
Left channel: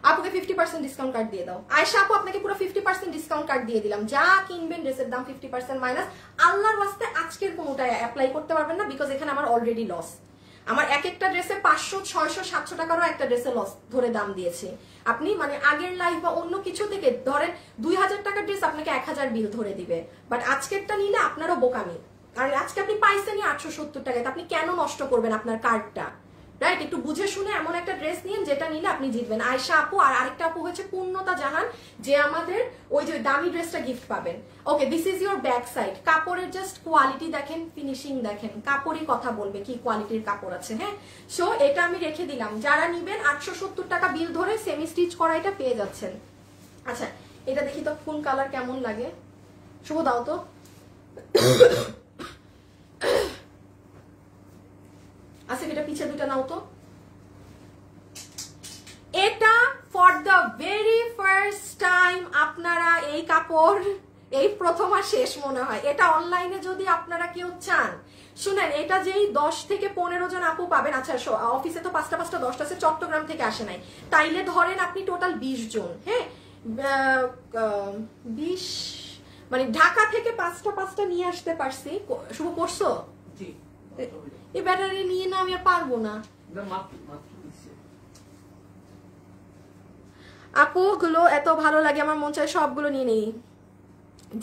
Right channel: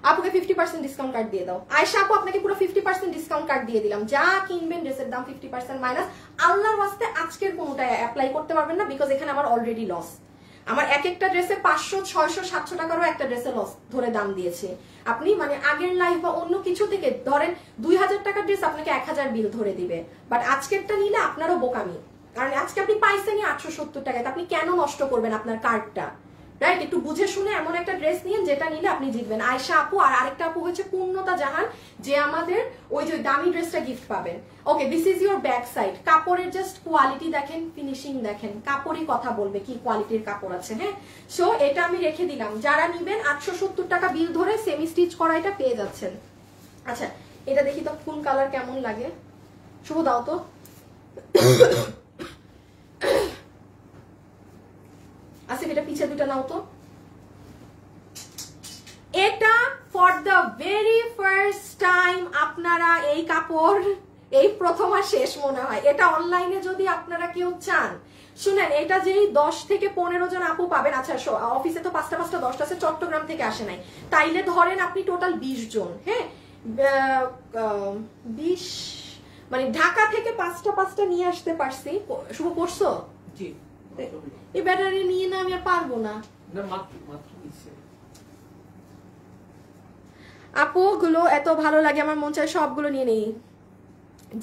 আপুকে 50% ডিসকাউন্ট কার্ড দিয়ে দাও। আয়েশা আপু আপনাকে পুরো 50% ডিসকাউন্ট কার্ড দিয়ে দিলাম। যা কিনবেন ড্রেসের দাম 50% মাইনাস। আল্লাহর ওয়াস্তে আজকের কোনটা অ্যাপ্লাই করতে পারবেন না, বিকজ এখানে আমার অলরেডি লস। আমার এক একটা ড্রেসে 500, 600, 700 টাকারও একটা ড্রেসে লস ধরে দাম দিয়েছে। আপনি মানে আগের লাইফ বা অন্য কিছু থেকে ধরেন 2000 টাকার ড্রেস আপনাকে 1000 বিল ধরে দিবে, বাট আজকেরটা নিলে আপনারও বোকামি। আর আজকে আপনি পাইছেনই 870 টাকায়, আপনি কেন নষ্ট করবেন আপনার কার্ডটা? রাইট, একটু বুঝে শুনে এমন একটা ড্রেস নিন যেটা নিলে আপনি জিতবেন। আয়েশা আপু আর আরেকটা আপু হচ্ছে পূর্ণতা জাহান, যে আমাদের ওই যে দামি ড্রেসটা গিফট পাবেন। Okay, this is your back side. কাপড়ের জাস্ট কোয়ালিটি দেখেন, ফিনিশিং দেখেন, কাপড়ই কথা বলবে কি কোয়ালিটির কাপড় আছে। হ্যাঁ, সো এটা আমি রেখে দিলাম। যারা নিবেন 870 টাকা বিল ধরে সেমি স্টিচ করা এটা পেয়ে যাচ্ছেন। আচ্ছা, এটা দেখি তো কোন কালার কেমন লাগে। শুভ দাও তো। আচ্ছা, এটা পিছে দুটো নাও তো। এটা for the very first time আপনারা এই কাপড় এই প্রথম আর শেষ মনে হয়। এটা অনলাইনে যদি আপনারা কেউ চান, শুনেন, এটা যেই 10 থেকে 15 জন আপু পাবেন। আচ্ছা, অফিসে তো 5টা 10টা আছে, চট্টগ্রাম থেকে আসে নাই, তাইলে ধরেন আপনি টোটাল 20 জন। হ্যাঁ, 20 মানে ঢাকা থেকে 5টা নিয়ে আসতে পারছি। শুভ করছো? এই ব্যাটারি নিয়ে না আমি আর পারবো না। আপু গুলো এত ভালো লাগে, আমার মন চায় সবগুলো নিয়ে নেই।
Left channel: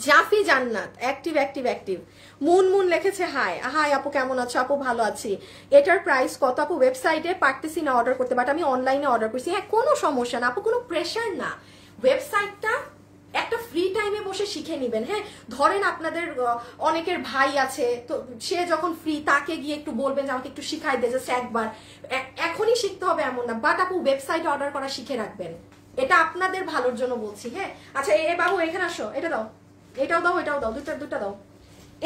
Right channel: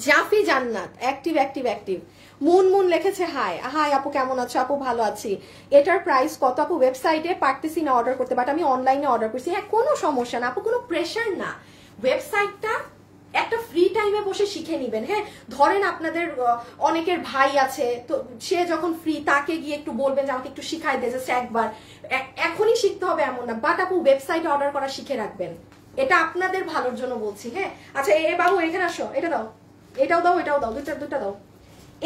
জাফি জান্নাত অ্যাক্টিভ মুন লিখেছে হাই আপু কেমন আছো? আপু ভালো আছি। এটার প্রাইস কত আপু? ওয়েবসাইটে পারতেছি না অর্ডার করতে, বাট আমি অনলাইনে অর্ডার করছি। হ্যাঁ, কোনো সমস্যা না আপু, কোনো প্রেশার না। ওয়েবসাইটটা একটা ফ্রি টাইমে বসে শিখে নিবেন। হ্যাঁ, ধরেন আপনাদের অনেকের ভাই আছে, তো সে যখন ফ্রি তাকে গিয়ে একটু বলবেন যে আমাকে একটু শিখাই দে, জাস্ট একবার। এখনই শিখতে হবে এমন না, বাট আপু ওয়েবসাইটে অর্ডার করা শিখে রাখবেন, এটা আপনাদের ভালোর জন্য বলছি। হ্যাঁ, আচ্ছা এ বাবু এখানে আসো, এটা দাও, এটাও দাও, এটাও দাও, দুটা দাও।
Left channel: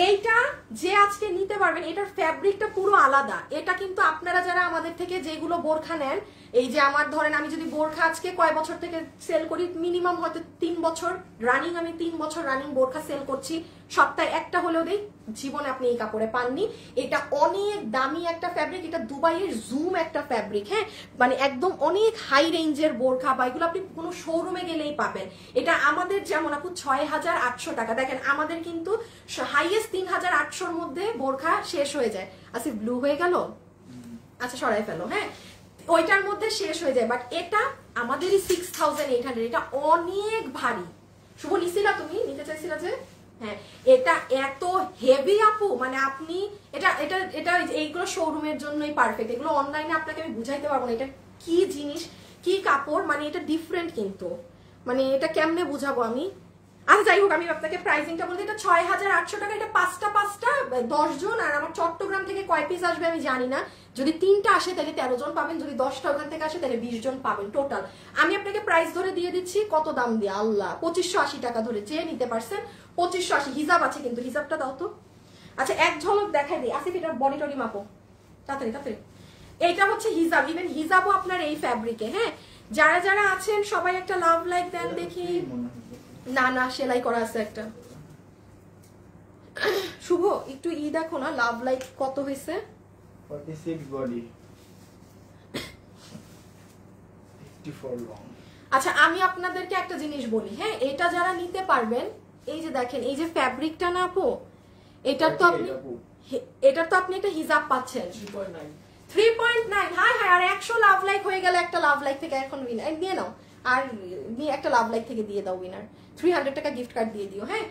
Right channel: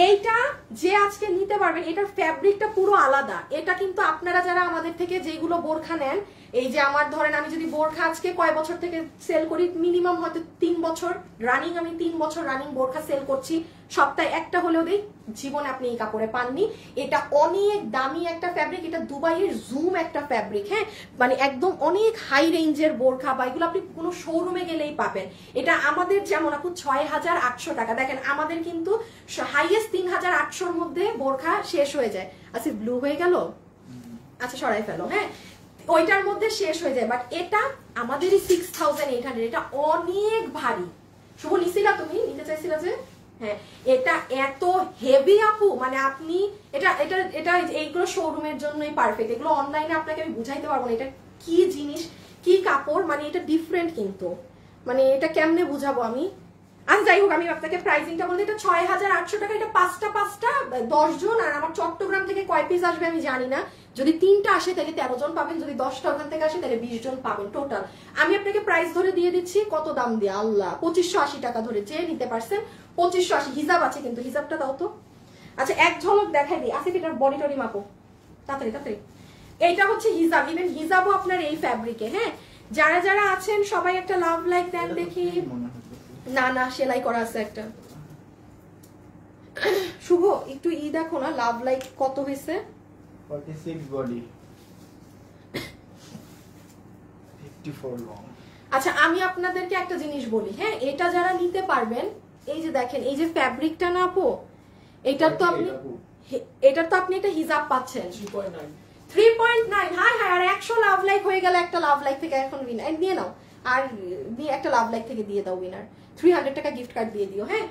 এইটা যে আজকে নিতে পারবেন, এটার ফ্যাব্রিকটা পুরো আলাদা। এটা কিন্তু আপনারা যারা আমাদের থেকে যেগুলো বোরখা নেন, এই যে আমার ধরেন আমি যদি বোরখা আজকে কয় বছর থেকে সেল করি, মিনিমাম হয়তো 3 বছর রানিং, আমি 3 বছর রানিং বোরখা সেল করছি, সপ্তাহে একটা হলেও দিই। জীবনে আপনি এই কাপড়ে পাননি। এটা অনেক দামি একটা ফ্যাব্রিক, এটা দুবাইয়ের জুম একটা ফ্যাব্রিক। হ্যাঁ, মানে একদম অনেক হাই রেঞ্জের বোরখা, বা এগুলো আপনি কোনো শোরুমে গেলেই পাবেন। এটা আমাদের যেমন আপু 6800 টাকা, দেখেন আমাদের কিন্তু হাইয়েস্ট 3800-র মধ্যে বোরখা শেষ হয়ে যায়। আচ্ছা, ব্লু হয়ে গেল, আচ্ছা সরাই ফেলো। হ্যাঁ, ওইটার মধ্যে শেষ হয়ে যায়, বাট এটা আমাদেরই 6800। এটা অনেক ভারী। শুভ নিছিলা, তুমি নিতে চাইছিলা যে? হ্যাঁ, এটা এত হেভি আপু, মানে আপনি এটা এটা এটা এইগুলো শোরুমের জন্যই পারফেক্ট। এগুলো অনলাইনে আপনাকে আমি বুঝাইতে পারবো না এটা কি জিনিস, কি কাপড়, মানে এটা ডিফারেন্ট কিন্তু, মানে এটা কেমনে বুঝাবো আমি। আচ্ছা যাই হোক, আমি আপনাকে প্রাইসিংটা বলতে, এটা 6800 টাকা। এটা 5টা 10 জন, আর আমার চট্টগ্রাম থেকে কয় পিস আসবে আমি জানি না। যদি 3টা আসে তাহলে 13 জন পাবেন, যদি 10টা ওখান থেকে আসে তাহলে 20 জন পাবেন টোটাল। আমি আপনাকে প্রাইস ধরে দিয়ে দিচ্ছি, কত দাম দিয়ে আল্লাহ, 2580 টাকা ধরে। যে নিতে পারছেন 2580। হিজাব আছে কিন্তু, হিজাবটা দাও তো। আচ্ছা এক ঝলক দেখাই দিই। আসিফ এটা বডি টডি মাপো তাড়াতাড়ি। এইটা হচ্ছে হিজাব, ইভেন হিজাবও আপনার এই ফ্যাব্রিকে। হ্যাঁ, যারা যারা আছেন সবাই একটা লাভ লাইক দেন দেখি। না সেলাই করা আছে একটা। শুভ একটু দেখো না, লাভ লাইক কত হয়েছে? 46 বডি, 54 লং। আচ্ছা আমি আপনাদেরকে একটা জিনিস বলি। হ্যাঁ, এটা যারা নিতে পারবেন, এই যে দেখেন এই যে ফ্যাব্রিকটা না আপু, এটার তো আপনি একটা হিজাব পাচ্ছেন 3.9। হ্যাঁ, আর 100 লাভ লাইক হয়ে গেলে একটা লাভ লাইক থেকে এখন উইনার দিয়ে নাও, আর একটা লাভ লাইক থেকে দিয়ে দাও উইনার। 300 টাকা গিফট কার্ড দিয়ে দিও। হ্যাঁ,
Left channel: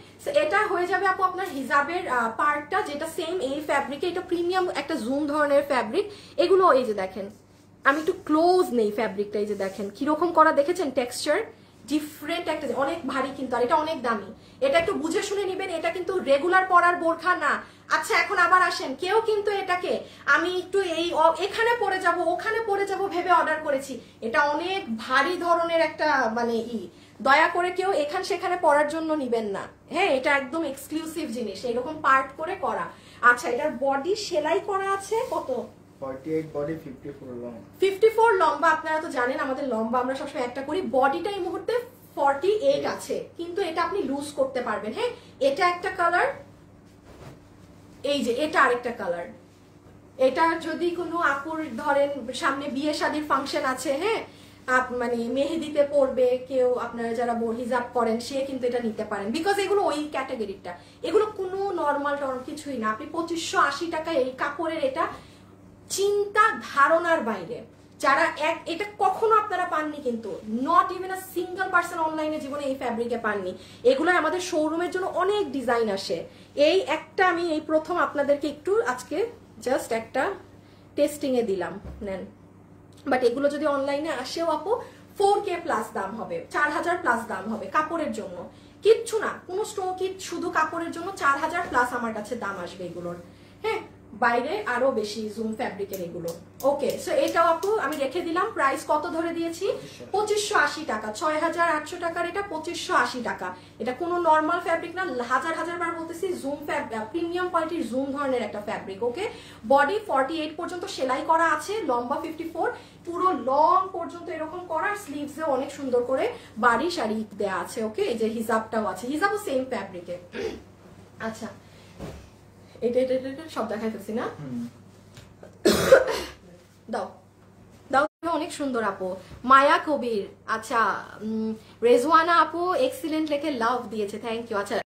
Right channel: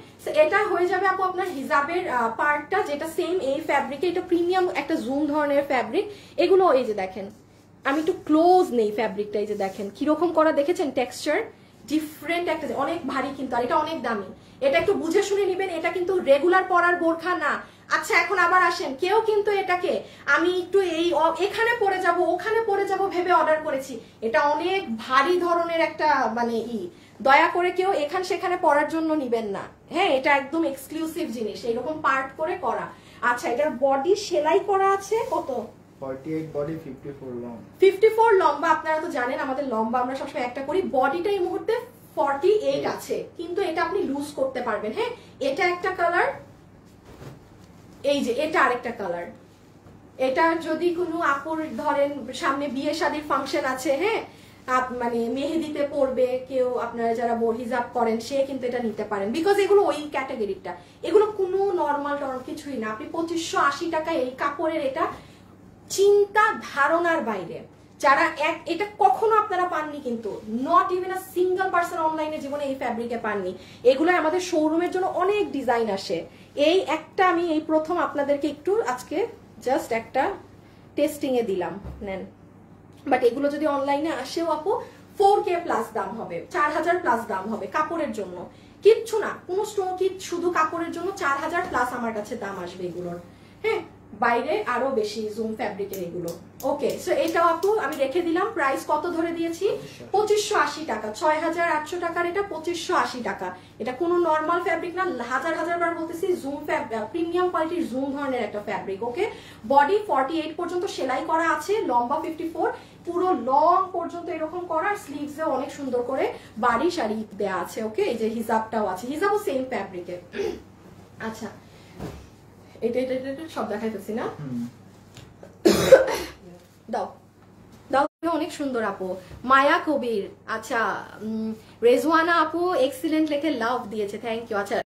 এটা হয়ে যাবে আপু আপনার হিজাবের পার্টটা, যেটা সেম এই ফ্যাব্রিকে। এটা প্রিমিয়াম একটা জুম ধরনের ফ্যাব্রিক। এগুলো এই যে দেখেন, আমি একটু ক্লোজ নেই ফ্যাব্রিকটা, এই যে দেখেন কিরকম করা, দেখেছেন টেক্সচার ডিফারেন্ট একটা, অনেক ভারী কিন্তু, আর এটা অনেক দামি। এটা একটু বুঝে শুনে নিবেন, এটা কিন্তু রেগুলার পরার বোরখা না। আচ্ছা এখন আবার আসেন, কেউ কিন্তু এটাকে আমি একটু এখানে পরে যাব ওখানে পরে যাব ভেবে অর্ডার করেছি। এটা অনেক ভারী ধরনের একটা মানে দয়া করে কেউ এখান সেখানে পরার জন্য নিবেন না, হ্যাঁ এটা একদম এক্সক্লুসিভ জিনিস, এরকম পার্ট করে করা। আচ্ছা এটার বডি সেলাই করা আছে কত? 48 body, 54 long. 54 লম্বা, আপনারা তো জানেন আমাদের লম্বা আমরা সবসময় একটা করি, বডিটা এই মুহূর্তে 48 আছে, কিন্তু এটা আপনি লুজ করতে পারবেন। হ্যাঁ এটা একটা কালার, এই যে এটা আরেকটা কালার। এটা যদি কোনো আপুর ধরেন সামনে বিয়ে শাদীর ফাংশন আছে, হ্যাঁ মানে মেহেদিতে পড়বে কেউ, আপনারা যারা হিজাব করেন সে কিন্তু এটা নিতে পারেন, বিকজ এগুলো ওই ক্যাটাগরিটা, এগুলো কোনো নর্মাল কিছুই না। আপনি 2580 টাকা এই কাপড়ের, এটা চিন্তা ধারণার বাইরে। যারা এটা কখনো আপনারা পাননি, কিন্তু not even a single person অনলাইনে জীবনে এই ফ্যাব্রিকে পাননি। এগুলো আমাদের শোরুমের জন্য অনেক ডিজাইন আসে, এই একটা আমি এই প্রথম আপনাদেরকে একটু আজকে জাস্ট একটা টেস্টিং এ দিলাম, নেন। বাট এগুলো যদি অনলাইনে আসেও আপু 4K প্লাস দাম হবে, 4000 প্লাস দাম হবে কাপড়ের জন্য, কিচ্ছু না কোনো স্টোন কিট, শুধু কাপড়ের জন্য 4000 প্লাস আমার কাছে দাম আসবে এগুলোর। হ্যাঁ বাইরে আরো বেশি জুম ফ্যাব্রিকের এগুলো। ওকে সো এটাও আপু আমি রেখে দিলাম, প্রাইস কত ধরে দিয়েছি? 2580 টাকা, 6800 টাকার এটা 2580 টাকা। এটা কোনো নর্মাল ফ্যাব্রিক না, হাজার হাজার বার বলতেছি, জুম প্রিমিয়াম কোয়ালিটির জুম ধরনের একটা ফ্যাব্রিক। ওকে বডি 48 পর্যন্ত সেলাই করা আছে, লম্বা 54, পুরো লং পর্যন্ত এরকম করা, স্লিভস এ অনেক সুন্দর করে বাড়ি শাড়ি দেওয়া আছে। ওকে এই যে হিজাবটাও আছে, হিজাবও সেম ফ্যাব্রিকে। আচ্ছা এটা সব দেখাইতেছি না, দাও দাও, অনেক সুন্দর আপু। মায়া কবির, আচ্ছা রেজওয়ানা আপু এক্সিলেন্ট লেখে লাভ দিয়েছে, থ্যাংক ইউ। আচ্ছা